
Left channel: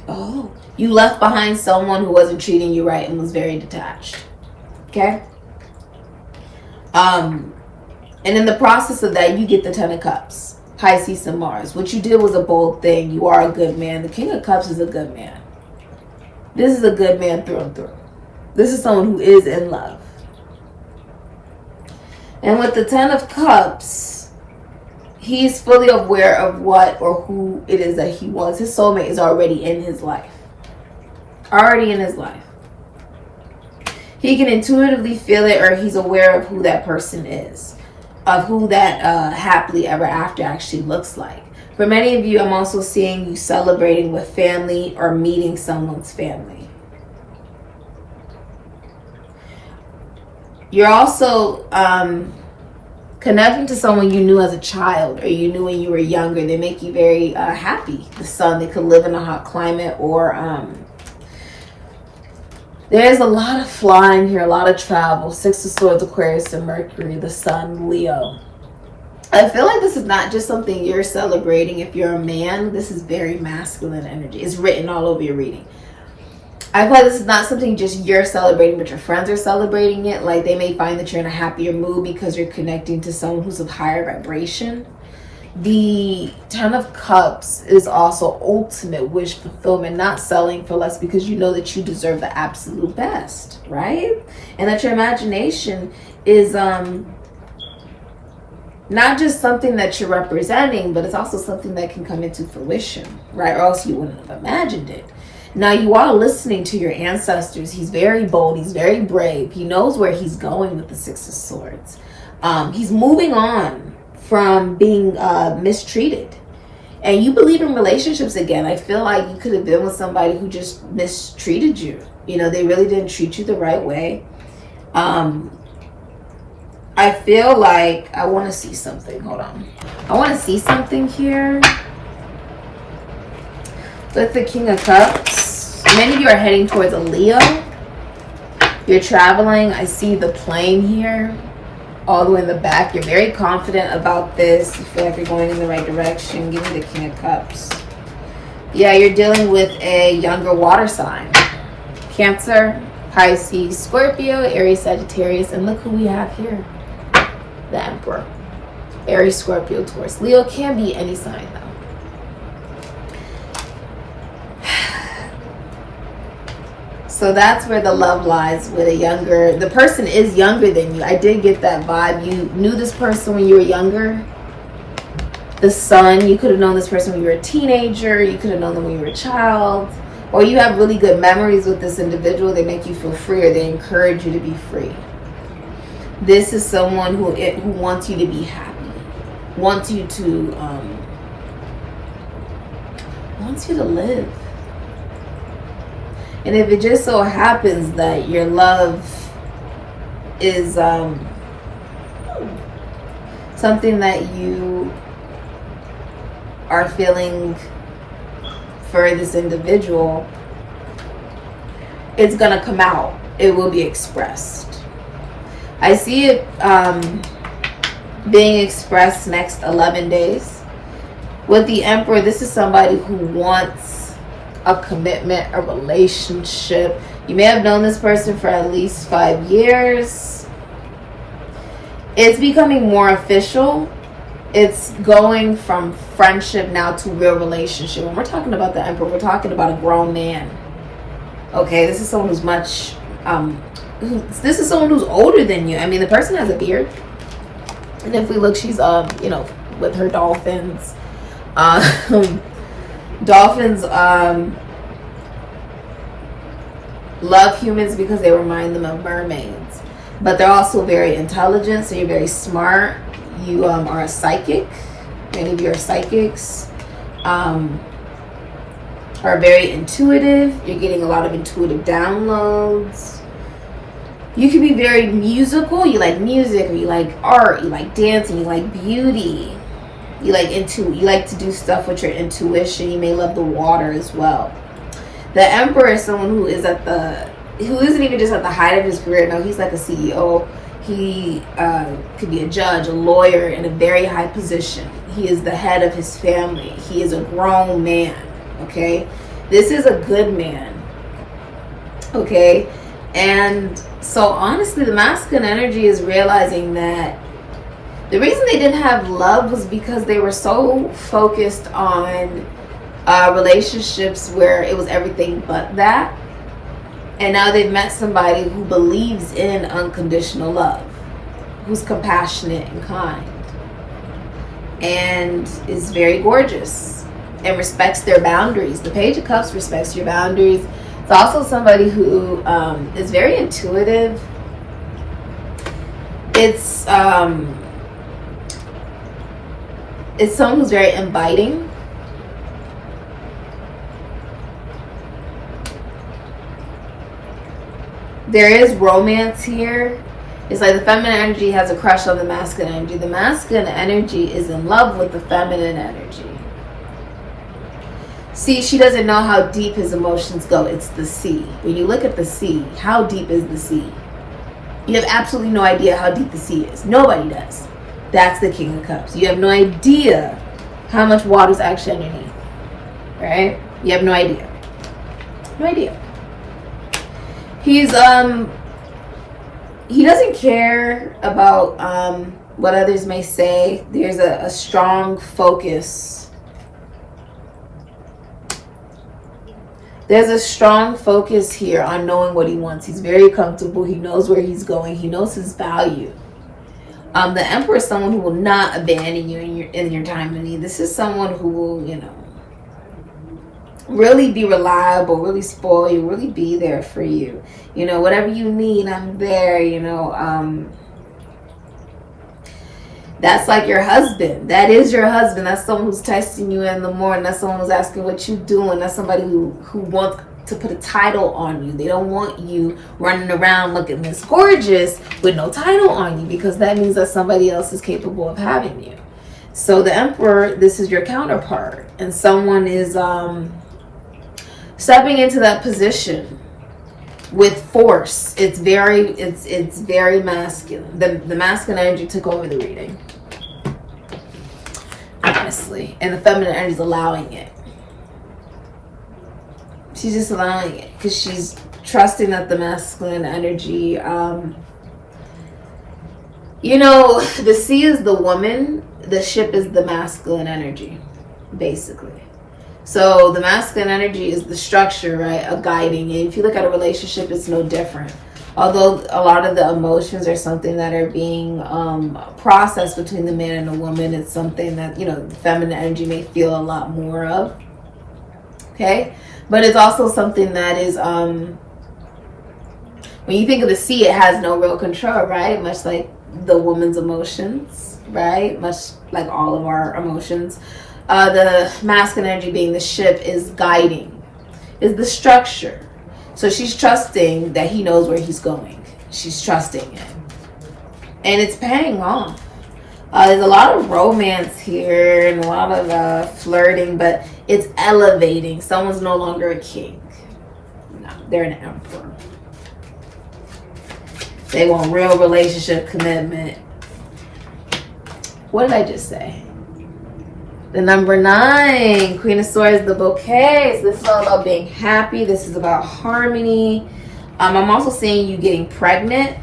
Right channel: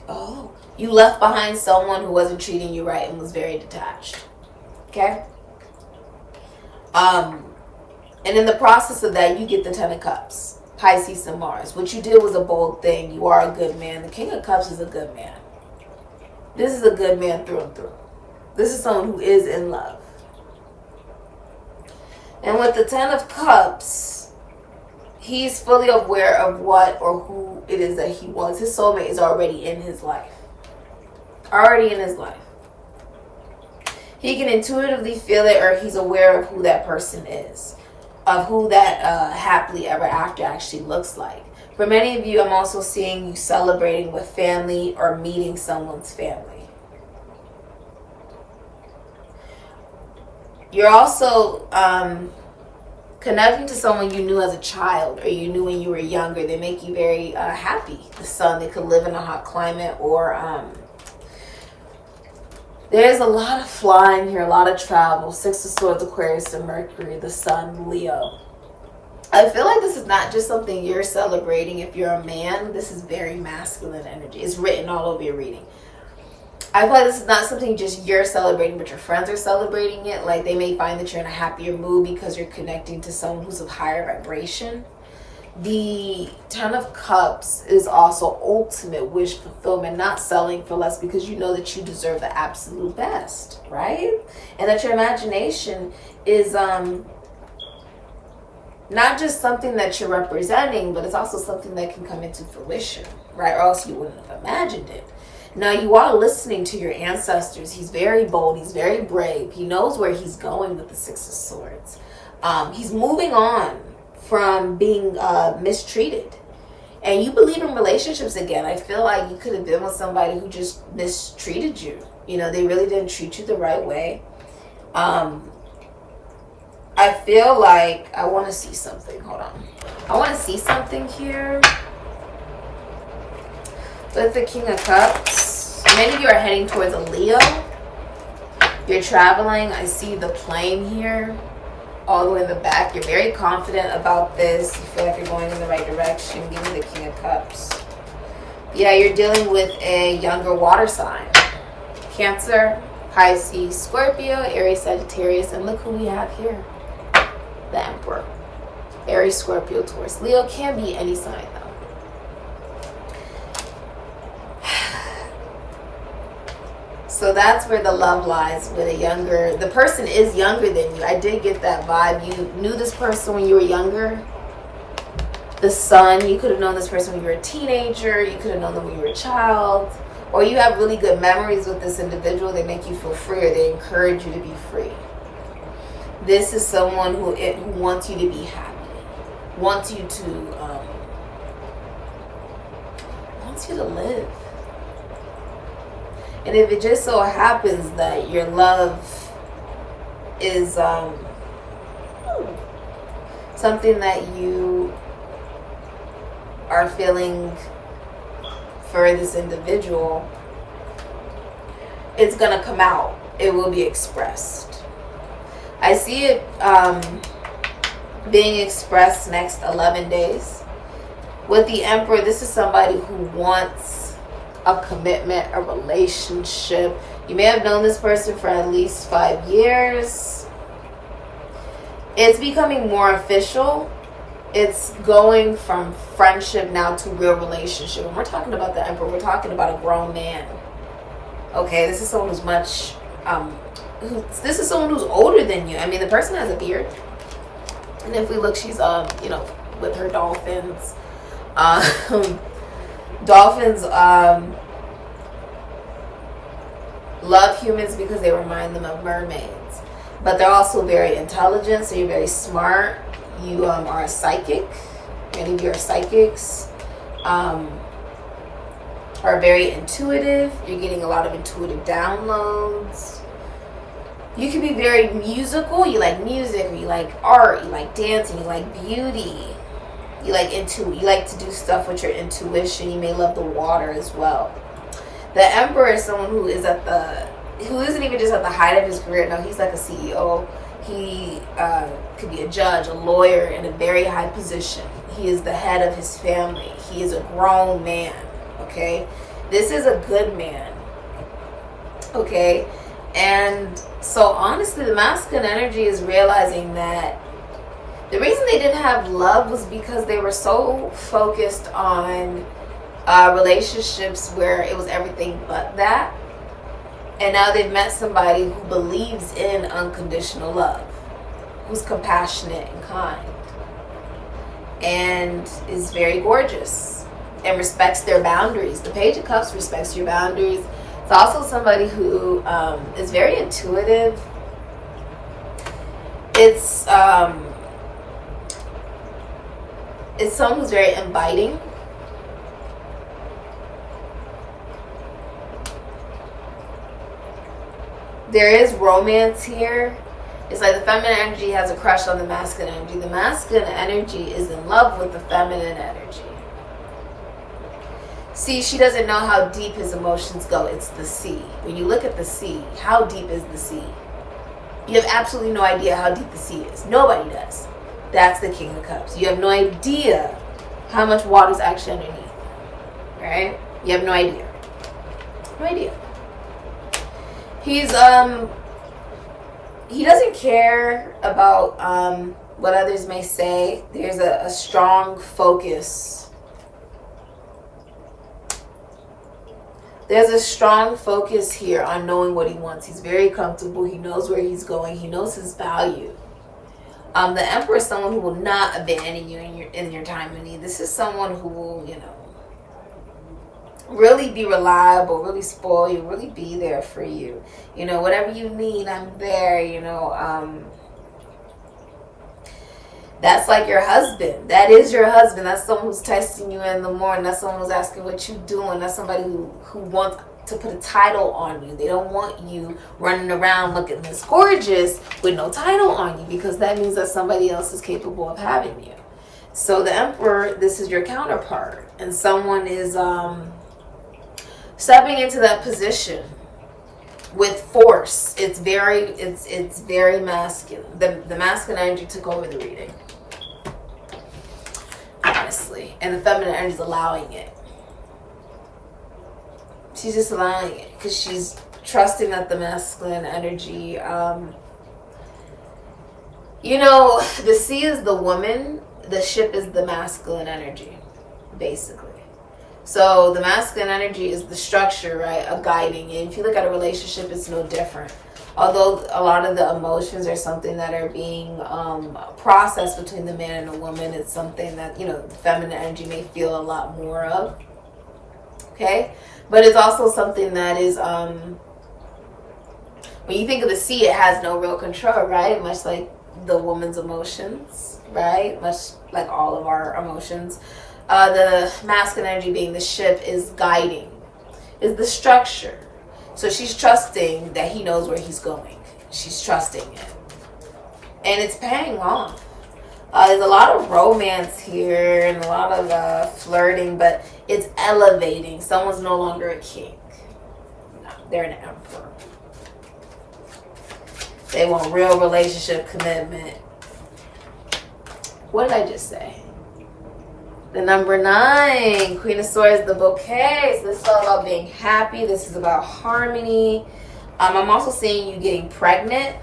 of you left behind someone who wasn't treating you right and was very detached. Okay? And in the process of that, you get the Ten of Cups. Pisces and Mars. What you did was a bold thing. You are a good man. The King of Cups is a good man. This is a good man through and through. This is someone who is in love. And with the Ten of Cups, he's fully aware of what or who it is that he wants. His soulmate is already in his life. Already in his life. He can intuitively feel it, or he's aware of who that person is. Of who that happily ever after actually looks like. For many of you, I'm also seeing you celebrating with family or meeting someone's family. You're also connecting to someone you knew as a child, or you knew when you were younger. They make you very happy. The sun, they could live in a hot climate, or there's a lot of flying here, a lot of travel. Six of Swords, Aquarius, and Mercury, the Sun, Leo. I feel like this is not just something you're celebrating. If you're a man, this is very masculine energy. It's written all over your reading. I feel like this is not something just you're celebrating, but your friends are celebrating it. Like they may find that you're in a happier mood because you're connecting to someone who's of higher vibration. The Ten of Cups is also ultimate wish fulfillment, not selling for less because you know that you deserve the absolute best, right? And that your imagination is not just something that you're representing, but it's also something that can come into fruition, right? Or else you wouldn't have imagined it. Now you are listening to your ancestors. He's very bold. He's very brave. He knows where he's going with the Six of Swords. He's moving on from being mistreated. And you believe in relationships again. I feel like you could have been with somebody who just mistreated you. You know, they really didn't treat you the right way. I feel like I want to see something. Hold on. I want to see something here. With the King of Cups. Many of you are heading towards a Leo. You're traveling. I see the plane here. All the way in the back. You're very confident about this. You feel like you're going in the right direction. Give me the King of Cups. Yeah, you're dealing with a younger water sign. Cancer, Pisces, Scorpio, Aries, Sagittarius, and look who we have here. The Emperor. Aries, Scorpio, Taurus. Leo can be any sign though. So that's where the love lies, with a younger, the person is younger than you. I did get that vibe. You knew this person when you were younger. The Sun, you could have known this person when you were a teenager. You could have known them when you were a child. Or you have really good memories with this individual. They make you feel free, or they encourage you to be free. This is someone who wants you to be happy. Wants you to live. And if it just so happens that your love is something that you are feeling for this individual, it's gonna come out. It will be expressed. I see it being expressed next 11 days. With the Emperor, this is somebody who wants a commitment, a relationship. You may have known this person for at least 5 years. It's becoming more official. It's going from friendship now to real relationship. When we're talking about the Emperor, we're talking about a grown man. Okay, this is someone who's much, this is someone who's older than you. I mean, the person has a beard. And if we look, she's, you know, with her dolphins. Dolphins love humans because they remind them of mermaids. But they're also very intelligent, so you're very smart. You are a psychic. Many of you are psychics. Are very intuitive. You're getting a lot of intuitive downloads. You can be very musical. You like music, or you like art, you like dancing, you like beauty. You like to do stuff with your intuition. You may love the water as well. The Emperor is someone who isn't even just at the height of his career. No, he's like a CEO. He could be a judge, a lawyer in a very high position. He is the head of his family. He is a grown man, okay? This is a good man, okay? And so honestly, the masculine energy is realizing that the reason they didn't have love was because they were so focused on relationships where it was everything but that. And now they've met somebody who believes in unconditional love, who's compassionate and kind, and is very gorgeous and respects their boundaries. The Page of Cups respects your boundaries. It's also somebody who is very intuitive. It's someone who's very inviting. There is romance here. It's like the feminine energy has a crush on the masculine energy. The masculine energy is in love with the feminine energy. See, she doesn't know how deep his emotions go. It's the sea. When you look at the sea, how deep is the sea? You have absolutely no idea how deep the sea is. Nobody does. That's the King of Cups. You have no idea how much water is actually underneath. Right? You have no idea. No idea. He's he doesn't care about what others may say. There's a strong focus. There's a strong focus here on knowing what he wants. He's very comfortable. He knows where he's going. He knows his value. The Emperor is someone who will not abandon you in your time of need. This is someone who will, you know, really be reliable, really spoil you, really be there for you. You know, whatever you need, I'm there, you know. That's like your husband. That is your husband. That's someone who's texting you in the morning. That's someone who's asking what you're doing. That's somebody who wants to put a title on you. They don't want you running around looking this gorgeous with no title on you, because that means that somebody else is capable of having you. So the Emperor, this is your counterpart, and someone is stepping into that position with force. It's very masculine. The masculine energy took over the reading, honestly, and the feminine energy is allowing it. She's just allowing it because she's trusting that the masculine energy, you know, the sea is the woman, the ship is the masculine energy, basically. So the masculine energy is the structure, right, of guiding. And if you look at a relationship, it's no different. Although a lot of the emotions are something that are being processed between the man and the woman, it's something that, you know, the feminine energy may feel a lot more of. Okay? But it's also something that is, when you think of the sea, it has no real control, right? Much like the woman's emotions, right? Much like all of our emotions. The masculine energy, being the ship, is guiding, is the structure. So she's trusting that he knows where he's going. She's trusting him. And it's paying off. There's a lot of romance here and a lot of flirting, but it's elevating. Someone's no longer a king. No, they're an emperor. They want real relationship commitment. What did I just say? The number 9, Queen of Swords, the bouquet. So this is all about being happy. This is about harmony. I'm also seeing you getting pregnant.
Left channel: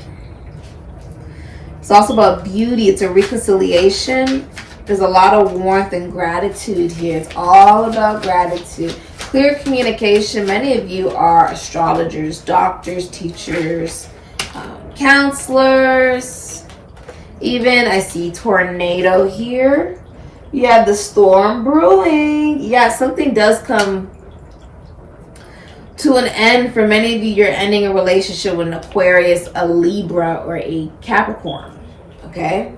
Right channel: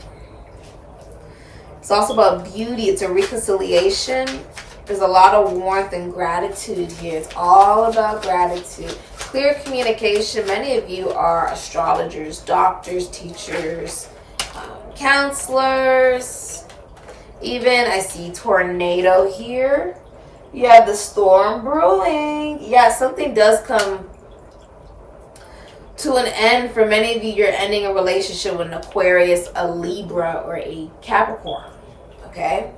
It's also about beauty. It's a reconciliation. There's a lot of warmth and gratitude here. It's all about gratitude. Clear communication. Many of you are astrologers, doctors, teachers, counselors. Even I see tornado here. You have the storm brewing. Yeah, something does come to an end. For many of you, you're ending a relationship with an Aquarius, a Libra, or a Capricorn. Okay?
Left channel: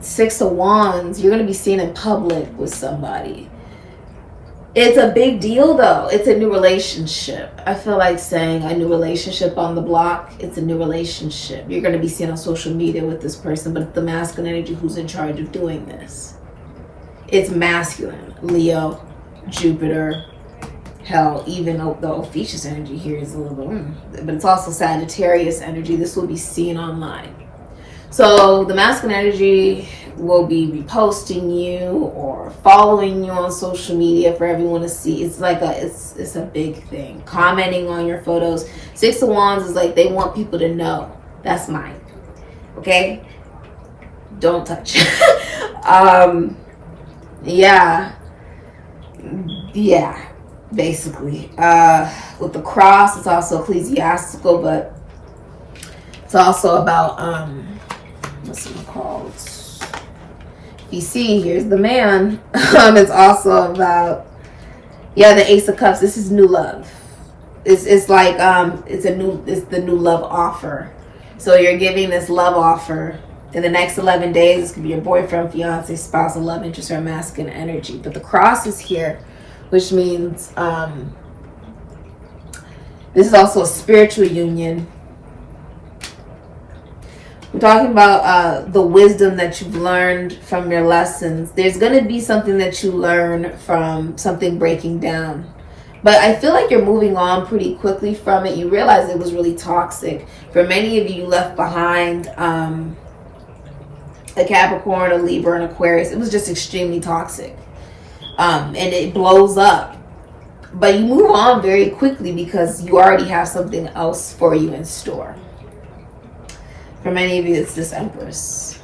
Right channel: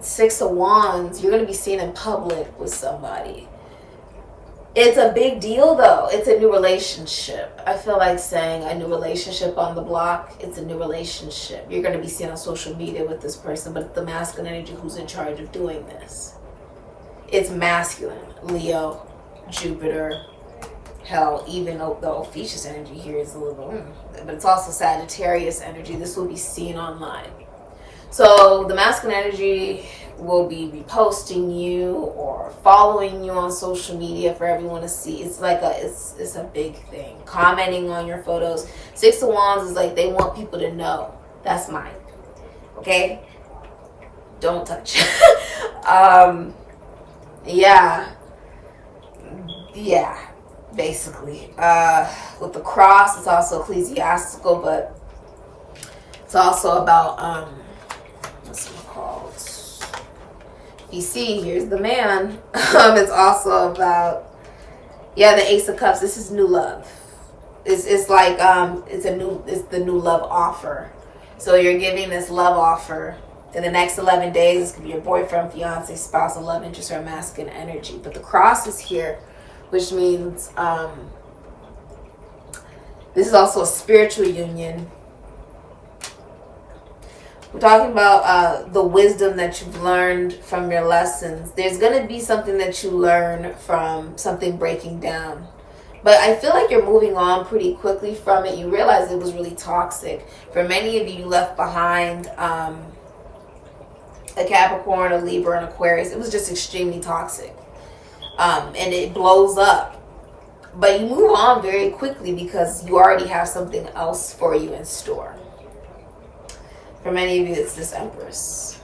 Six of Wands. You're going to be seen in public with somebody. It's a big deal, though. It's a new relationship. I feel like saying a new relationship on the block. It's a new relationship. You're going to be seen on social media with this person, but it's the masculine energy who's in charge of doing this. It's masculine. Leo, Jupiter, hell, even though the Ophiuchus energy here is a little, but it's also Sagittarius energy. This will be seen online. So the masculine energy will be reposting you or following you on social media for everyone to see. It's like it's a big thing. Commenting on your photos. Six of Wands is like they want people to know. That's mine. Okay? Don't touch. Yeah, basically. With the cross, it's also ecclesiastical, but it's also about what's it called? You see, here's the man. It's also about, the Ace of Cups. This is new love. It's like it's the new love offer. So you're giving this love offer in the next 11 days. This could be your boyfriend, fiance, spouse, love interest, or masculine energy. But the cross is here, which means this is also a spiritual union. We're talking about the wisdom that you've learned from your lessons. There's going to be something that you learn from something breaking down. But I feel like you're moving on pretty quickly from it. You realize it was really toxic. For many of you, you left behind a Capricorn, a Libra, an Aquarius. It was just extremely toxic. And it blows up. But you move on very quickly because you already have something else for you in store. For many of you, it's this Empress.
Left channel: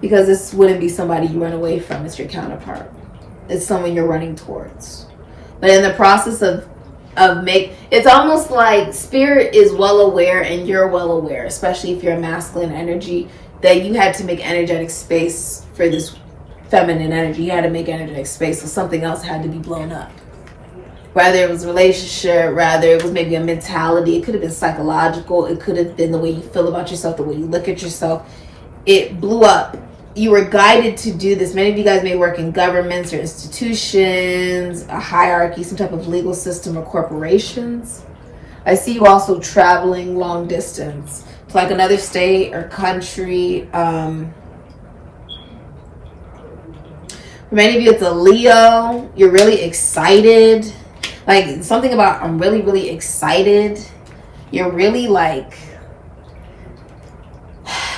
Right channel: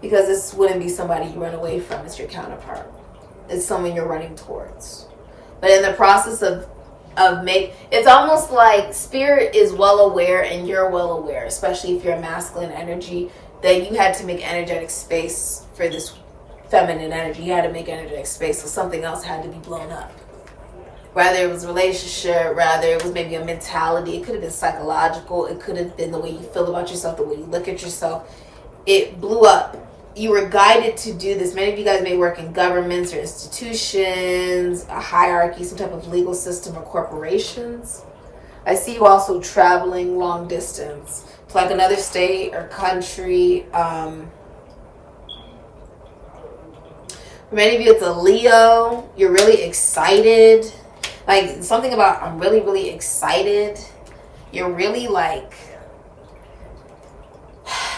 Because this wouldn't be somebody you run away from. It's your counterpart. It's someone you're running towards. But in the process of it's almost like Spirit is well aware and you're well aware, especially if you're a masculine energy, that you had to make energetic space for this feminine energy. You had to make energetic space, so something else had to be blown up. Whether it was a relationship, rather it was maybe a mentality. It could have been psychological. It could have been the way you feel about yourself, the way you look at yourself. It blew up. You were guided to do this. Many of you guys may work in governments or institutions, a hierarchy, some type of legal system or corporations. I see you also traveling long distance to like another state or country. For many of you, it's a Leo. You're really excited. Like something about I'm really, really excited. You're really like,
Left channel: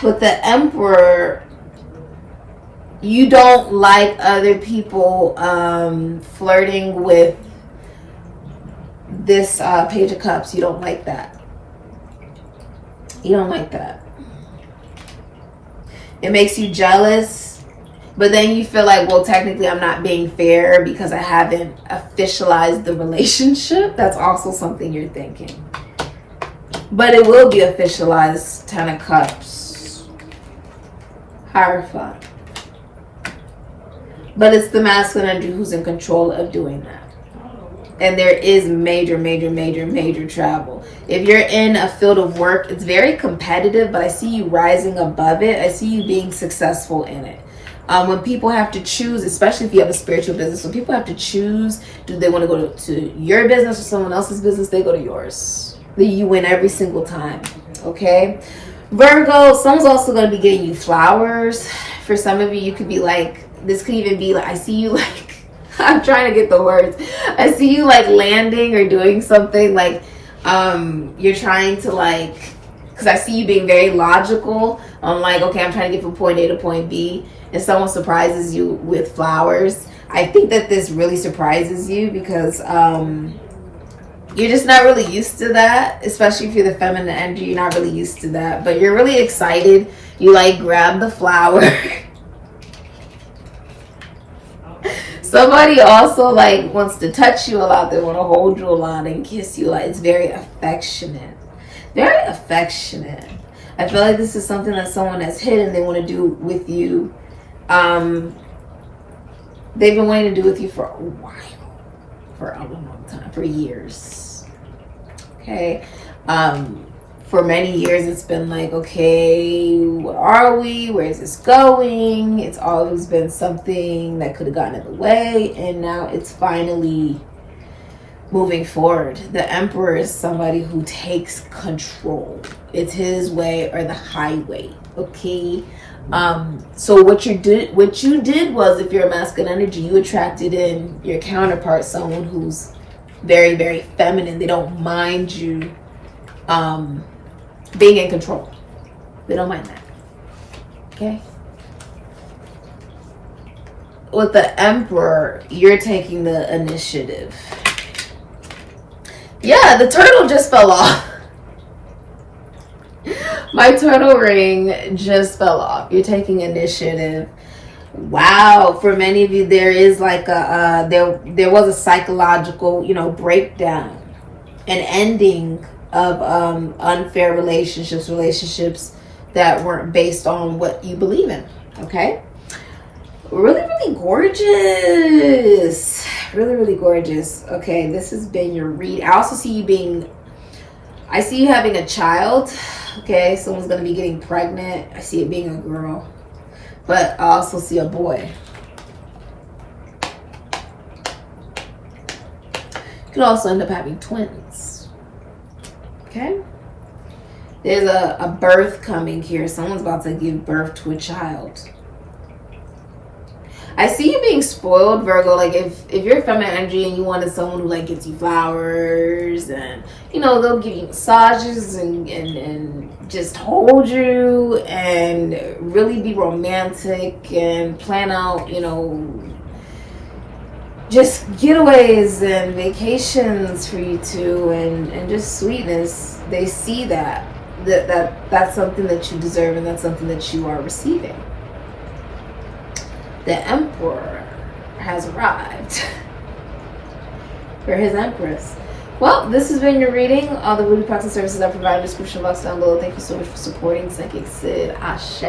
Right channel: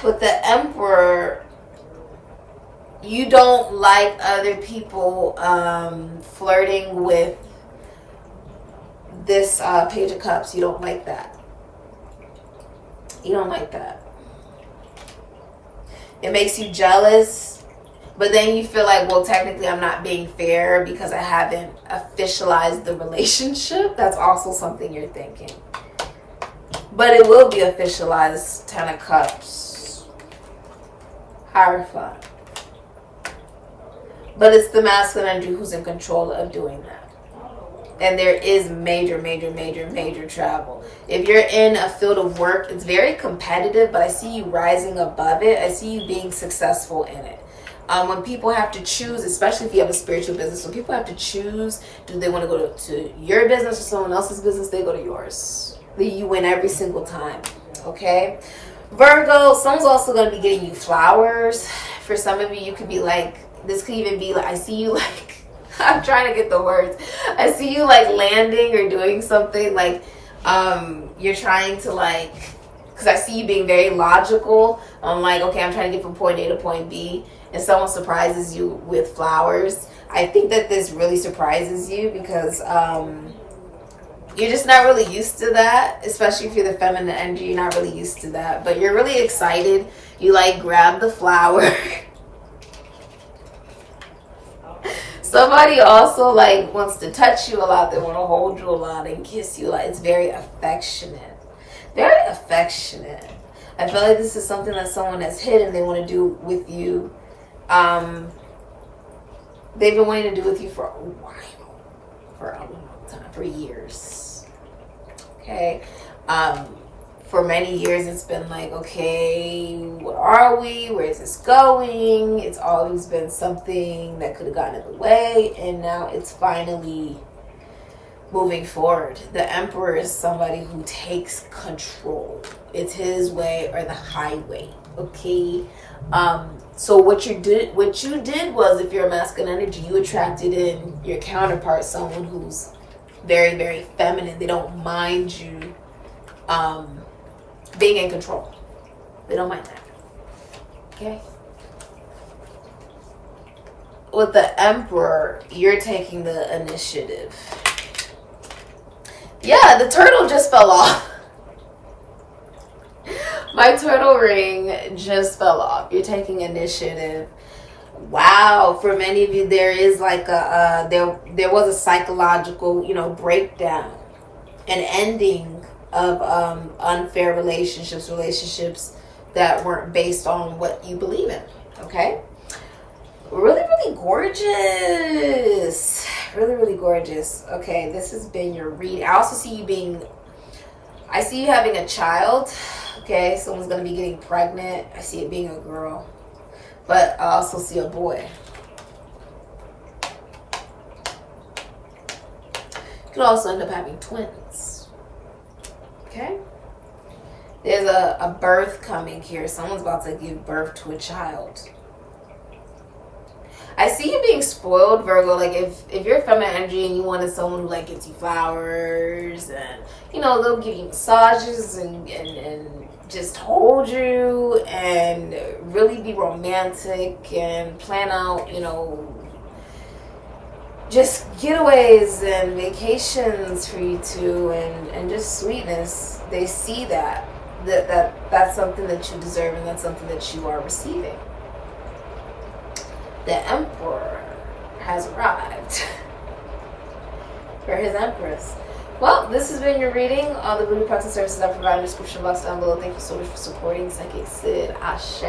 with the Emperor, you don't like other people flirting with this Page of Cups. You don't like that. You don't like that. It makes you jealous. But then you feel like, well, technically I'm not being fair because I haven't officialized the relationship. That's also something you're thinking. But it will be officialized. 10 of Cups. Hierophant. But it's the masculine energy who's in control of doing that. And there is major, major, major, major travel. If you're in a field of work, it's very competitive, but I see you rising above it. I see you being successful in it. When people have to choose, especially if you have a spiritual business, when people have to choose, do they want to go to your business or someone else's business, they go to yours. You win every single time, okay? Virgo, someone's also going to be getting you flowers. For some of you, you could be like, this could even be like, I see you like, I'm trying to get the words. I see you like landing or doing something like you're trying to like, because I see you being very logical. I'm like, okay, I'm trying to get from point A to point B, and someone surprises you with flowers. I think that this really surprises you because you're just not really used to that, especially if you're the feminine energy. You're not really used to that, but you're really excited. You like grab the flower. Somebody also like wants to touch you a lot. They want to hold you a lot and kiss you. Like, it's very affectionate. Very affectionate. I feel like this is something that someone has hidden they want to do with you. They've been wanting to do with you for a while. For a long time. For years. Okay. For many years, it's been like, okay, what are we? Where is this going? It's always been something that could have gotten in the way, and now it's finally moving forward. The Emperor is somebody who takes control. It's his way or the highway, okay? So what you did was, if you're a masculine energy, you attracted in your counterpart, someone who's very, very feminine. They don't mind you being in control. They don't mind that. Okay? With the Emperor, you're taking the initiative. Yeah, the turtle just fell off. My turtle ring just fell off. You're taking initiative. Wow, for many of you, there is like a there was a psychological, breakdown, an ending of unfair relationships that weren't based on what you believe in. Okay, really, really gorgeous, really, really gorgeous. Okay, this has been your read. I also see you having a child. Okay, someone's gonna be getting pregnant. I see it being a girl, but I also see a boy. You could also end up having twins. Okay, there's a birth coming here. Someone's about to give birth to a child. I see you being spoiled, Virgo. Like, if you're feminine energy and you wanted someone who like gets you flowers and they'll give you massages and just hold you and really be romantic and plan out just getaways and vacations for you two and just sweetness. They see that's something that you deserve, and that's something that you are receiving. The Emperor has arrived for his Empress. Well, this has been your reading. All the voodoo practice services I provide in the description box down below. Thank you so much for supporting Sikiksyd. Ashe.